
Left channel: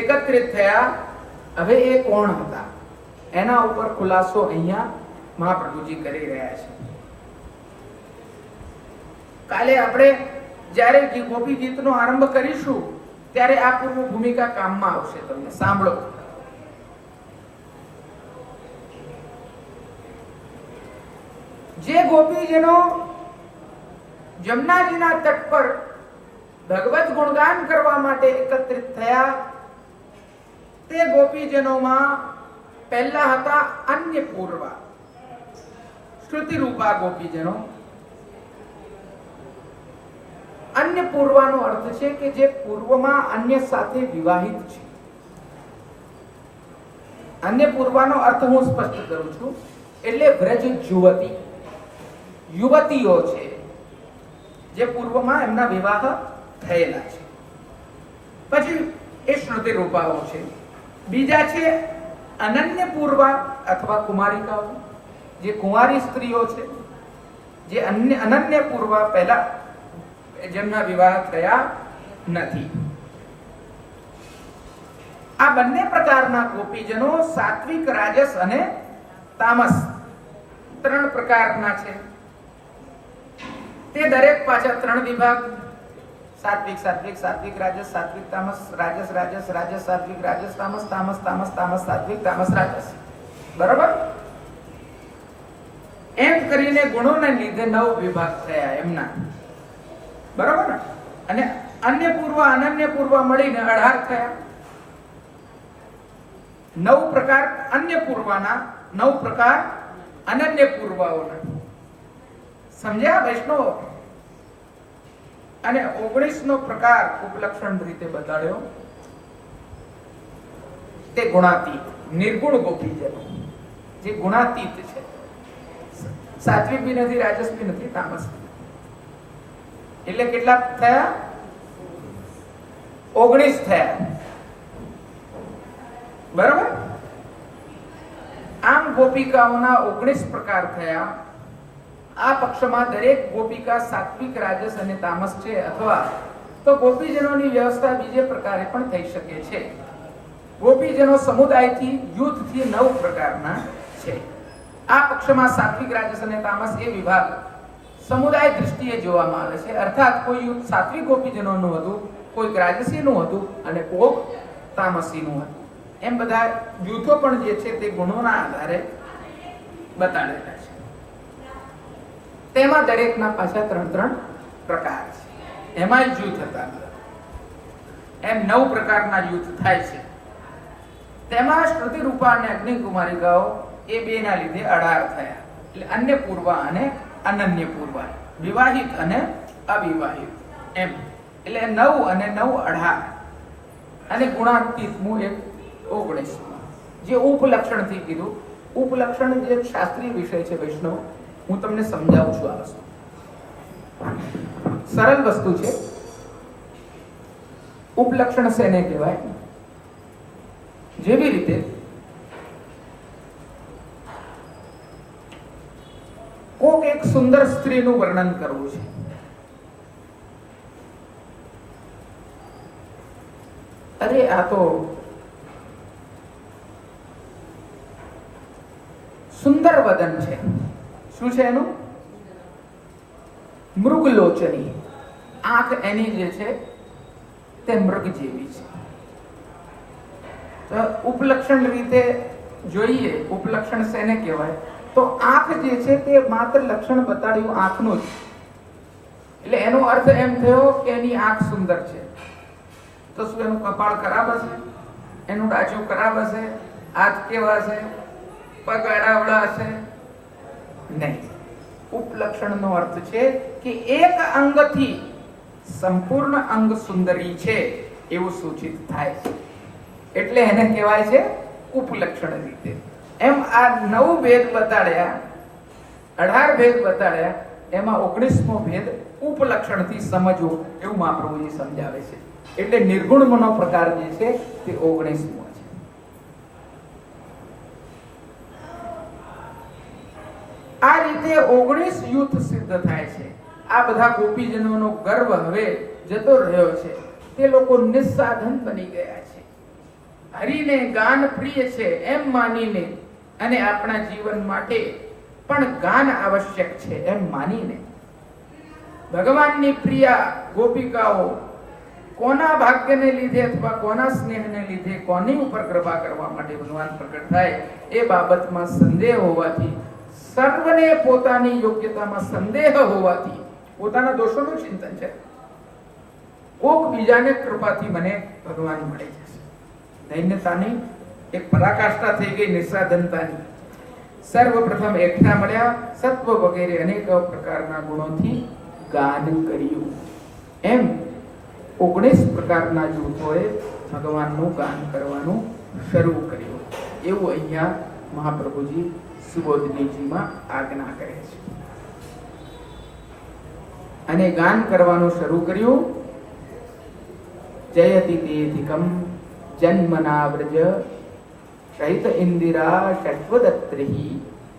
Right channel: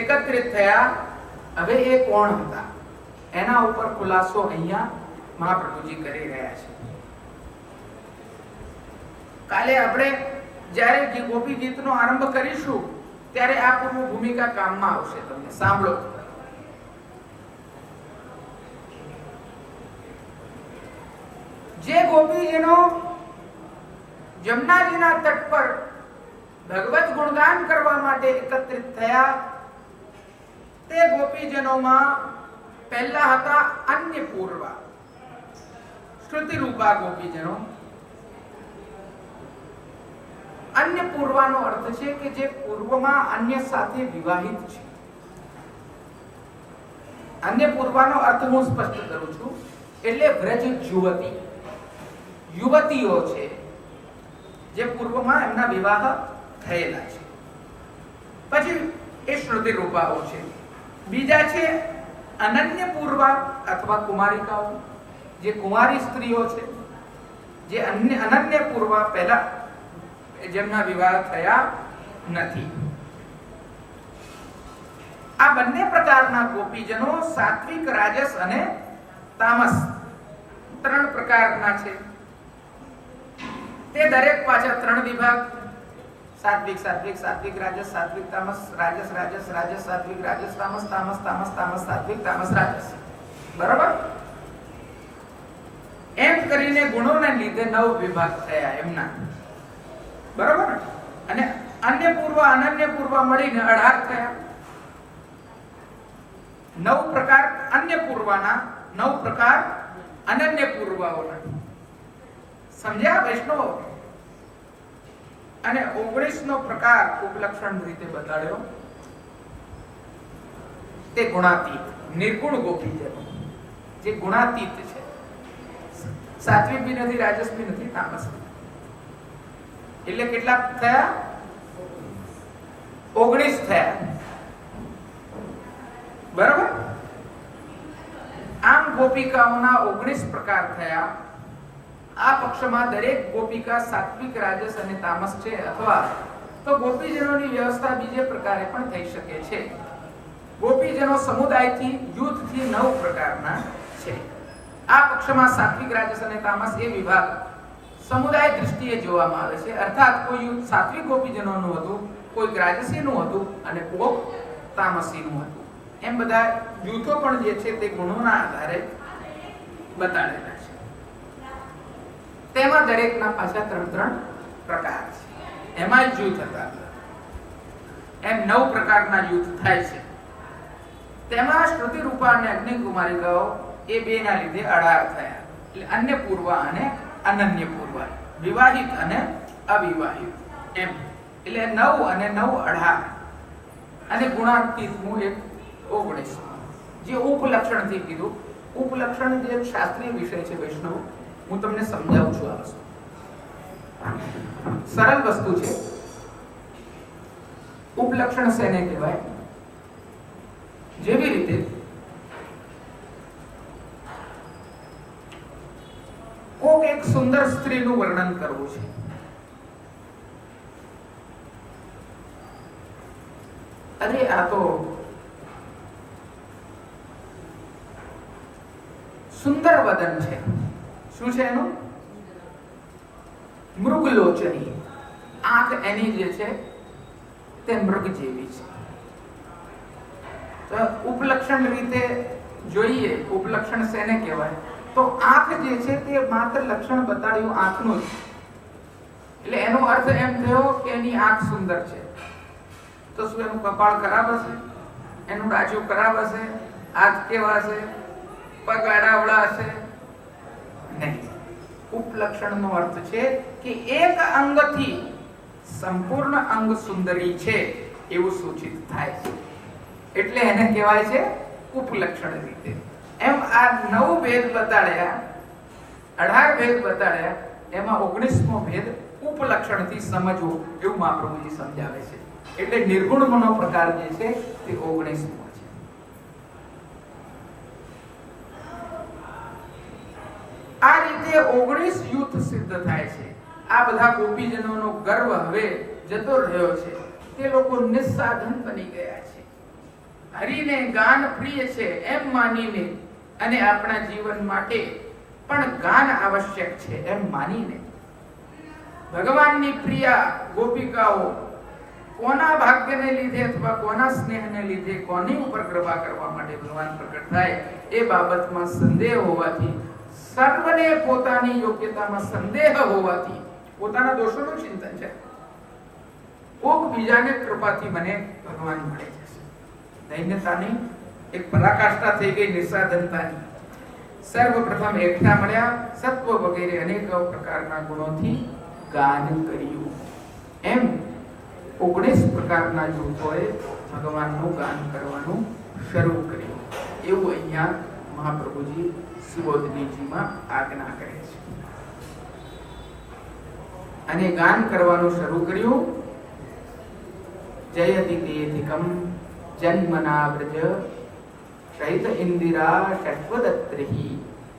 એકત્રિત થયા, હવે એ કોણ હતા એના ઉપર ખુલાસો અહીંયા મહાપ્રભુજી કરી રહ્યા છે. કાલે આપણે જ્યારે ગોપી ગીતનો આરંભ કરીશું ત્યારે આ પૂર્વ ભૂમિકા કામમાં આવશે. તમને સાંભળો. જે ગોપીજનો જમનાજીના તટ પર ભગવત ગુણગાન કરવા માટે એકત્રિત થયા, તે ગોપીજનોમાં પહેલા હતા અન્ય પૂર્વા, શ્રુતિ રૂપા ગોપીજનો. અન્ય પૂર્વાનો અર્થ છે કે જે પૂર્વમાં અન્ય સાથે વિવાહિત છે. અન્ય પૂર્વાનો અર્થ હું સ્પષ્ટ કરું છું, એટલે વ્રજ યુવતી, યુવતીઓ છે જે પૂર્વમાં એમના વિવાહ થયેલા છે. પછી એ શ્રુતિ રૂપાઓ છે. બીજા છે અનન્ય પૂર્વા અથવા કુમારિકાઓ, જે કુંવારી સ્ત્રીઓ છે, જે અનન્ય પૂર્વા પહેલા જેમના વિવાહ થયા નથી. આ બંને પ્રકારના ગોપીજનો સાત્વિક, રાજસ અને તામસ ત્રણ પ્રકારના છે. તે દરેક પાછળ ત્રણ વિભાગ, સાત્વિક સાત્વિક, સાત્વિક રાજસ, સાત્વિક તામસ, રાજસ રાજસ, રાજસ સાત્વિક, રાજસ તામસ, તામસ તામસ, તામસ સાત્વિક, તામસ રાજસ. બરાબર? એમ કરીને ગુણોને લીધે 9 વિભાગ થયા એમના. બરાબર? અને અન્ય પૂર્વ, અનન્ય પૂર્વ મળીને 18 થયા. 9 પ્રકાર અન્ય પૂર્વના, 9 પ્રકાર અનન્ય પૂર્વોના. સમજ્યા વૈષ્ણવ? અને 19નો પ્રકાર ઉપલક્ષણ રીતે બતાડ્યો, તે ગુણાતીત, નિર્ગુણ ગોપીજનો, જે ગુણાતીત છે. સાત્વિક બી નથી, રાજસ બી નથી, તામસ બી. એટલે કેટલા થયા? 19 થયા. બરાબર? આમ ગોપિકાઓના 19 પ્રકાર થયા. આ પક્ષમાં દરેક ગોપિકા સાત્વિક, રાજસ અને તામસ છે, અથવા તો ગોપીજનોની વ્યવસ્થા બીજે પ્રકારે પણ થઈ શકે છે. ગોપીજનો સમુદાયથી યુથથી 9 પ્રકારના છે. આ પક્ષમાં સાત્વિક, રાજસ અને તામસ એ વિભાગ સમુદાય દૃષ્ટિએ જોવામાં આવે છે. અર્થાત કોઈ યુથ સાત્વિક ગોપીજનોનું હતું, કોઈ રાજસીનું હતું અને કોઈક તામસીનું હતું. એમ બધા જૂથો પણ જે છે તે ગુણોના આધારે બતાડેલા છે. તેમાં દરેકના પાછા 3 પ્રકાર છે. એમાં જ જૂથ હતા. એમ 9 પ્રકારના જૂથ થાય છે. તેમાં શ્રુતિ રૂપા અને અગ્નિકુમારિકાઓ એ બેના લીધે 18 થયા. એટલે અન્ય પૂર્વ અને અનન્ય પૂર્વ, વિવાહિત અને અવિવાહિત એમ. એટલે 9 અને 9 18 અને ગુણાતીતનું એક 19. જે ઉપલક્ષણ થી કીધું. ઉપલક્ષણ જે શાસ્ત્રીય વિષય છે વૈષ્ણવ, હું તમને સમજાવું છું. આ વસ્તુ સરળ વસ્તુ છે. ઉપલક્ષણ શેને કહેવાય? જેવી રીતે કોક એક સુંદર સ્ત્રીનું વર્ણન કરવું છે. અરે આ તો સુંદર વદન છે. શું છે એનું? મૃગલોચની. આંખ એની જે છે તે મૃગ જેવી છે. તો ઉપલક્ષણ રીતે જોઈએ, ઉપલક્ષણ શેને કહેવાય? તો આંખ જે છે તે માત્ર લક્ષણ બતાડ્યું આંખનું જ. એટલે એનો અર્થ એમ થયો કે એની આંખ સુંદર છે. તો શું એનું કપાળ ખરાબ હશે? એનું ડાચું ખરાબ હશે? હાથ કેવા હશે? પગ આડાવડા હશે? નહીં. ઉપલક્ષણનો અર્થ છે કે એક અંગથી સંપૂર્ણ અંગ સુંદરી છે એવું સૂચિત થાય છે. એટલે એને કહેવાય છે ઉપલક્ષણ રીતે. એમ આ 9 ભેદ બતાડ્યા, 18 ભેદ બતાડ્યા, એમાં 19મો ભેદ ઉપલક્ષણથી સમજવું એવું મહાપ્રભુજી સમજાવે છે. એટલે નિર્ગુણનો પ્રકાર જે છે તે 19મો છે. આ રીતે 19 યુથ સિદ્ધ થાય છે. આ બધા ગોપીજનોનો ગર્વ હવે જતો રહ્યો છે. તે લોકો નિસ્સાધન બની ગયા છે. હરિને ગાન પ્રિય છે એમ માનીને અને આપણા જીવન માટે પણ ગાન આવશ્યક છે એમ માનીને ભગવાનની પ્રિયા ગોપિકાઓ કોના ભાગ્યને લીધે અથવા કોના સ્નેહને લીધે કોની ઉપર કૃપા કરવા માટે ભગવાન પ્રગટ થાય એ બાબતમાં સંદેહ હોવાથી, સર્વને પોતાની યોગ્યતામાં સંદેહ હોવાથી પોતાના દોષોનું ચિંતન છે. કોક બીજાને કૃપાથી મને ભગવાન મળે છે. દૈન્યતાની એક પરાકાષ્ઠા થઈ ગઈ, નિસ્સાધનતાની. સર્વપ્રથમ એકઠા મળ્યા, સત્વ વગેરે અનેક પ્રકારના ગુણોથી ગાન કર્યું. એમ 19 પ્રકારના જૂથોએ ભગવાનનું ગાન કરવાનું શરૂ કર્યું. એવું અહીંયા મહાપ્રભુજી સુબોધનીજીમાં આજ્ઞા કરે છે. અને ગાન કરવાનું શરૂ કર્યું. જયતિ તેધિકમ જન્મના વ્રજ શૈત ઇન્દિરા ષટ્વદત્રિ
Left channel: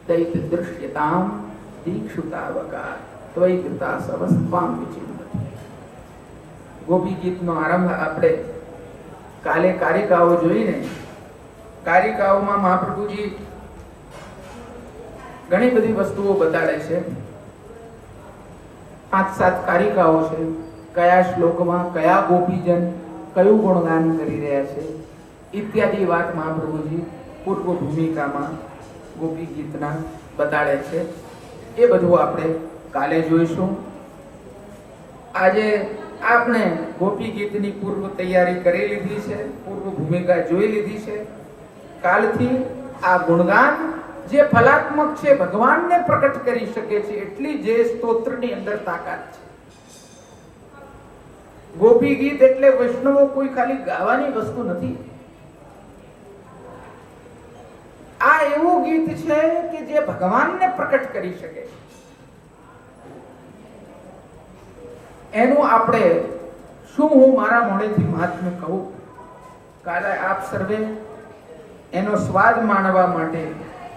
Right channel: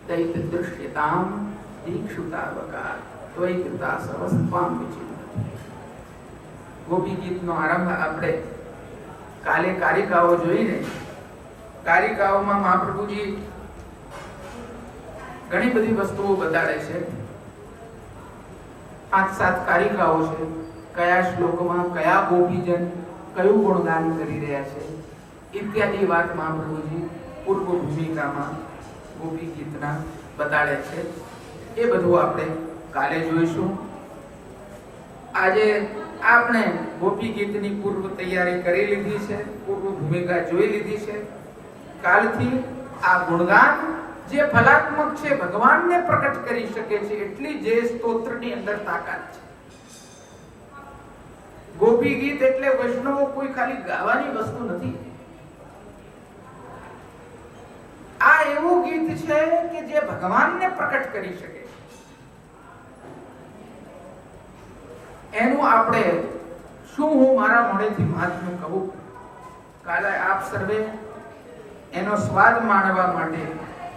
દૈત દૃશ્યતામ દીક્ષુતાવકા ત્વયિ કૃતા સવસ્ત્વામ વિચિંતતિ. ગોપી ગીતનો આરંભ આપણે કાલે કારિકાઓ જોઈને, કારિકાઓમાં મહાપ્રભુજી ઘણી બધી વસ્તુઓ બતાડે છે. 5-7 કારિકાઓ છે. કયા શ્લોકમાં કયા ગોપીજન કયું ગુણગાન કરી રહ્યા છે ઇત્યાદિ વાત મહાપ્રભુજી પૂર્વ ભૂમિકામાં ગોપી ગીતના બતાડે છે. એ બધું આપણે કાલે જોઈશું. આજે આપણે ગોપી ગીતની પૂર્વ તૈયારી કરી લીધી છે, પૂર્વ ભૂમિકા જોઈ લીધી છે. કાલથી આ ગુણગાન જે ફલાત્મક છે, ભગવાનને પ્રકટ કરી શકે છે, એટલી જે સ્તોત્રની અંદર તાકાત છે. ગોપી ગીત એટલે વૈષ્ણવો કોઈ ખાલી ગાવાની વસ્તુ નથી. આ એવું ગીત છે કે જે ભગવાનને પ્રકટ કરી શકે. એનું આપણે શું હું મારા મોઢેથી મહાત્મ્ય કહું? કાલે આપ સર્વે એનો સ્વાદ માણવા માટે,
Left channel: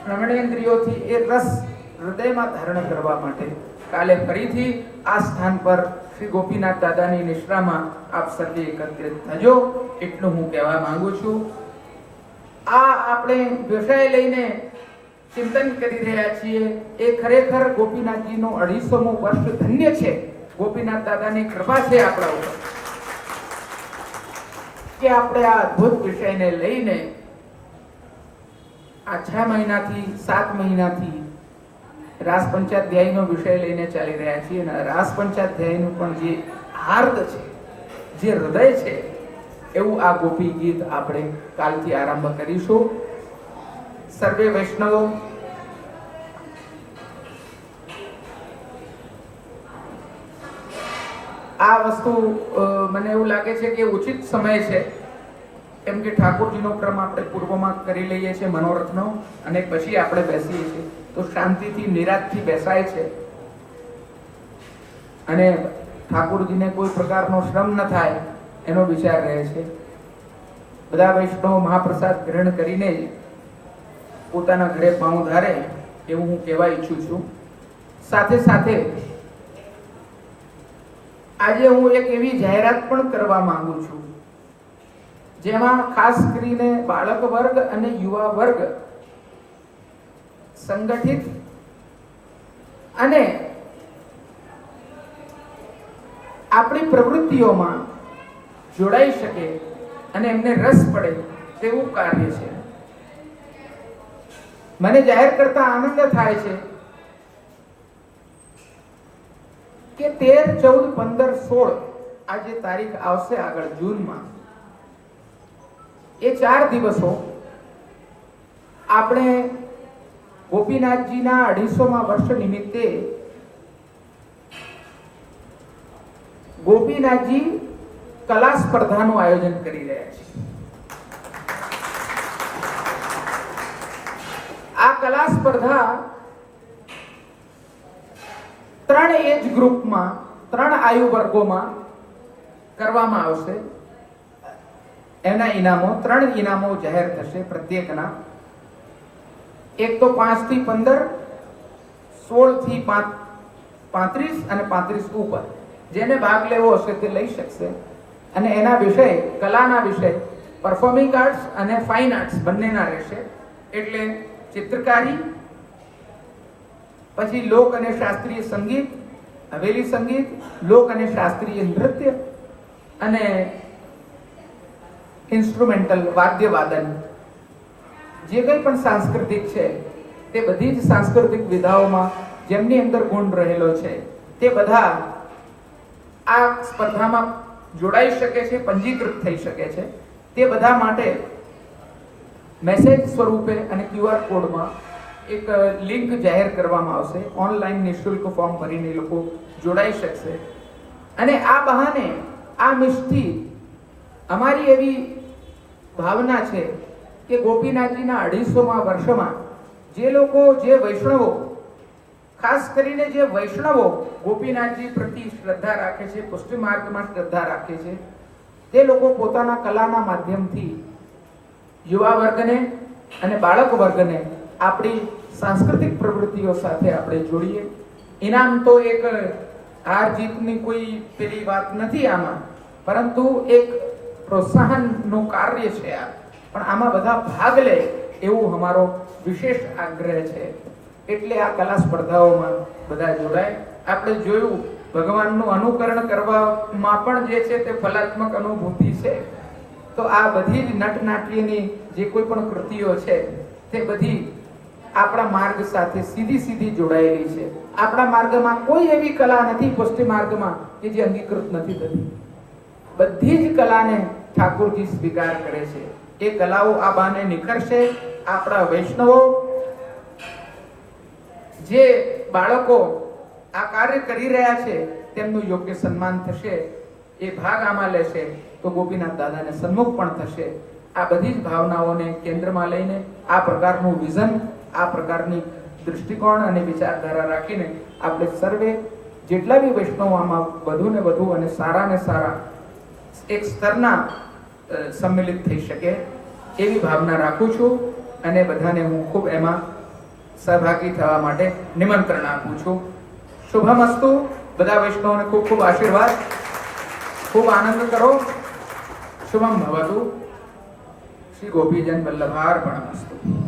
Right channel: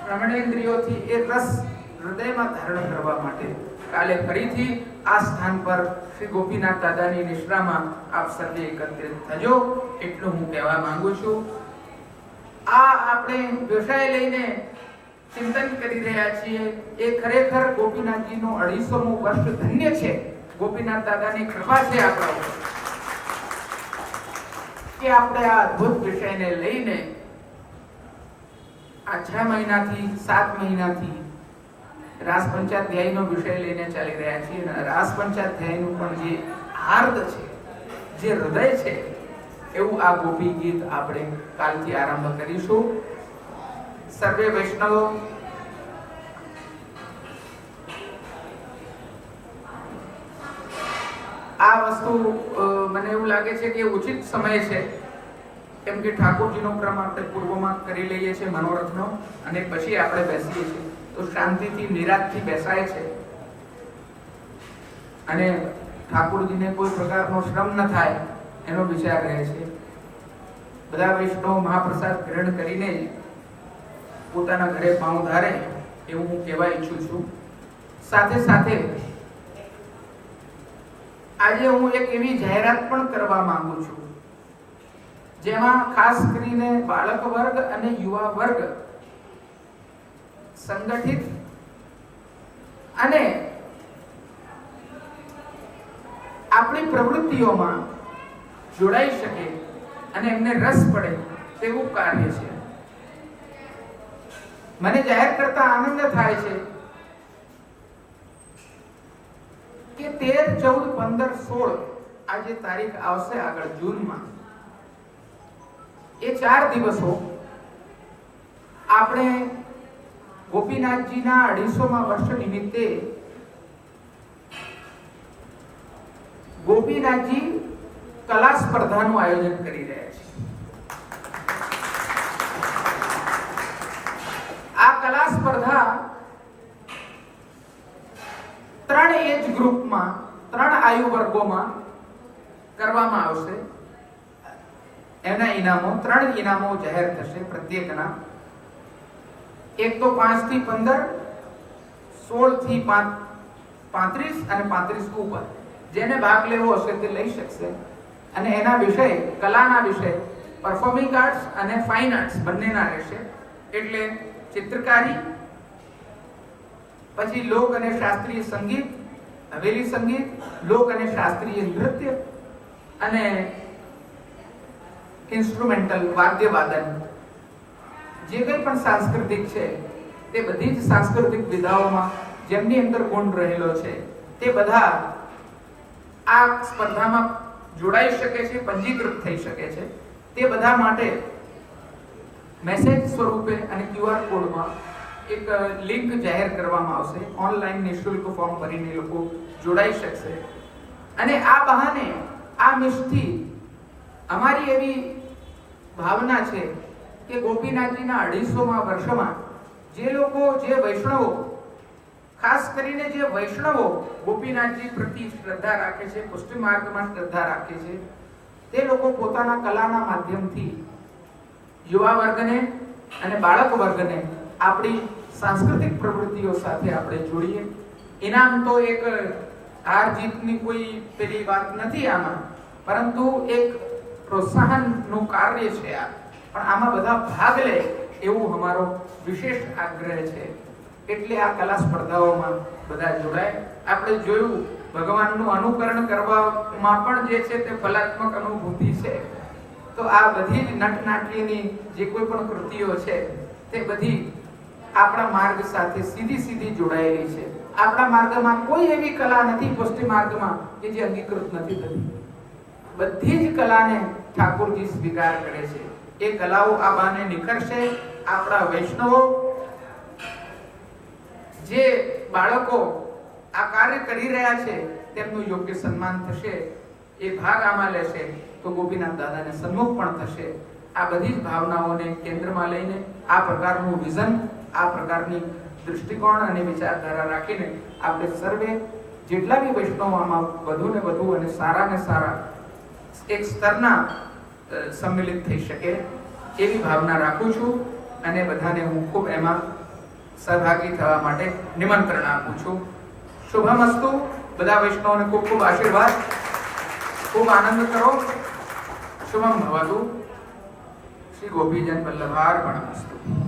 શ્રવણેન્દ્રિયોથી એ રસ હૃદયમાં ધારણ કરવા માટે કાલે ફરીથી આ સ્થાન પર શ્રી ગોપીનાથ દાદાની નિશ્રામાં આપ સર્વે એકત્રિત થજો, એટલું હું કહેવા માંગુ છું. આ આપણે વિષય લઈને ચિંતન કરી રહ્યા છીએ એ ખરેખર ગોપીનાથજીનું 250મું વર્ષ ધન્ય છે. ગોપીનાથ દાદાની કૃપા છે આપણા ઉપર કે આપણે આ અદ્ભુત વિષયને લઈને આ 6 મહિનાથી 7 મહિનાથી રાસ પંચાધ્યાયનો વિષય લઈને ચાલી રહ્યા છીએ. અને રાસ પંચાધ્યાયનું પણ જે હાર્દ છે, જે હૃદય છે, એવું આ ગોપી ગીત આપણે કાલથી આરંભ કરીશું. સર્વે વૈષ્ણવો આ વસ્તુ મને એવું લાગે છે કે ઉચિત સમય છે, કેમ કે ઠાકોરજીનો ક્રમ આપણે પૂર્વમાં કરી લઈએ છીએ મનોરથનો, અને પછી આપણે બેસીએ છીએ તો શાંતિથી નિરાંતથી બેસાય છે અને ઠાકોરજીને કોઈ પ્રકારનો શ્રમ ન થાય એનો વિચાર રહે છે. બધા વૈષ્ણવ મહાપ્રસાદ ગ્રહણ કરીને જ પોતાના ઘરે પાઉં ધારે એવું હું કહેવા ઈચ્છું છું. સાથે સાથે આજે હું એક એવી જાહેરાત પણ કરવા માંગુ છું જેમાં ખાસ કરીને બાળક વર્ગ અને યુવા વર્ગ સંગઠિત અને આપણી પ્રવૃત્તિઓમાં જોડાઈ શકે અને એમને રસ પડે તેવું કાર્ય છે. મને જાહેર કરતા આનંદ થાય છે કે 13, 14, 15, 16 આ જે તારીખ આવશે આગળ જૂનમાં, એ 4 દિવસો આપણે ગોપીનાથજીના 250મા વર્ષ નિમિત્તે ગોપીનાથજી કલા સ્પર્ધાનું આયોજન કરી રહ્યા છે. આ કલા સ્પર્ધા 3 એજ ગ્રુપમાં, 3 આયુ વર્ગોમાં કરવામાં આવશે. એના ઇનામો 3 ઇનામો જાહેર થશે પ્રત્યેકના. એક તો 5 થી 15, 16 થી 35 અને 35 ઉપર જેને ભાગ લેવો હશે તે લઈ શકશે. અને એના વિષય, કલાના વિષય પરફોર્મિંગ આર્ટ્સ અને ફાઇન આર્ટ્સ બંનેના રહેશે. એટલે ચિત્રકારી, પછી લોક અને શાસ્ત્રીય સંગીત, હવેલી સંગીત, લોક અને શાસ્ત્રીય નૃત્ય અને ઇન્સ્ટ્રુમેન્ટલ વાદ્ય વાદન, જે કંઈ પણ સાંસ્કૃતિક છે તે બધી જ સાંસ્કૃતિક વિધાઓમાં જેમની અંદર ગુણ રહેલો છે તે બધા આ સ્પર્ધામાં જોડાઈ શકે છે, પંજીકૃત થઈ શકે છે. તે બધા માટે મેસેજ સ્વરૂપે અને QR કોડમાં એક લિંક જાહેર કરવામાં આવશે. ઓનલાઈન નિઃશુલ્ક ફોર્મ ભરીને લોકો જોડાઈ શકશે. અને આ બહાને આ મિષ્ટી અમારી એવી ભાવના છે કે ગોપીનાથજીના 250મા વર્ષમાં જે લોકો, જે વૈષ્ણવો, ખાસ કરીને જે વૈષ્ણવો ગોપીનાથજી પ્રતિ શ્રદ્ધા રાખે છે, પુષ્ટિ માર્ગમાં શ્રદ્ધા રાખે છે, તે લોકો પોતાના કલાના માધ્યમથી યુવા વર્ગને અને બાળક વર્ગને આપણી સાંસ્કૃતિક પ્રવૃત્તિઓ સાથે આપણે જોડીએ. ઇનામ તો એક હાર જીતની કોઈ પેલી વાત નથી આમાં, પરંતુ એક પ્રોત્સાહનનું કાર્ય છે આ. પણ આમાં બધા ભાગ લે એવું અમારો વિશેષ આગ્રહ છે. એટલે આ કલા સ્પર્ધાઓમાં બધા જોડાય. આપણે જોયું ભગવાનનું અનુકરણ કરવામાં પણ જે છે તે ફલાત્મક અનુભૂતિ છે. તો આ બધી જ નટનાટ્યની જે કોઈ પણ કૃતિઓ છે તે બધી આપણા માર્ગ સાથે સીધી જોડાયેલી છે. આપણા માર્ગમાં કોઈ એવી કલા નથી પુષ્ટિ માર્ગમાં કે જે અંગીકૃત નથી થતી. બધી જ કલાને ઠાકોરજી સ્વીકાર કરે છે. એ કલાઓ આ બાને નિખરશે. આપણા વૈષ્ણવો, જે બાળકો આ કાર્ય કરી રહ્યા છે તેમનું યોગ્ય સન્માન થશે. એ ભાગ આમાં લેશે તો ગોપીનાથ દાદાને સન્મુખ પણ થશે. આ બધી જ ભાવનાઓને કેન્દ્રમાં લઈને આ પ્રકારનું વિઝન, આ પ્રકારની દૃષ્ટિકોણ અને વિચારધારા રાખીને આપણે સર્વે જેટલા બી વૈષ્ણવો આમાં વધુ ને વધુ અને સારા એક સ્તરના સંમિલિત થઈ શકે એવી ભાવના રાખું છું. અને બધાને હું ખૂબ એમાં સહભાગી થવા માટે નિમંત્રણ આપું છું. શુભમસ્તુ. બધા વૈષ્ણવોને ખૂબ ખૂબ આશીર્વાદ, ખૂબ આનંદ કરો. શુભમ ભવતુ. શ્રી ગોપીજન વલ્લભાર્પણમસ્તુ.